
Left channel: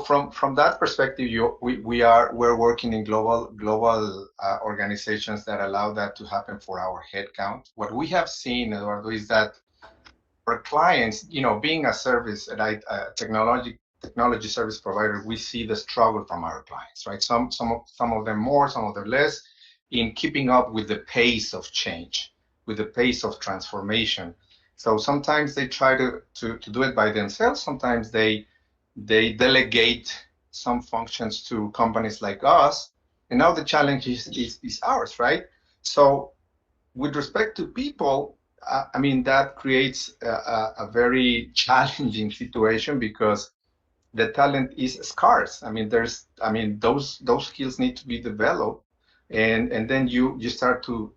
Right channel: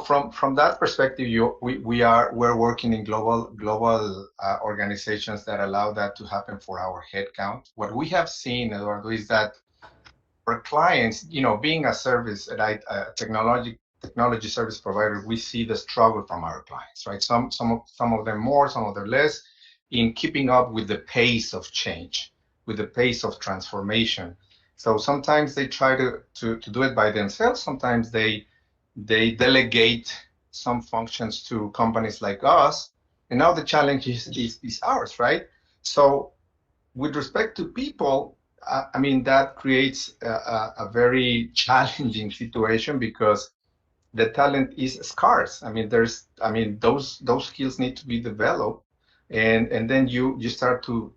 from that perspective, we're working in global organizations that allow that to happen for our headcount. What we have seen, Eduardo, is that for clients, being a service, a technology service provider, we see the struggle from our clients, right? Some of them more, some of them less, in keeping up with the pace of change, with the pace of transformation. So sometimes they try to do it by themselves. Sometimes they delegate some functions to companies like us. And now the challenge is ours, right? So with respect to people, that creates a very challenging situation, because the talent is scarce. Those skills need to be developed, and then you start to,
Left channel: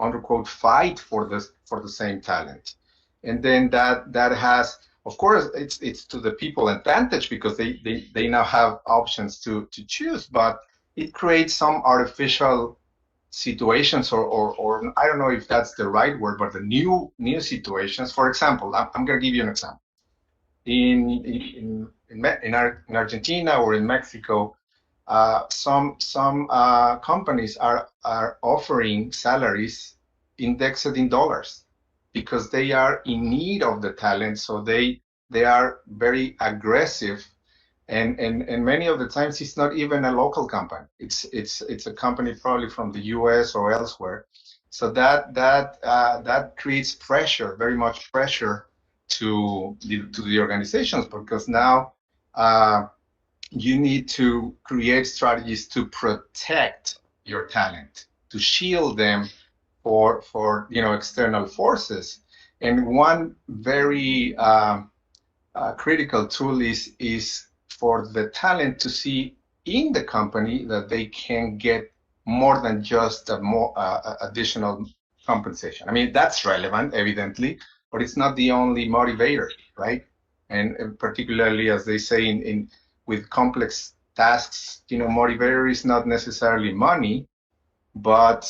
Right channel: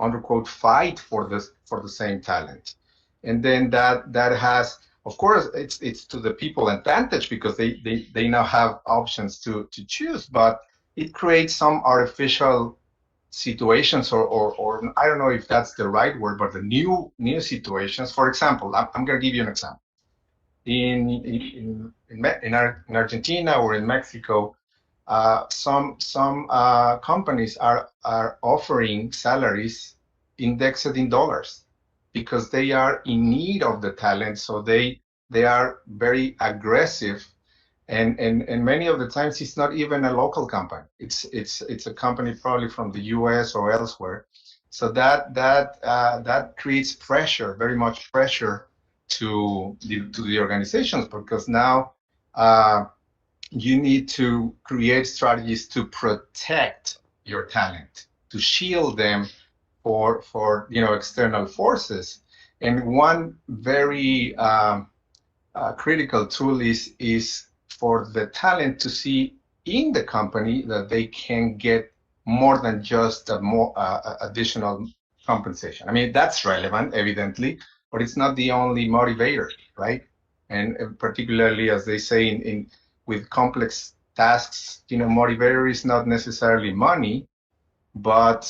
under quote, fight for the same talent, and then that has, of course, it's to the people advantage, because they now have options to choose, but it creates some artificial situations, or I don't know if that's the right word, but the new situations. For example, I'm going to give you an example. In Argentina or in Mexico, some companies are offering salaries indexed in dollars, because they are in need of the talent. So they are very aggressive, and many of the times it's not even a local company. It's a company probably from the US or elsewhere. So that creates pressure, very much pressure to the organizations, because now you need to create strategies to protect your talent, to shield them for external forces. And one very critical tool is for the talent to see in the company that they can get more than just additional compensation. I mean, that's relevant, evidently, but it's not the only motivator, right? And particularly, as they say, in with complex tasks, motivator is not necessarily money, but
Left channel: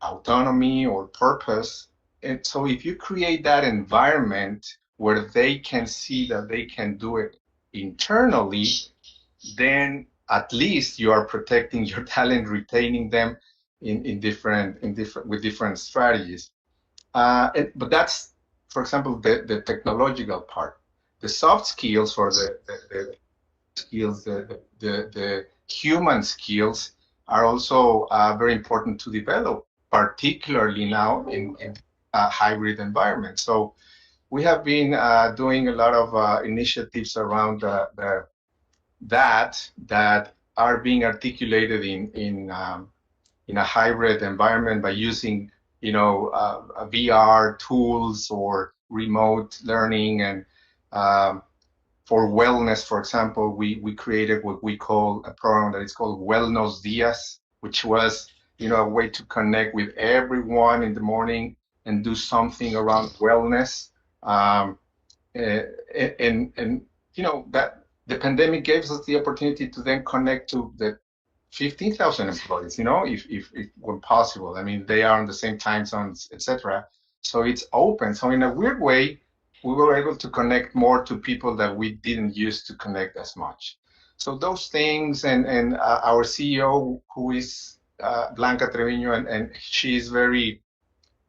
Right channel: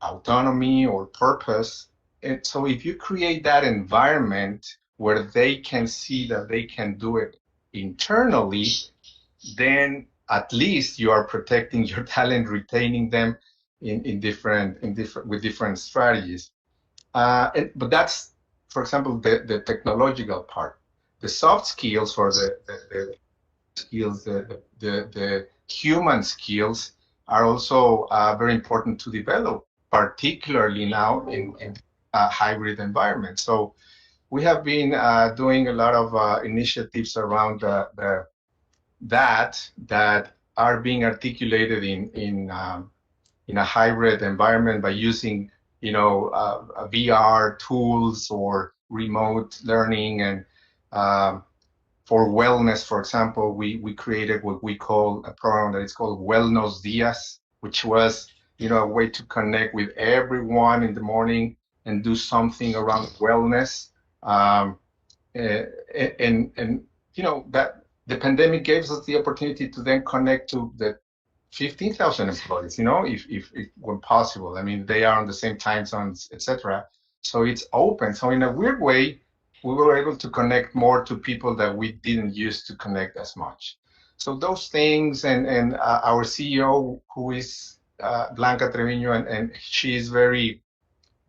autonomy or purpose. And so if you create that environment where they can see that they can do it internally, then at least you are protecting your talent, retaining them with different strategies. But that's, for example, the technological part. The soft skills or the skills, the human skills are also very important to develop, particularly now in a hybrid environment. So we have been doing a lot of initiatives around that are being articulated in a hybrid environment by using VR tools or remote learning. And for wellness, for example, we created what we call a program that is called Wellness Dias, which was a way to connect with everyone in the morning and do something around wellness. And that the pandemic gave us the opportunity to then connect to the 15,000 employees, if when possible. I mean, they are on the same time zones, etc. So it's open. So in a weird way, we were able to connect more to people that we didn't used to connect as much. So those things, and our CEO, who is Blanca Treviño, and she is very,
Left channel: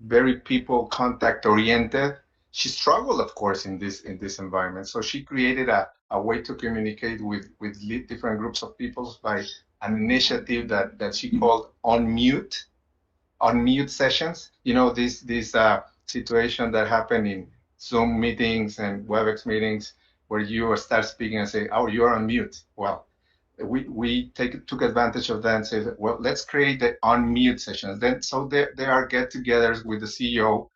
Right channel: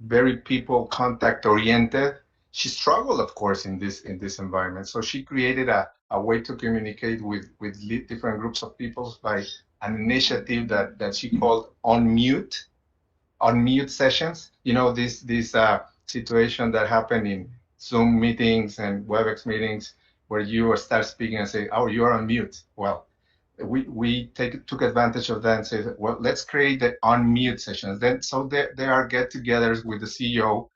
very people contact oriented. She struggled, of course, in this environment. So she created a way to communicate with different groups of people by an initiative that she called unmute sessions. This situation that happened in Zoom meetings and WebEx meetings where you start speaking and say, "Oh, you're on mute." Well, we took advantage of that and said, well, let's create the unmute sessions. Then so there are get-togethers with the CEO.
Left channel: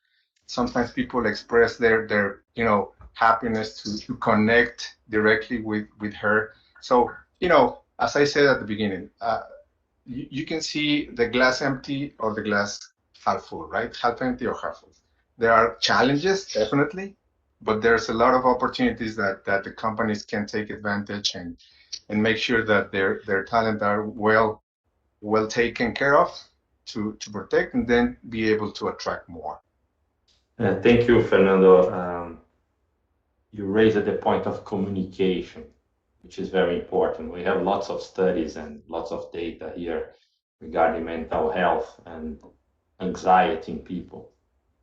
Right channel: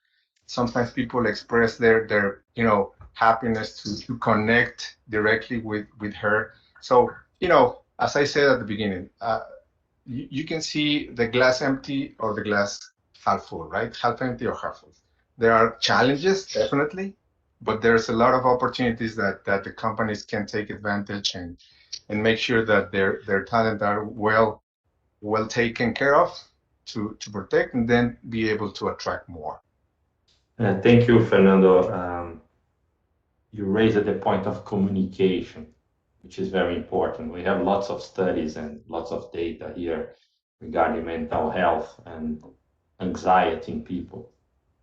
Sometimes people express their happiness to connect directly with her. So as I said at the beginning, you can see the glass empty or the glass half full, right? Half empty or half full. There are challenges, definitely, but there's a lot of opportunities that the companies can take advantage and make sure that their talent are well taken care of to protect and then be able to attract more. Thank you, Fernando. You raised the point of communication, which is very important. We have lots of studies and lots of data here regarding mental health and anxiety in people.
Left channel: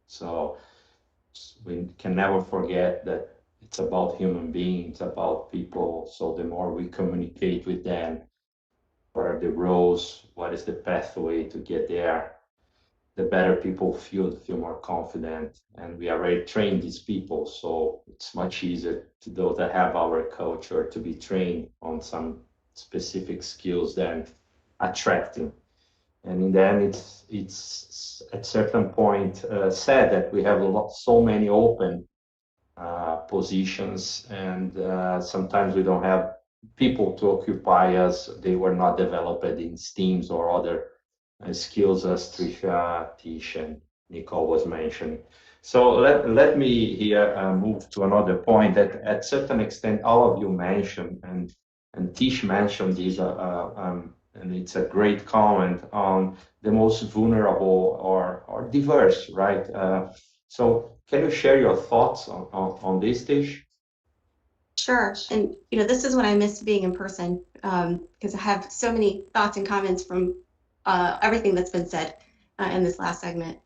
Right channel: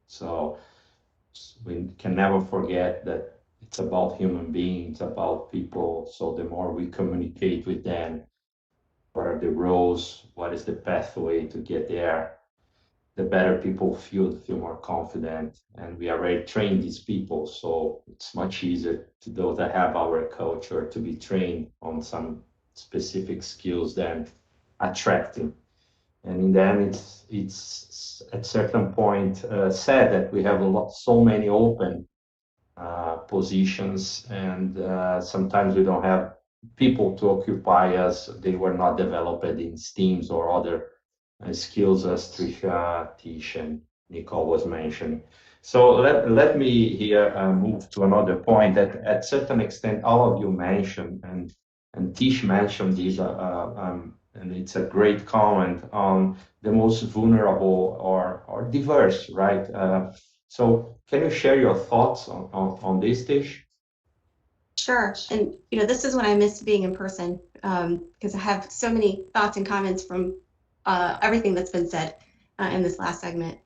So we can never forget that it's about human beings, about people. So the more we communicate with them, what are the roles, what is the pathway to get there, the better people feel more confident. And we already trained these people, so it's much easier to those that have our culture to be trained on some specific skills than attracting. And in the end, it's at certain point said that we have so many open positions, and sometimes we don't have people to occupy us. They were not developed in STEAMs or other skills as Trisha, Tish, and Nicole was mentioning. So let me here move to another point that at certain extent all of you mentioned, and Tish mentioned this, and it's a great comment on the most vulnerable or diverse, right? So can you share your thoughts on this, Tish? Sure. And this is when I miss being in person, because I have so many thoughts and comments from everything that's been said in this last segment.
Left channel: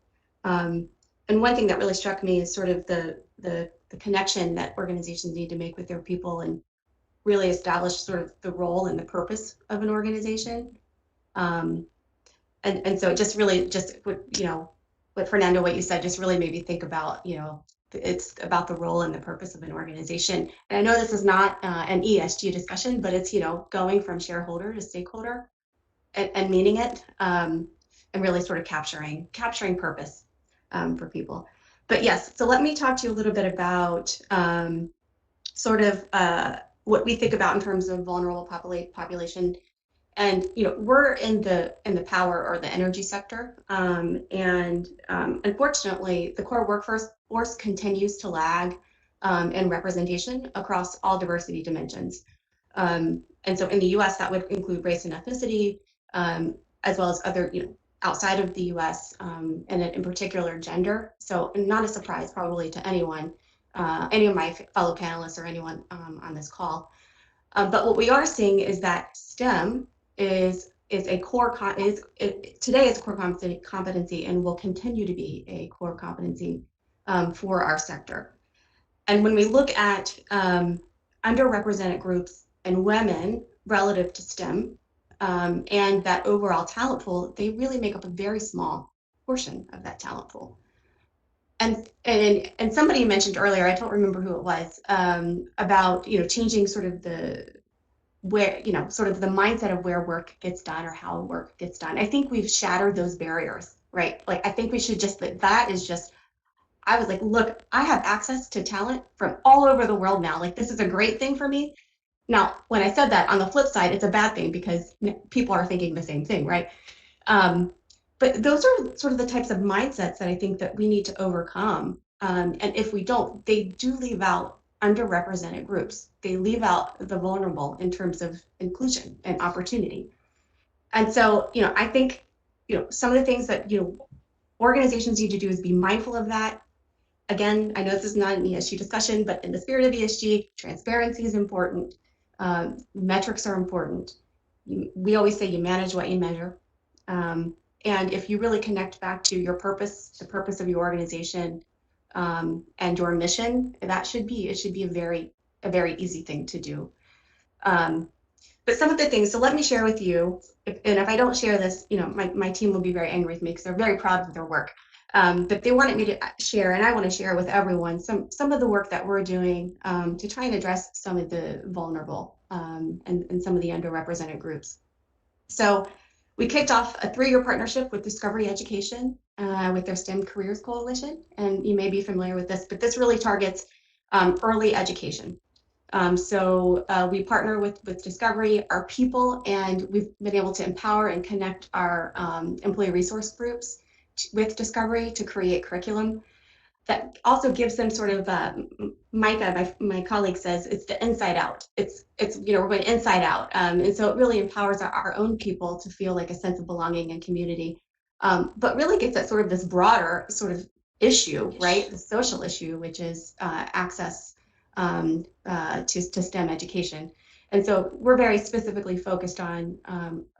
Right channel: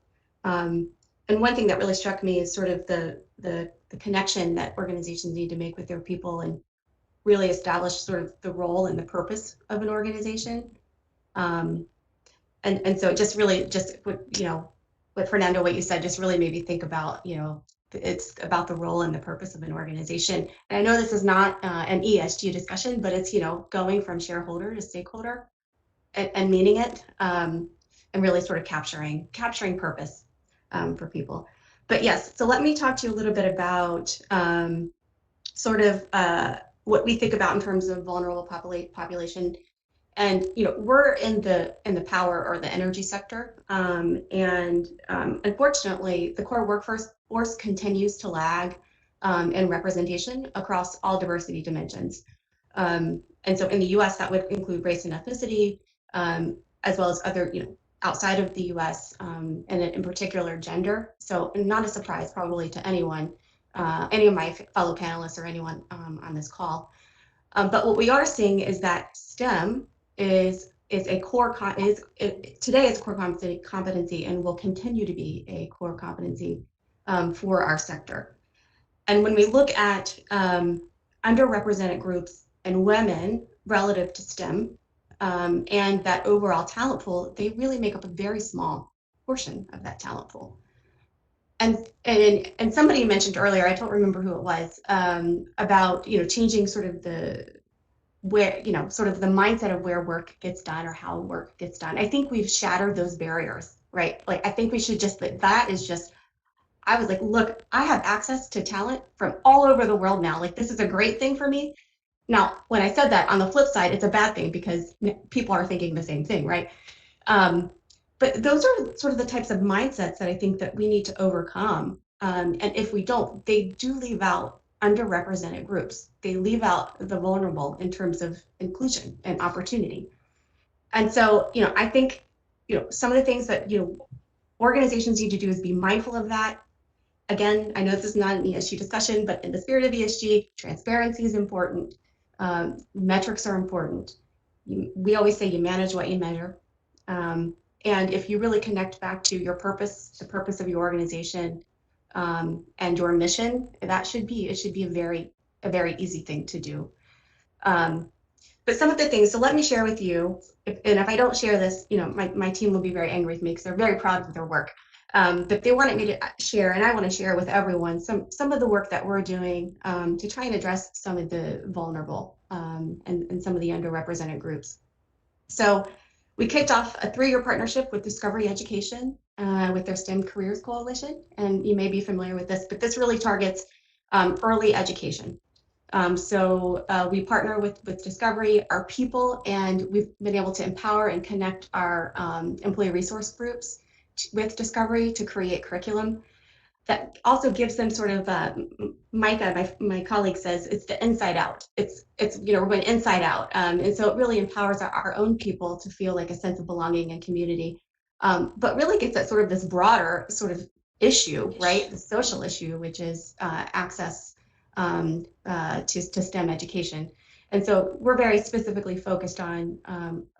And one thing that really struck me is sort of the connection that organizations need to make with their people and really establish sort of the role and the purpose of an organization. And so it just really what Fernando, what you said just really made me think about, it's about the role and the purpose of an organization. And I know this is not an ESG discussion, but it's, going from shareholder to stakeholder and meaning it, and really sort of capturing purpose for people. But yes, so let me talk to you a little bit about sort of what we think about in terms of vulnerable population And we're in the power or the energy sector, and unfortunately, the core workforce continues to lag in representation across all diversity dimensions. And so in the U.S., that would include race and ethnicity, as well as other, outside of the U.S., and in particular gender. So not a surprise probably to anyone, any of my fellow panelists or anyone on this call. But what we are seeing is that STEM is a core today is a core competency and will continue to be a core competency for our sector. And when we look at underrepresented groups and women relative to STEM, and that overall talent pool, they really make up a very small portion of that talent pool. And somebody mentioned earlier, I don't remember who it was, about changing sort of the mindset of where work gets done or how work gets done. I think we've shattered those barriers, right? Like I think we should just, that is just, I was like, look, I have access to talent from all over the world now. Like this is a great thing for me. Now, when I said that, on the flip side, it's a bad thing because people are thinking the same thing, right? But those are sort of the types of mindsets that I think that we need to overcome. And if we don't, they do leave out underrepresented groups. They leave out the vulnerable in terms of inclusion and opportunity. And so, I think, some of the things that, organizations need to do is be mindful of that. Again, I know this is not an ESG discussion, but in the spirit of ESG, transparency is important. Metrics are important. We always say you manage what you measure. And if you really connect back to your purpose, the purpose of your organization, and your mission, it should be a very easy thing to do. But some of the things, so let me share with you, and if I don't share this, my team will be very angry with me because they're very proud of their work. But they wanted me to share, and I want to share with everyone some of the work that we're doing to try and address some of the vulnerable and some of the underrepresented groups. So we kicked off a 3-year partnership with Discovery Education with their STEM Careers Coalition. And you may be familiar with this, but this really targets early education. So we partner with Discovery, our people, and we've been able to empower and connect our employee resource groups with Discovery to create curriculum that also gives them sort of, Micah, my colleague says, it's the inside out. It's we're going inside out. And so it really empowers our own people to feel like a sense of belonging and community, but really gets at sort of this broader sort of issue, right? The social issue, which is access to STEM education. And so we're very specifically focused on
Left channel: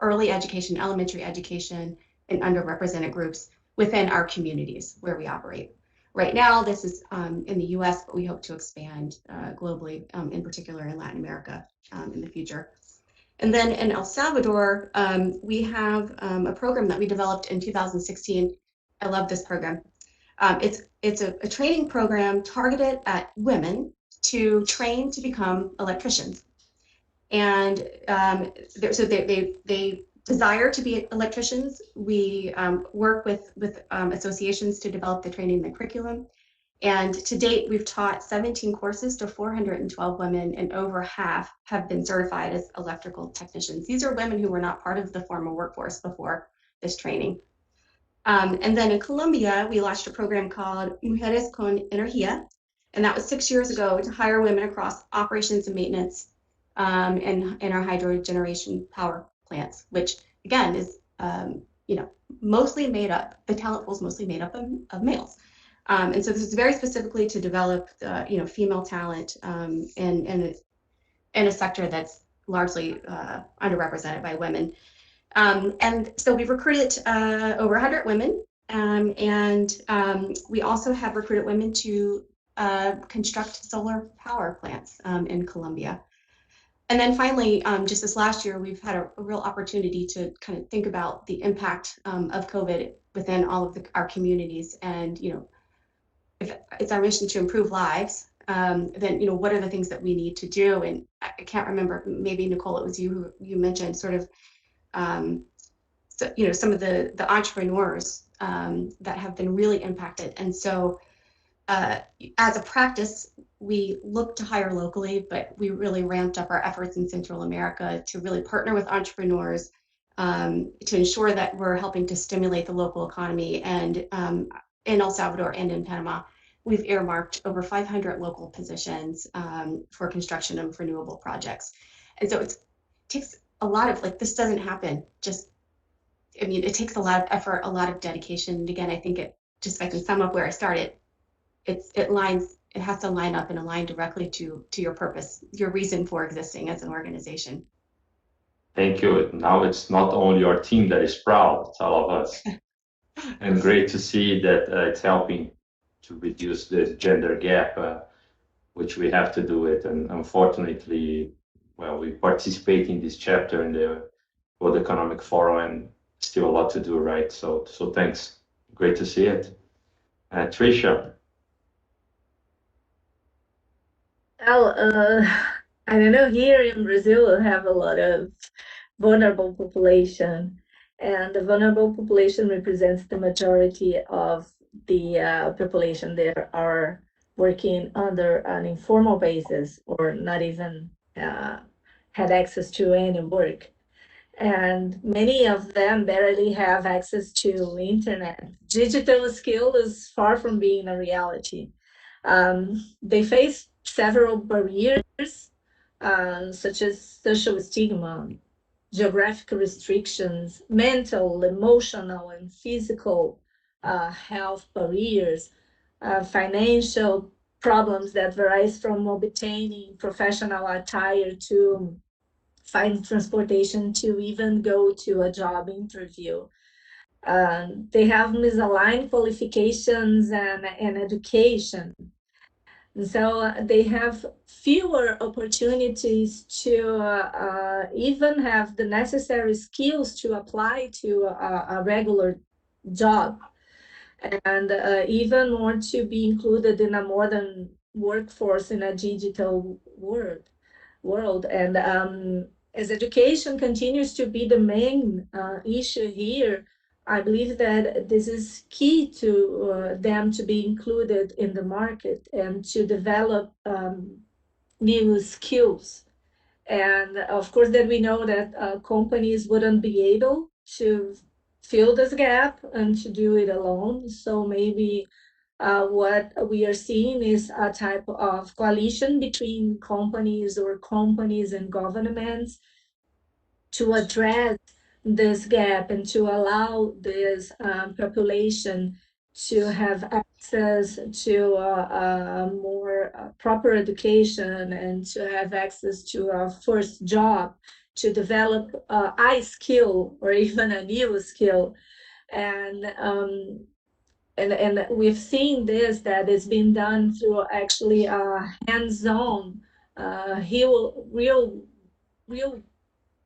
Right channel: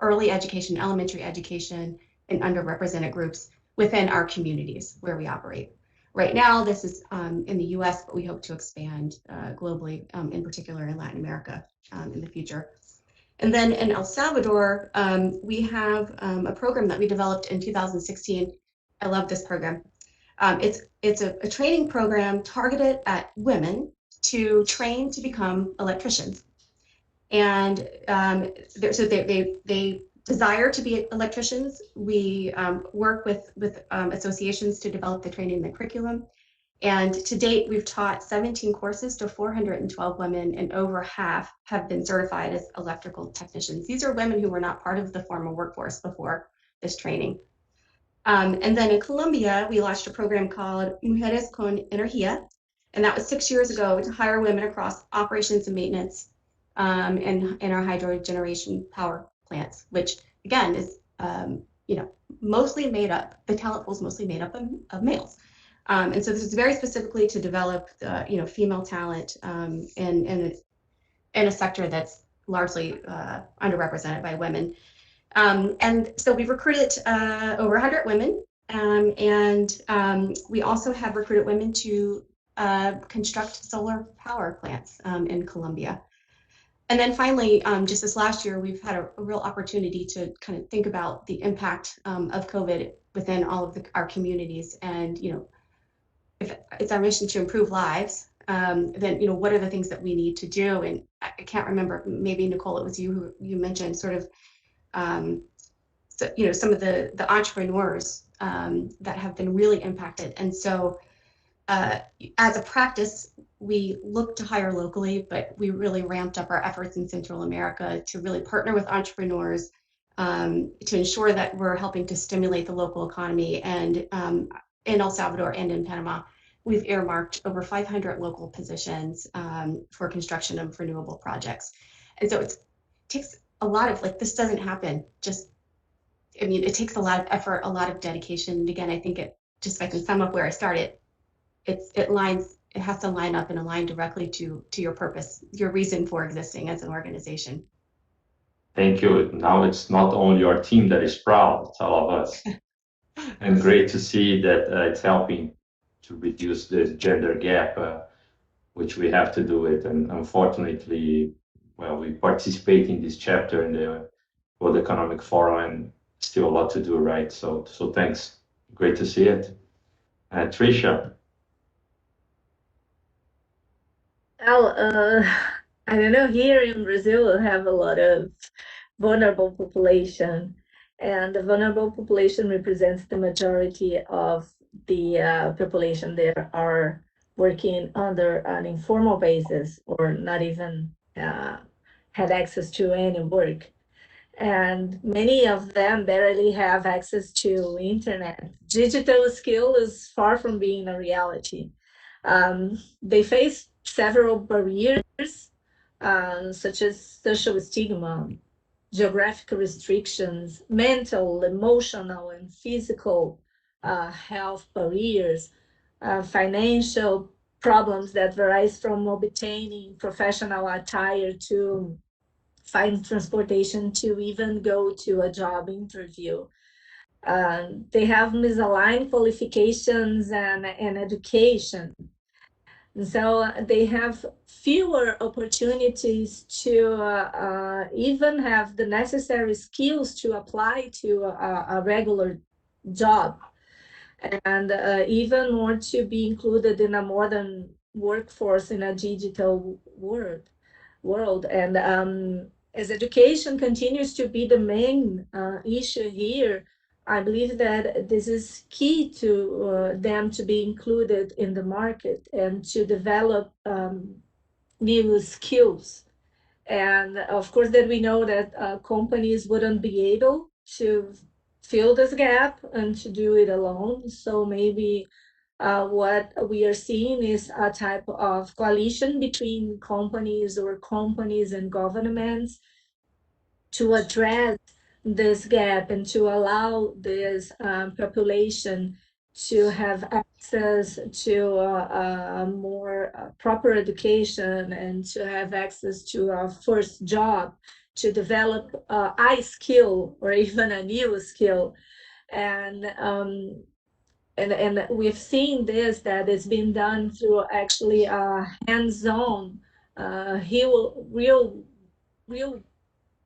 early education, elementary education, and underrepresented groups within our communities where we operate. Right now, this is in the US, but we hope to expand globally, in particular in Latin America in the future. And then in El Salvador, we have a program that we developed in 2016. I love this program. It's a training program targeted at women to train to become electricians. And so they desire to be electricians. We work with associations to develop the training and the curriculum. And to date, we've taught 17 courses to 412 women, and over half have been certified as electrical technicians. These are women who were not part of the formal workforce before this training. And then in Colombia, we launched a program called Mujeres con Energía, and that was 6 years ago to hire women across operations and maintenance in our hydro generation power plants, which again is mostly made up, the talent pool is mostly made up of males. And so this is very specifically to develop female talent in a sector that's largely underrepresented by women. And so we've recruited over 100 women, and we also have recruited women to construct solar power plants in Colombia. And then finally, just this last year, we've had a real opportunity to kind of think about the impact of COVID within all of our communities. And, if it's our mission to improve lives, then, what are the things that we need to do? And I can't remember, maybe Nicole, it was you who mentioned sort of, some of the entrepreneurs that have been really impacted. And so as a practice, we look to hire locally, but we really ramped up our efforts in Central America to really partner with entrepreneurs to ensure that we're helping to stimulate the local economy. And in El Salvador and in Panama, we've earmarked over 500 local positions for construction of renewable projects. And so it takes a lot of, like, this doesn't happen just, I mean, it takes a lot of effort, a lot of dedication. And again, I think it, just if I can sum up where I started, it has to line up and align directly to your purpose, your reason for existing as an organization. Thank you. Now it's not only your team that is proud, it's all of us. And great to see that it's helping to reduce the gender gap, which we have to do it. And unfortunately, well, we participate in this chapter in the World Economic Forum, and still a lot to do, right? So thanks. Great to see it. Tricia. Well, I don't know, here in Brazil, we have a lot of vulnerable population, and the vulnerable population represents the majority of the population that are working under an informal basis or not even had access to any work. And many of them barely have access to internet. Digital skill is far from being a reality. They face several barriers, such as social stigma, geographic restrictions, mental, emotional, and physical health barriers, financial problems that varies from obtaining professional attire to find transportation to even go to a job interview. They have misaligned qualifications and education. And so they have fewer opportunities to even have the necessary skills to apply to a regular job, and even more to be included in a modern workforce in a digital world. And as education continues to be the main issue here, I believe that this is key to them to be included in the market and to develop new skills. And of course, that we know that companies wouldn't be able to fill this gap and to do it alone. So maybe what we are seeing is a type of coalition between companies or companies and governments to address this gap and to allow this population to have access to a more proper education and to have access to a first job, to develop a skill or even a new skill. And we've seen this, that it's been done through actually a hands-on, real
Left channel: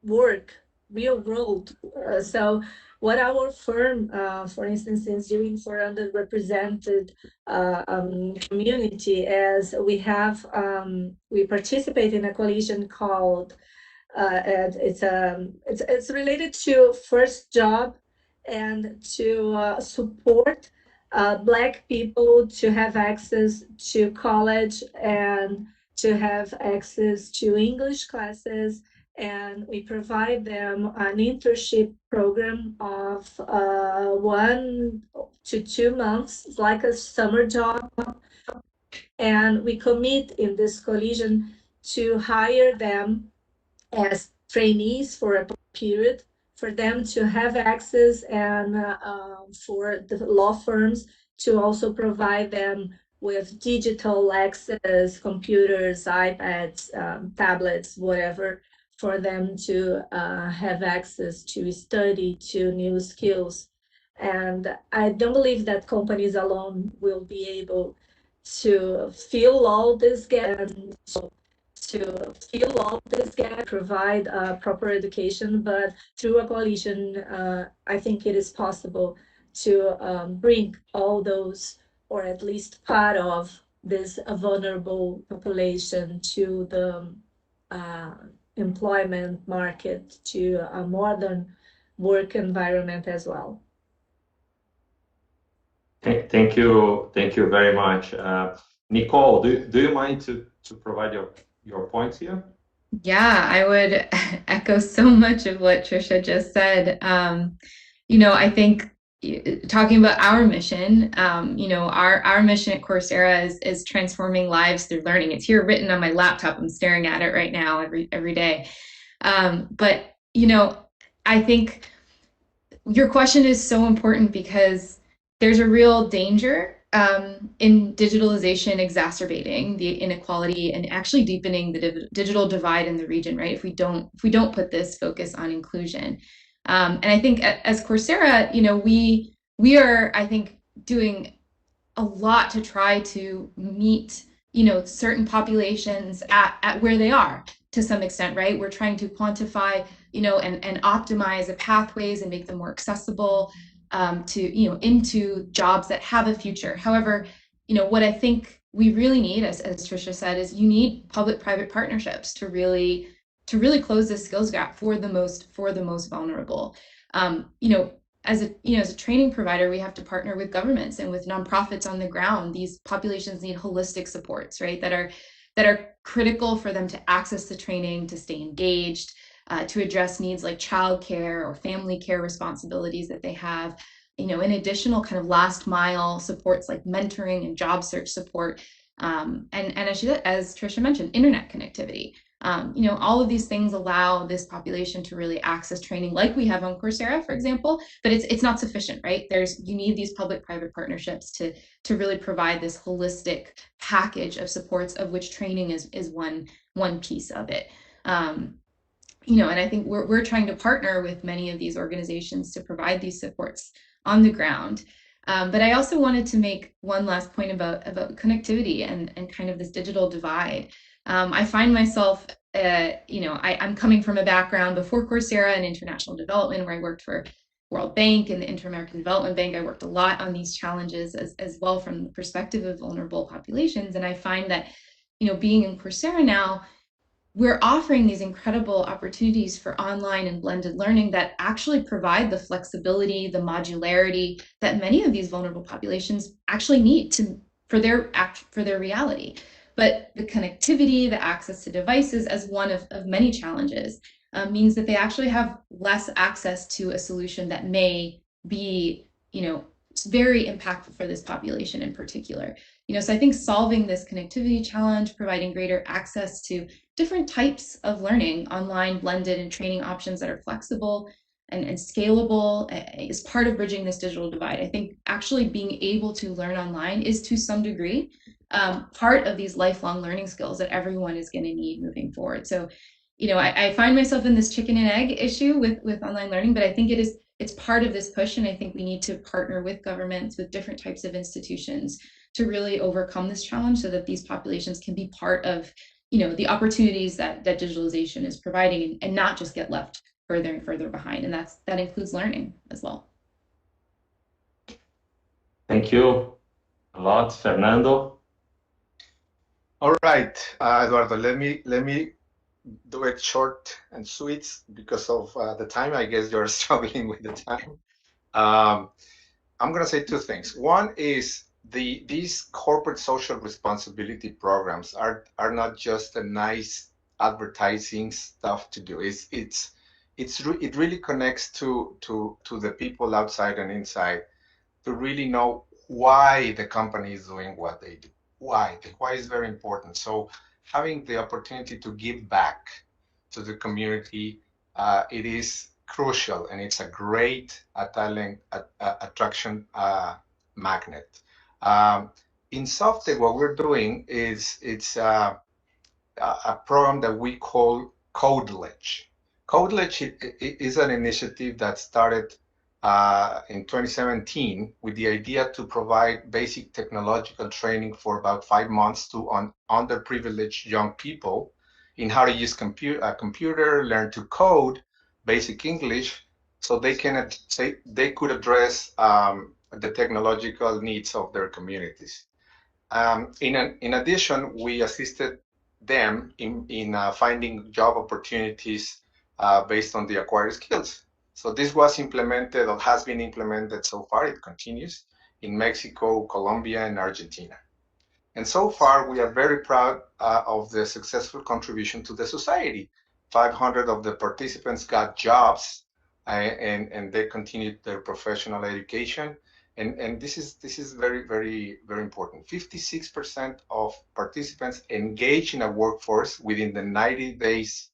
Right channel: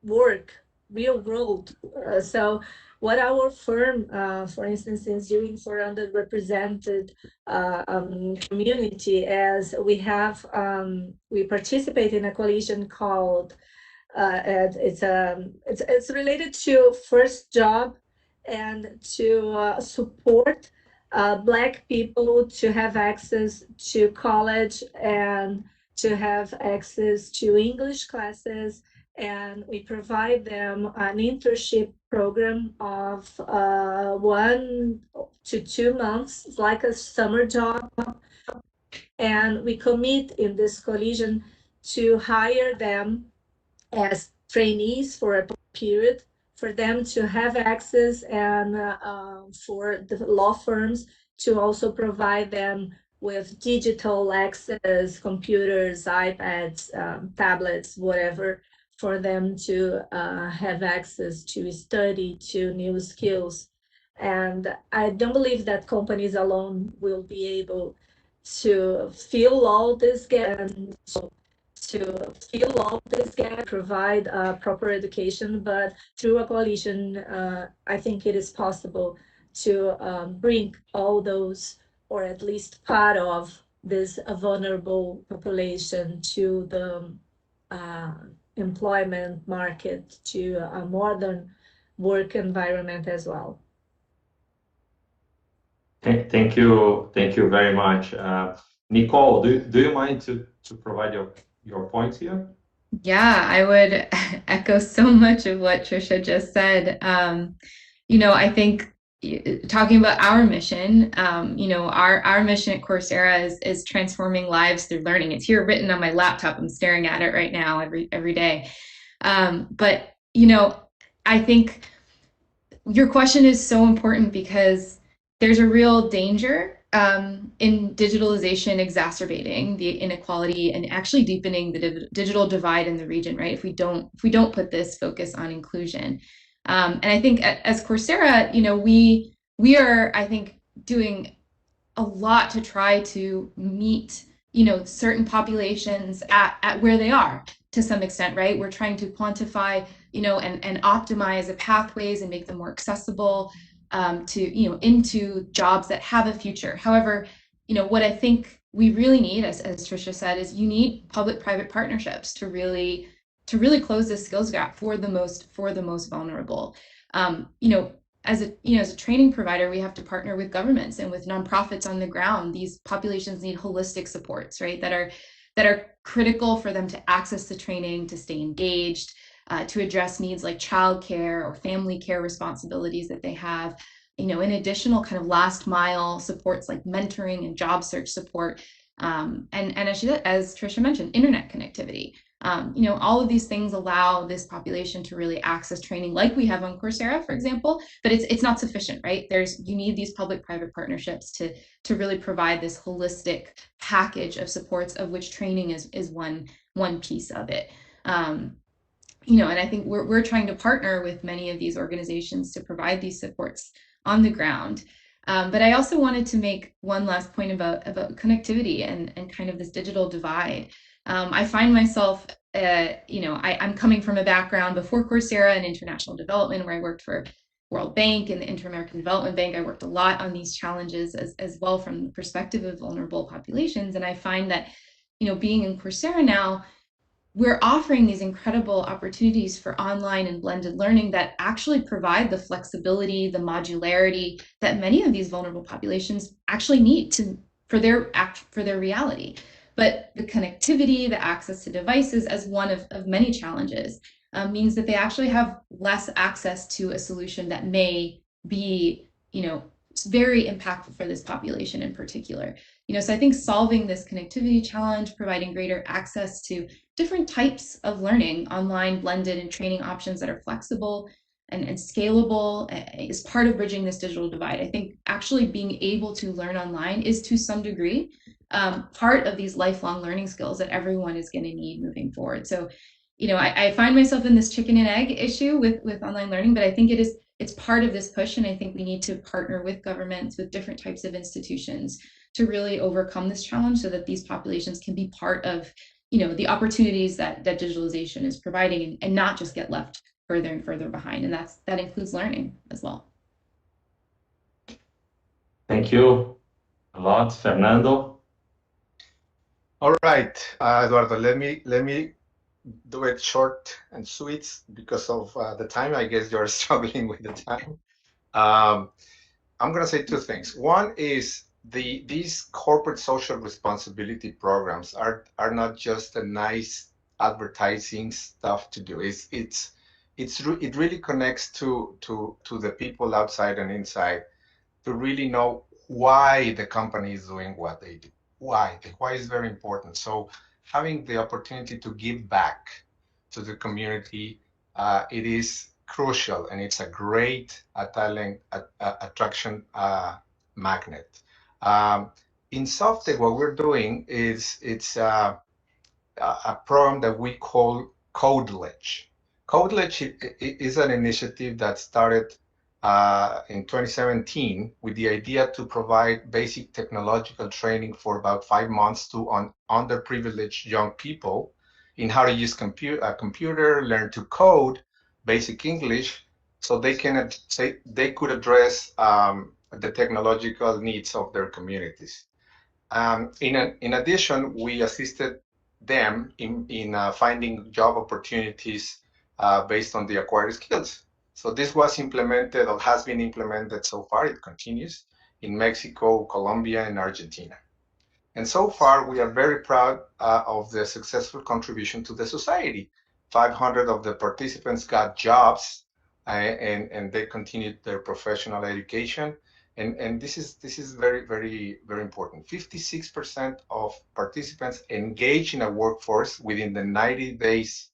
work, real world. So what our firm, for instance, is doing for underrepresented community, as we participate in a coalition called, it's related to first job and to support Black people to have access to college and to have access to English classes. And we provide them an internship program of 1 to 2 months. It's like a summer job. And we commit in this coalition to hire them as trainees for a period, for them to have access, and for the law firms to also provide them with digital access, computers, iPads, tablets, whatever, for them to have access to study to new skills. And I don't believe that companies alone will be able to fill all this gap, provide proper education, but through a coalition, I think it is possible to bring all those, or at least part of this vulnerable population, to the employment market, to a modern work environment as well. Thank you very much. Nicole, do you mind to provide your points here? Yeah, I would echo so much of what Trisha just said. You know, I think talking about our mission, you know, our mission at Coursera is transforming lives through learning. It's here written on my laptop. I'm staring at it right now every day. But you know, I think your question is so important because there's a real danger in digitalization exacerbating the inequality and actually deepening the digital divide in the region, right? If we don't put this focus on inclusion, and I think as Coursera, you know, we are, I think, doing a lot to try to meet, you know, certain populations at where they are to some extent, right? We're trying to quantify, you know, and optimize the pathways and make them more accessible to, you know, into jobs that have a future. However, you know, what I think we really need, as Trisha said, is you need public-private partnerships to really close this skills gap for the most vulnerable. You know, as a training provider, we have to partner with governments and with nonprofits on the ground. These populations need holistic supports, right? That are critical for them to access the training, to stay engaged, to address needs like childcare or family care responsibilities that they have. You know, in additional kind of last mile supports like mentoring and job search support, and as Trisha mentioned, internet connectivity. You know, all of these things allow this population to really access training like we have on Coursera, for example, but it's not sufficient, right? You need these public-private partnerships to really provide this holistic package of supports, of which training is one piece of it. You know, and I think we're trying to partner with many of these organizations to provide these supports on the ground. But I also wanted to make one last point about connectivity and kind of this digital divide. I find myself, you know, I'm coming from a background before Coursera in international development, where I worked for World Bank and the Inter-American Development Bank. I worked a lot on these challenges as well from the perspective of vulnerable populations. And I find that, you know, being in Coursera now, we're offering these incredible opportunities for online and blended learning that actually provide the flexibility, the modularity that many of these vulnerable populations actually need for their reality. But the connectivity, the access to devices as one of many challenges means that they actually have less access to a solution that may be, you know, very impactful for this population in particular. You know, so I think solving this connectivity challenge, providing greater access to different types of learning, online, blended, and training options that are flexible and scalable is part of bridging this digital divide. I think actually being able to learn online is to some degree part of these lifelong learning skills that everyone is going to need moving forward. So, you know, I find myself in this chicken and egg issue with online learning, but I think it's part of this push, and I think we need to partner with governments, with different types of institutions to really overcome this challenge so that these populations can be part of, you know, the opportunities that digitalization is providing and not just get left further and further behind. And that includes learning as well. Thank you a lot, Fernando. All right, Eduardo, let me do it short and sweet because of the time. I guess you're struggling with the time. I'm going to say two things. One is these corporate social responsibility programs are not just a nice advertising stuff to do. It really connects to the people outside and inside to really know why the company is doing what they do. Why is very important. So having the opportunity to give back to the community, it is crucial, and it's a great talent attraction magnet. In SoftTech, what we're doing is it's a program that we call CodeLedge. CodeLedge is an initiative that started in 2017 with the idea to provide basic technological training for about 5 months to underprivileged young people in how to use a computer, learn to code, basic English, so they could address the technological needs of their communities. In addition, we assisted them in finding job opportunities based on the acquired skills. So this was implemented or has been implemented so far. It continues. in Mexico, Colombia, and Argentina. And so far, we are very proud of the successful contribution to the society. 500 of the participants got jobs, and they continued their professional education. And this is very, very, very important. 56% of participants engaged in a workforce within the 90 days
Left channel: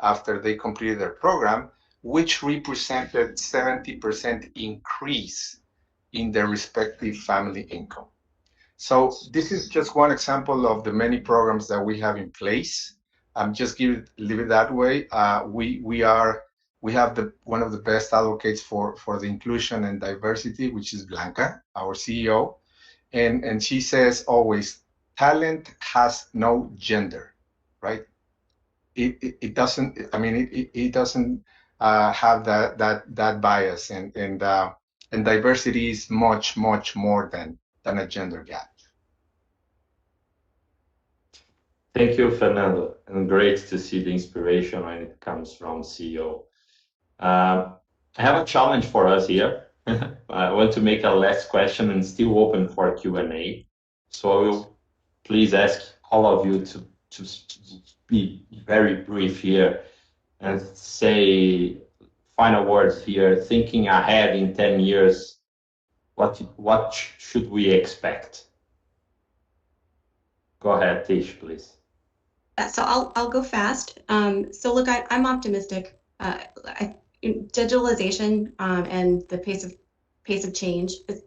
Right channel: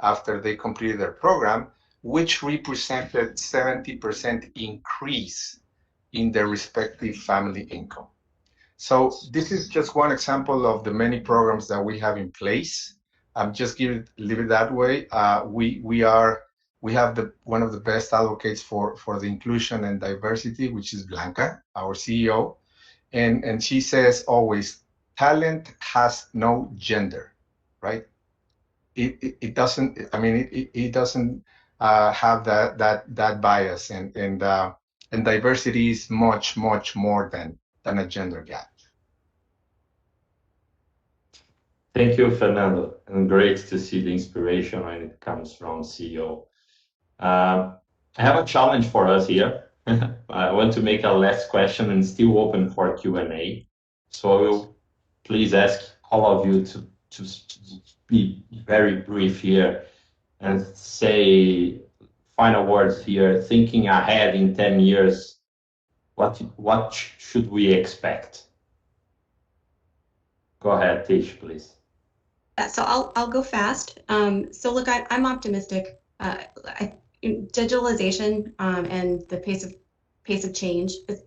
after they completed their program, which represented 70% increase in their respective family income. So this is just one example of the many programs that we have in place. Just leave it that way. We have one of the best advocates for the inclusion and diversity, which is Blanca, our CEO, and she says always, talent has no gender, right? It doesn't. I mean, it doesn't have that bias, and diversity is much more than a gender gap. Thank you, Fernando, and great to see the inspiration when it comes from CEO. I have a challenge for us here. I want to make a last question and still open for Q&A. So I will please ask all of you to be very brief here and say final words here, thinking ahead in 10 years, what should we expect? Go ahead, Tish, please. So I'll go fast. So look, I'm optimistic. Digitalization and the pace of change is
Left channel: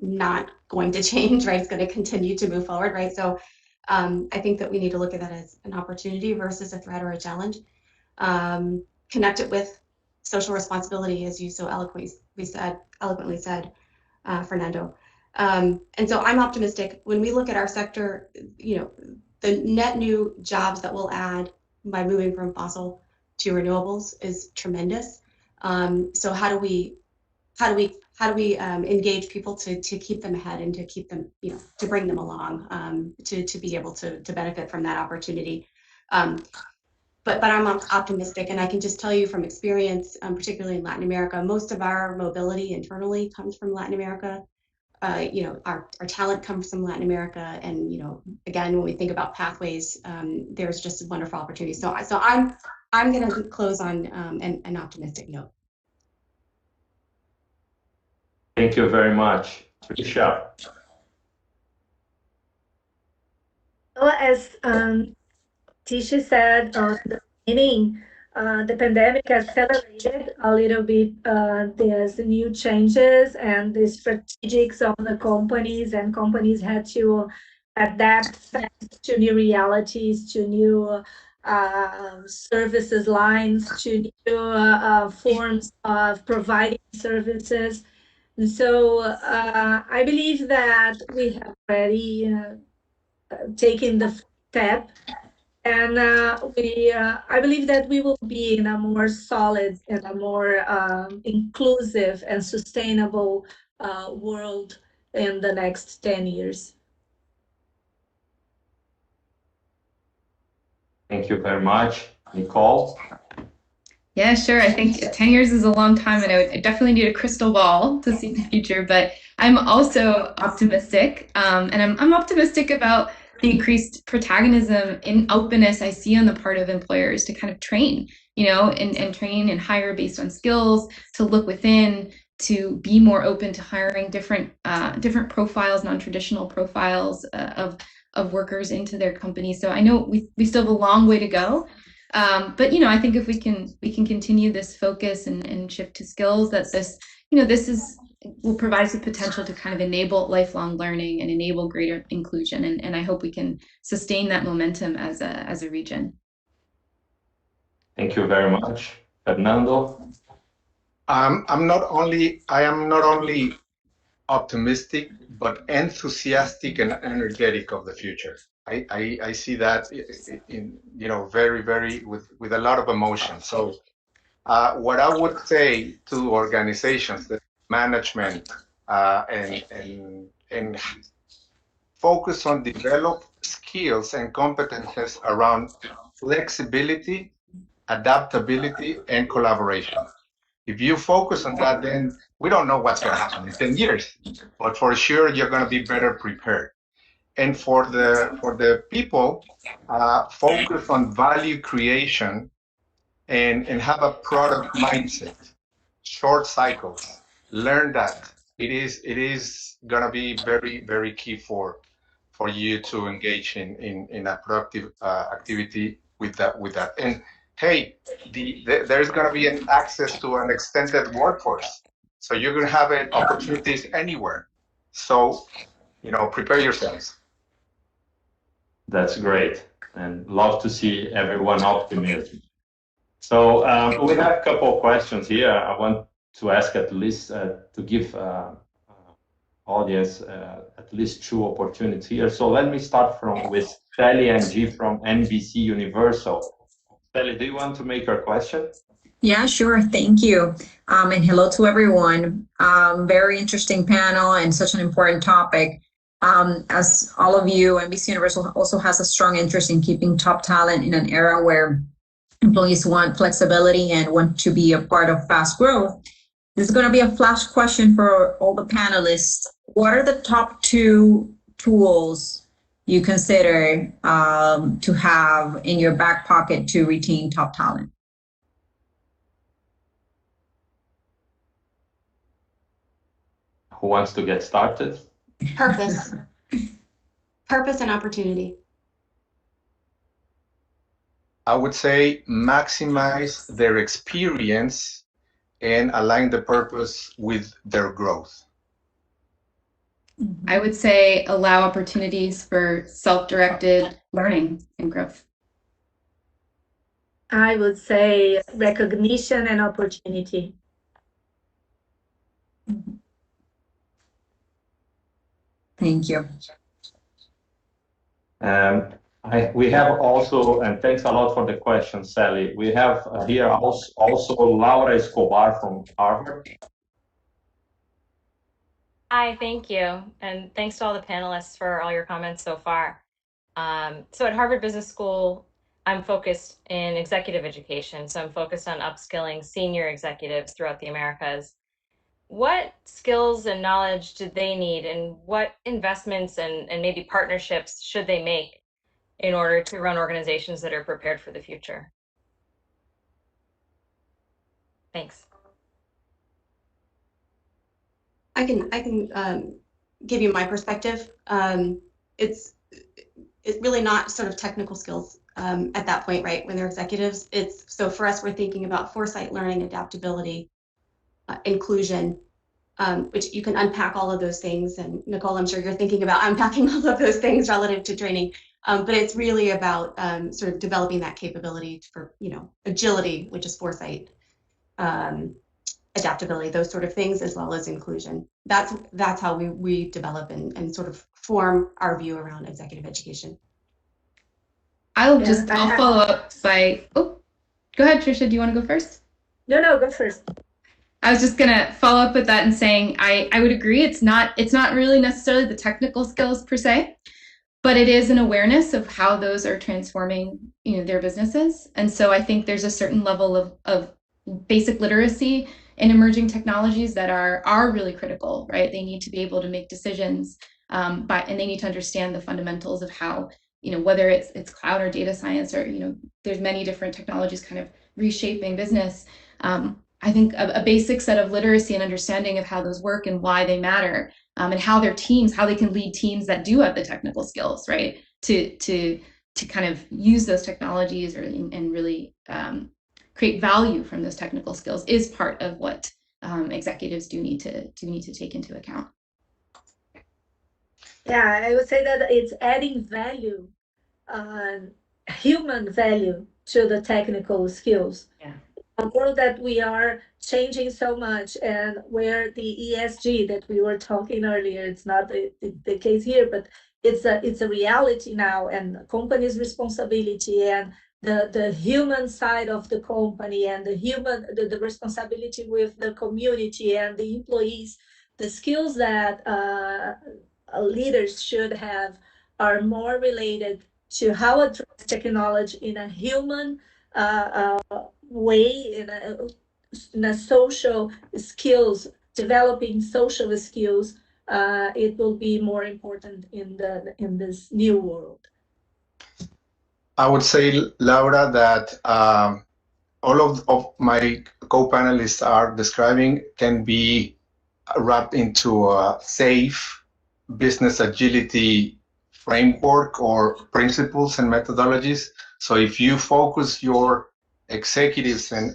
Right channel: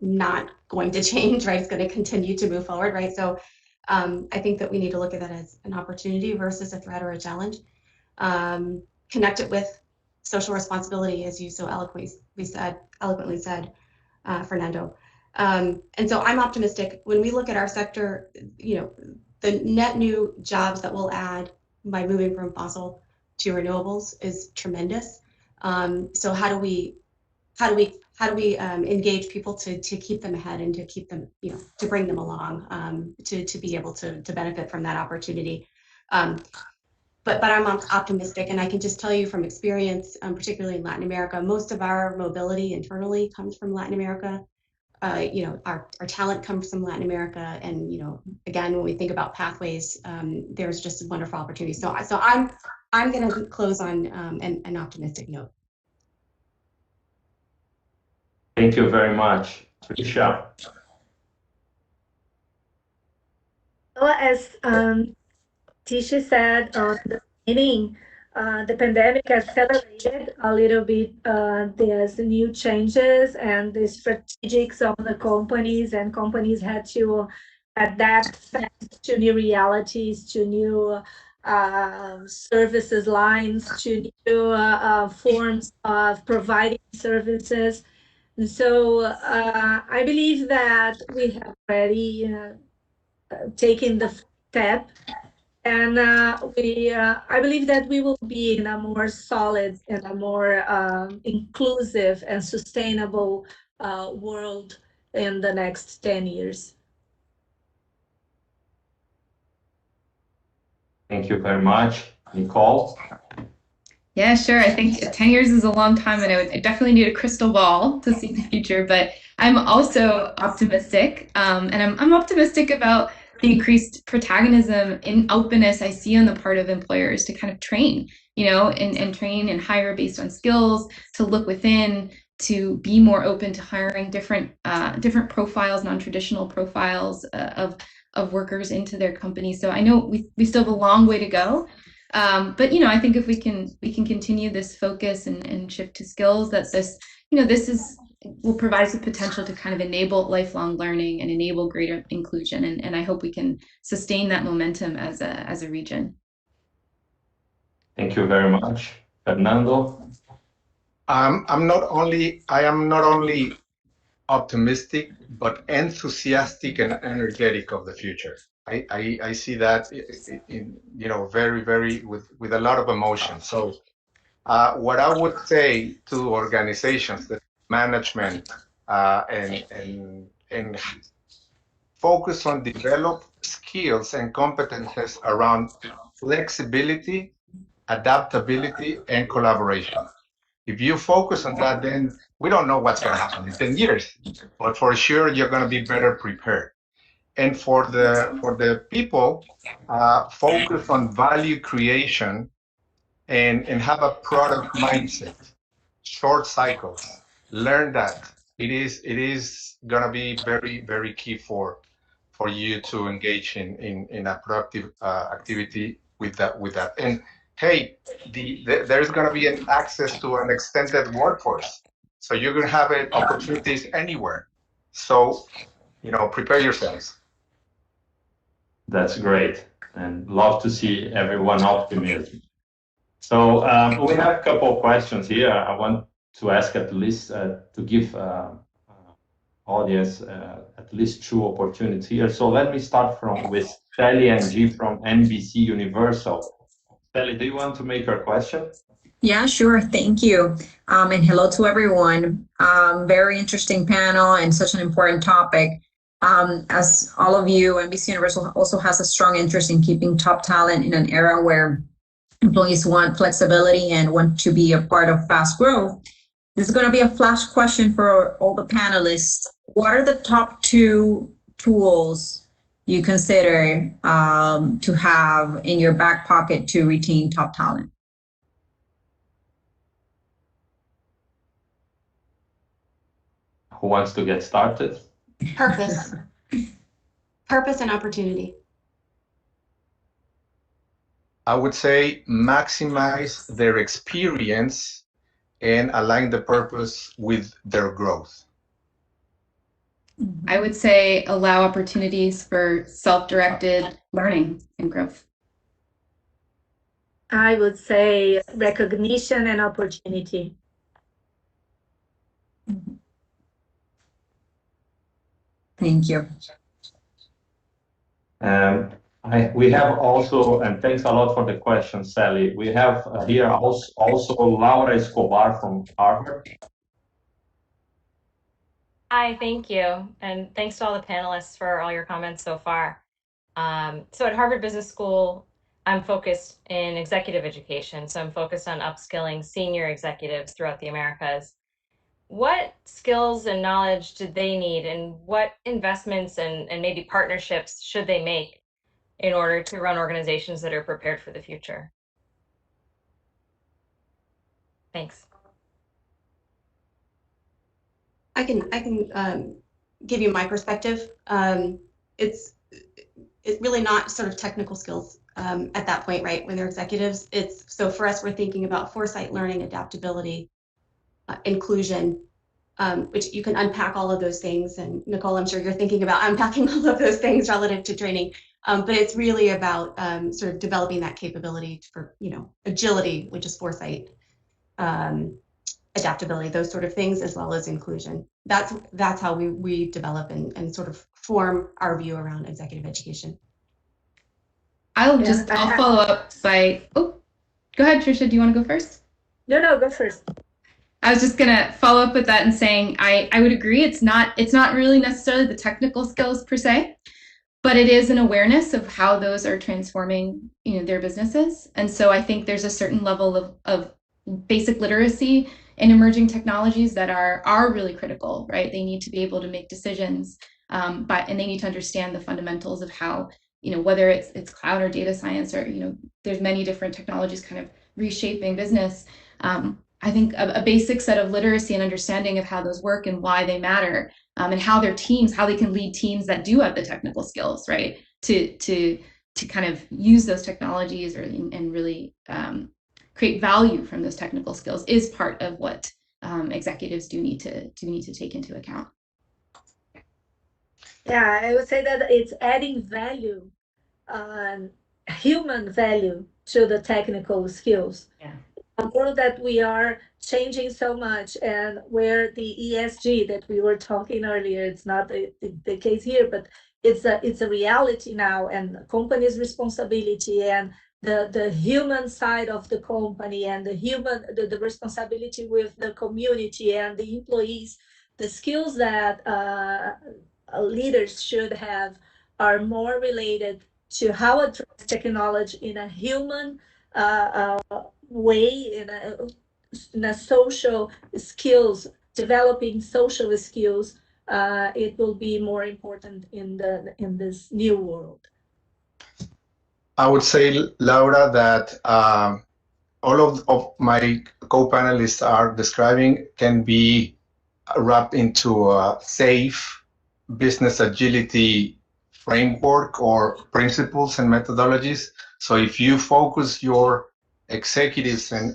not going to change, right? It's going to continue to move forward, right? So I think that we need to look at that as an opportunity versus a threat or a challenge. Connect it with social responsibility, as you so eloquently said, Fernando. And so I'm optimistic. When we look at our sector, the net new jobs that we'll add by moving from fossil to renewables is tremendous. So how do we engage people to keep them ahead and to keep them, to bring them along, to be able to benefit from that opportunity. But I'm optimistic, and I can just tell you from experience, particularly in Latin America, most of our mobility internally comes from Latin America. Our talent comes from Latin America, and again, when we think about pathways, there's just a wonderful opportunity. So I'm going to close on an optimistic note. Thank you very much, Tricia. Well, as Tisha said at the beginning, the pandemic accelerated a little bit there's new changes and the strategics of the companies, and companies had to adapt fast to new realities, to new services lines, to new forms of providing services. And so I believe that we have already taken the step. And I believe that we will be in a more solid and a more inclusive and sustainable world in the next 10 years. Thank you very much. Nicole? Yeah, sure. I think 10 years is a long time, and I definitely need a crystal ball to see the future, but I'm also optimistic, and I'm optimistic about the increased protagonism and openness I see on the part of employers to kind of train, and train and hire based on skills, to look within, to be more open to hiring different profiles, non-traditional profiles of workers into their companies. So I know we still have a long way to go. But I think if we can continue this focus and shift to skills, that this will provide the potential to kind of enable lifelong learning and enable greater inclusion, and I hope we can sustain that momentum as a region. Thank you very much, Fernando. I am not only optimistic, but enthusiastic and energetic of the future. I see that in very, very with a lot of emotion. So what I would say to organizations, the management, and focus on develop skills and competences around flexibility, adaptability, and collaboration. If you focus on that, then we don't know what's going to happen in 10 years, but for sure you're going to be better prepared. And for the people, focus on value creation and have a product mindset, short cycles. Learn that. It is going to be very, very key for you to engage in a productive activity with that. And hey, there's going to be an access to an extended workforce, so you're going to have opportunities anywhere. So prepare yourselves. That's great, and love to see everyone optimistic. So we have a couple of questions here. I want to ask at least to give audience at least 2 opportunities here. So let me start with Sally NG from NBC Universal. Sally, do you want to make your question? Yeah, sure. Thank you. And hello to everyone. Very interesting panel and such an important topic. As all of you, NBC Universal also has a strong interest in keeping top talent in an era where employees want flexibility and want to be a part of fast growth. This is going to be a flash question for all the panelists. What are the top 2 tools you consider to have in your back pocket to retain top talent? Who wants to get started? Purpose. Purpose and opportunity. I would say maximize their experience and align the purpose with their growth. I would say allow opportunities for self-directed learning and growth. I would say recognition and opportunity. Thank you. We have also, and thanks a lot for the question, Sally. We have here also Laura Escobar from Harvard. Hi, thank you. And thanks to all the panelists for all your comments so far. So at Harvard Business School, I'm focused in executive education. So I'm focused on upskilling senior executives throughout the Americas. What skills and knowledge do they need, and what investments and maybe partnerships should they make in order to run organizations that are prepared for the future? Thanks. I can give you my perspective. It's really not sort of technical skills at that point, right? When they're executives, so for us, we're thinking about foresight, learning, adaptability, inclusion, which you can unpack all of those things. And Nicole, I'm sure you're thinking about unpacking all of those things relative to training. But it's really about sort of developing that capability for, agility, which is foresight, adaptability, those sort of things, as well as inclusion. That's how we develop and sort of form our view around executive education. I'll follow up by, go ahead, Tricia, do you want to go first? No, go first. I was just gonna follow up with that and saying I would agree it's not really necessarily the technical skills per se, but it is an awareness of how those are transforming their businesses. And so I think there's a certain level of basic literacy in emerging technologies that are really critical, right? They need to be able to make decisions, and they need to understand the fundamentals of how, whether it's cloud or data science or, there's many different technologies kind of reshaping business. I think a basic set of literacy and understanding of how those work and why they matter, and how their teams, how they can lead teams that do have the technical skills, right, to kind of use those technologies and really create value from those technical skills is part of what executives do need to take into account. Yeah, I would say that it's adding value, human value to the technical skills. Yeah. A world that we are changing so much, and where the ESG that we were talking earlier, it's not the case here, but it's a reality now, and company's responsibility and the human side of the company and the responsibility with the community and the employees, the skills that leaders should have are more related to how to address technology in a human way, the social skills, developing social skills, it will be more important in this new world. I would say, Laura, that all of my co-panelists are describing can be wrapped into a safe business agility framework or principles and methodologies. So if you focus your executives in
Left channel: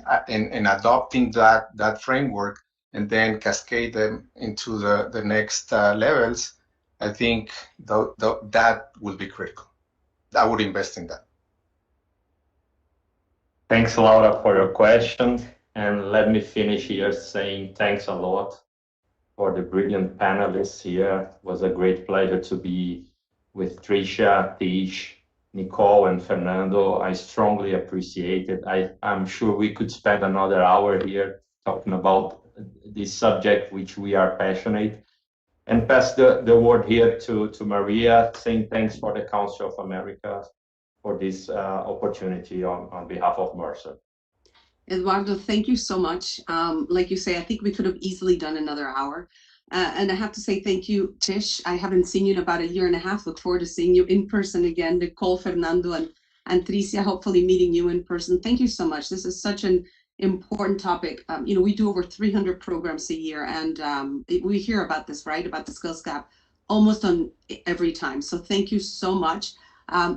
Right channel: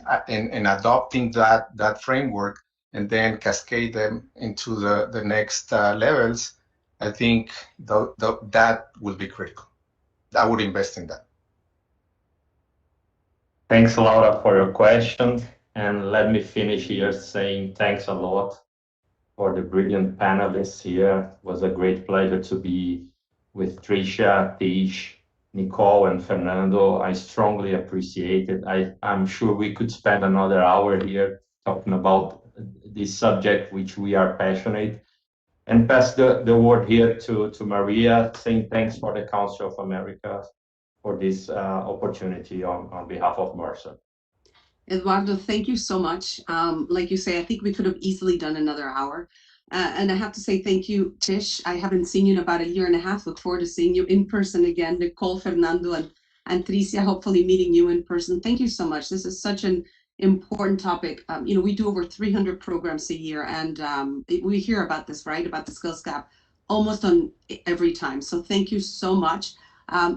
adopting that framework and then cascade them into the next levels, I think that will be critical. I would invest in that. Thanks, Laura, for your question. And let me finish here saying thanks a lot for the brilliant panelists here. It was a great pleasure to be with Tricia, Tish, Nicole, and Fernando. I strongly appreciate it. I'm sure we could spend another hour here talking about this subject, which we are passionate. And pass the word here to Maria, saying thanks for the Council of America for this opportunity on behalf of Mercer. Eduardo, thank you so much. Like you say, I think we could have easily done another hour. And I have to say thank you, Tish. I haven't seen you in about 1.5 years. Look forward to seeing you in person again. Nicole, Fernando, and Tricia, hopefully meeting you in person. Thank you so much. This is such an important topic. We do over 300 programs a year, and we hear about this, right? About the skills gap almost on every time. So thank you so much.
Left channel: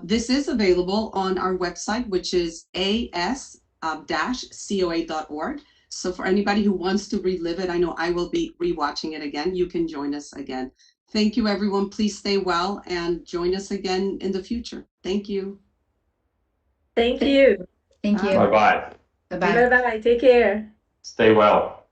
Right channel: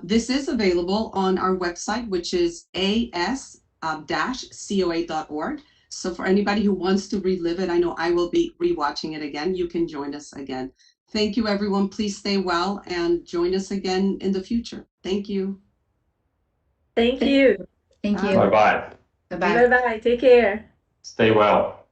This is available on our website, which is as-coa.org. So for anybody who wants to relive it, I know I will be rewatching it again. You can join us again. Thank you, everyone. Please stay well and join us again in the future. Thank you. Thank you. Thank you. Bye-bye. Bye-bye. Bye-bye. Take care. Stay well.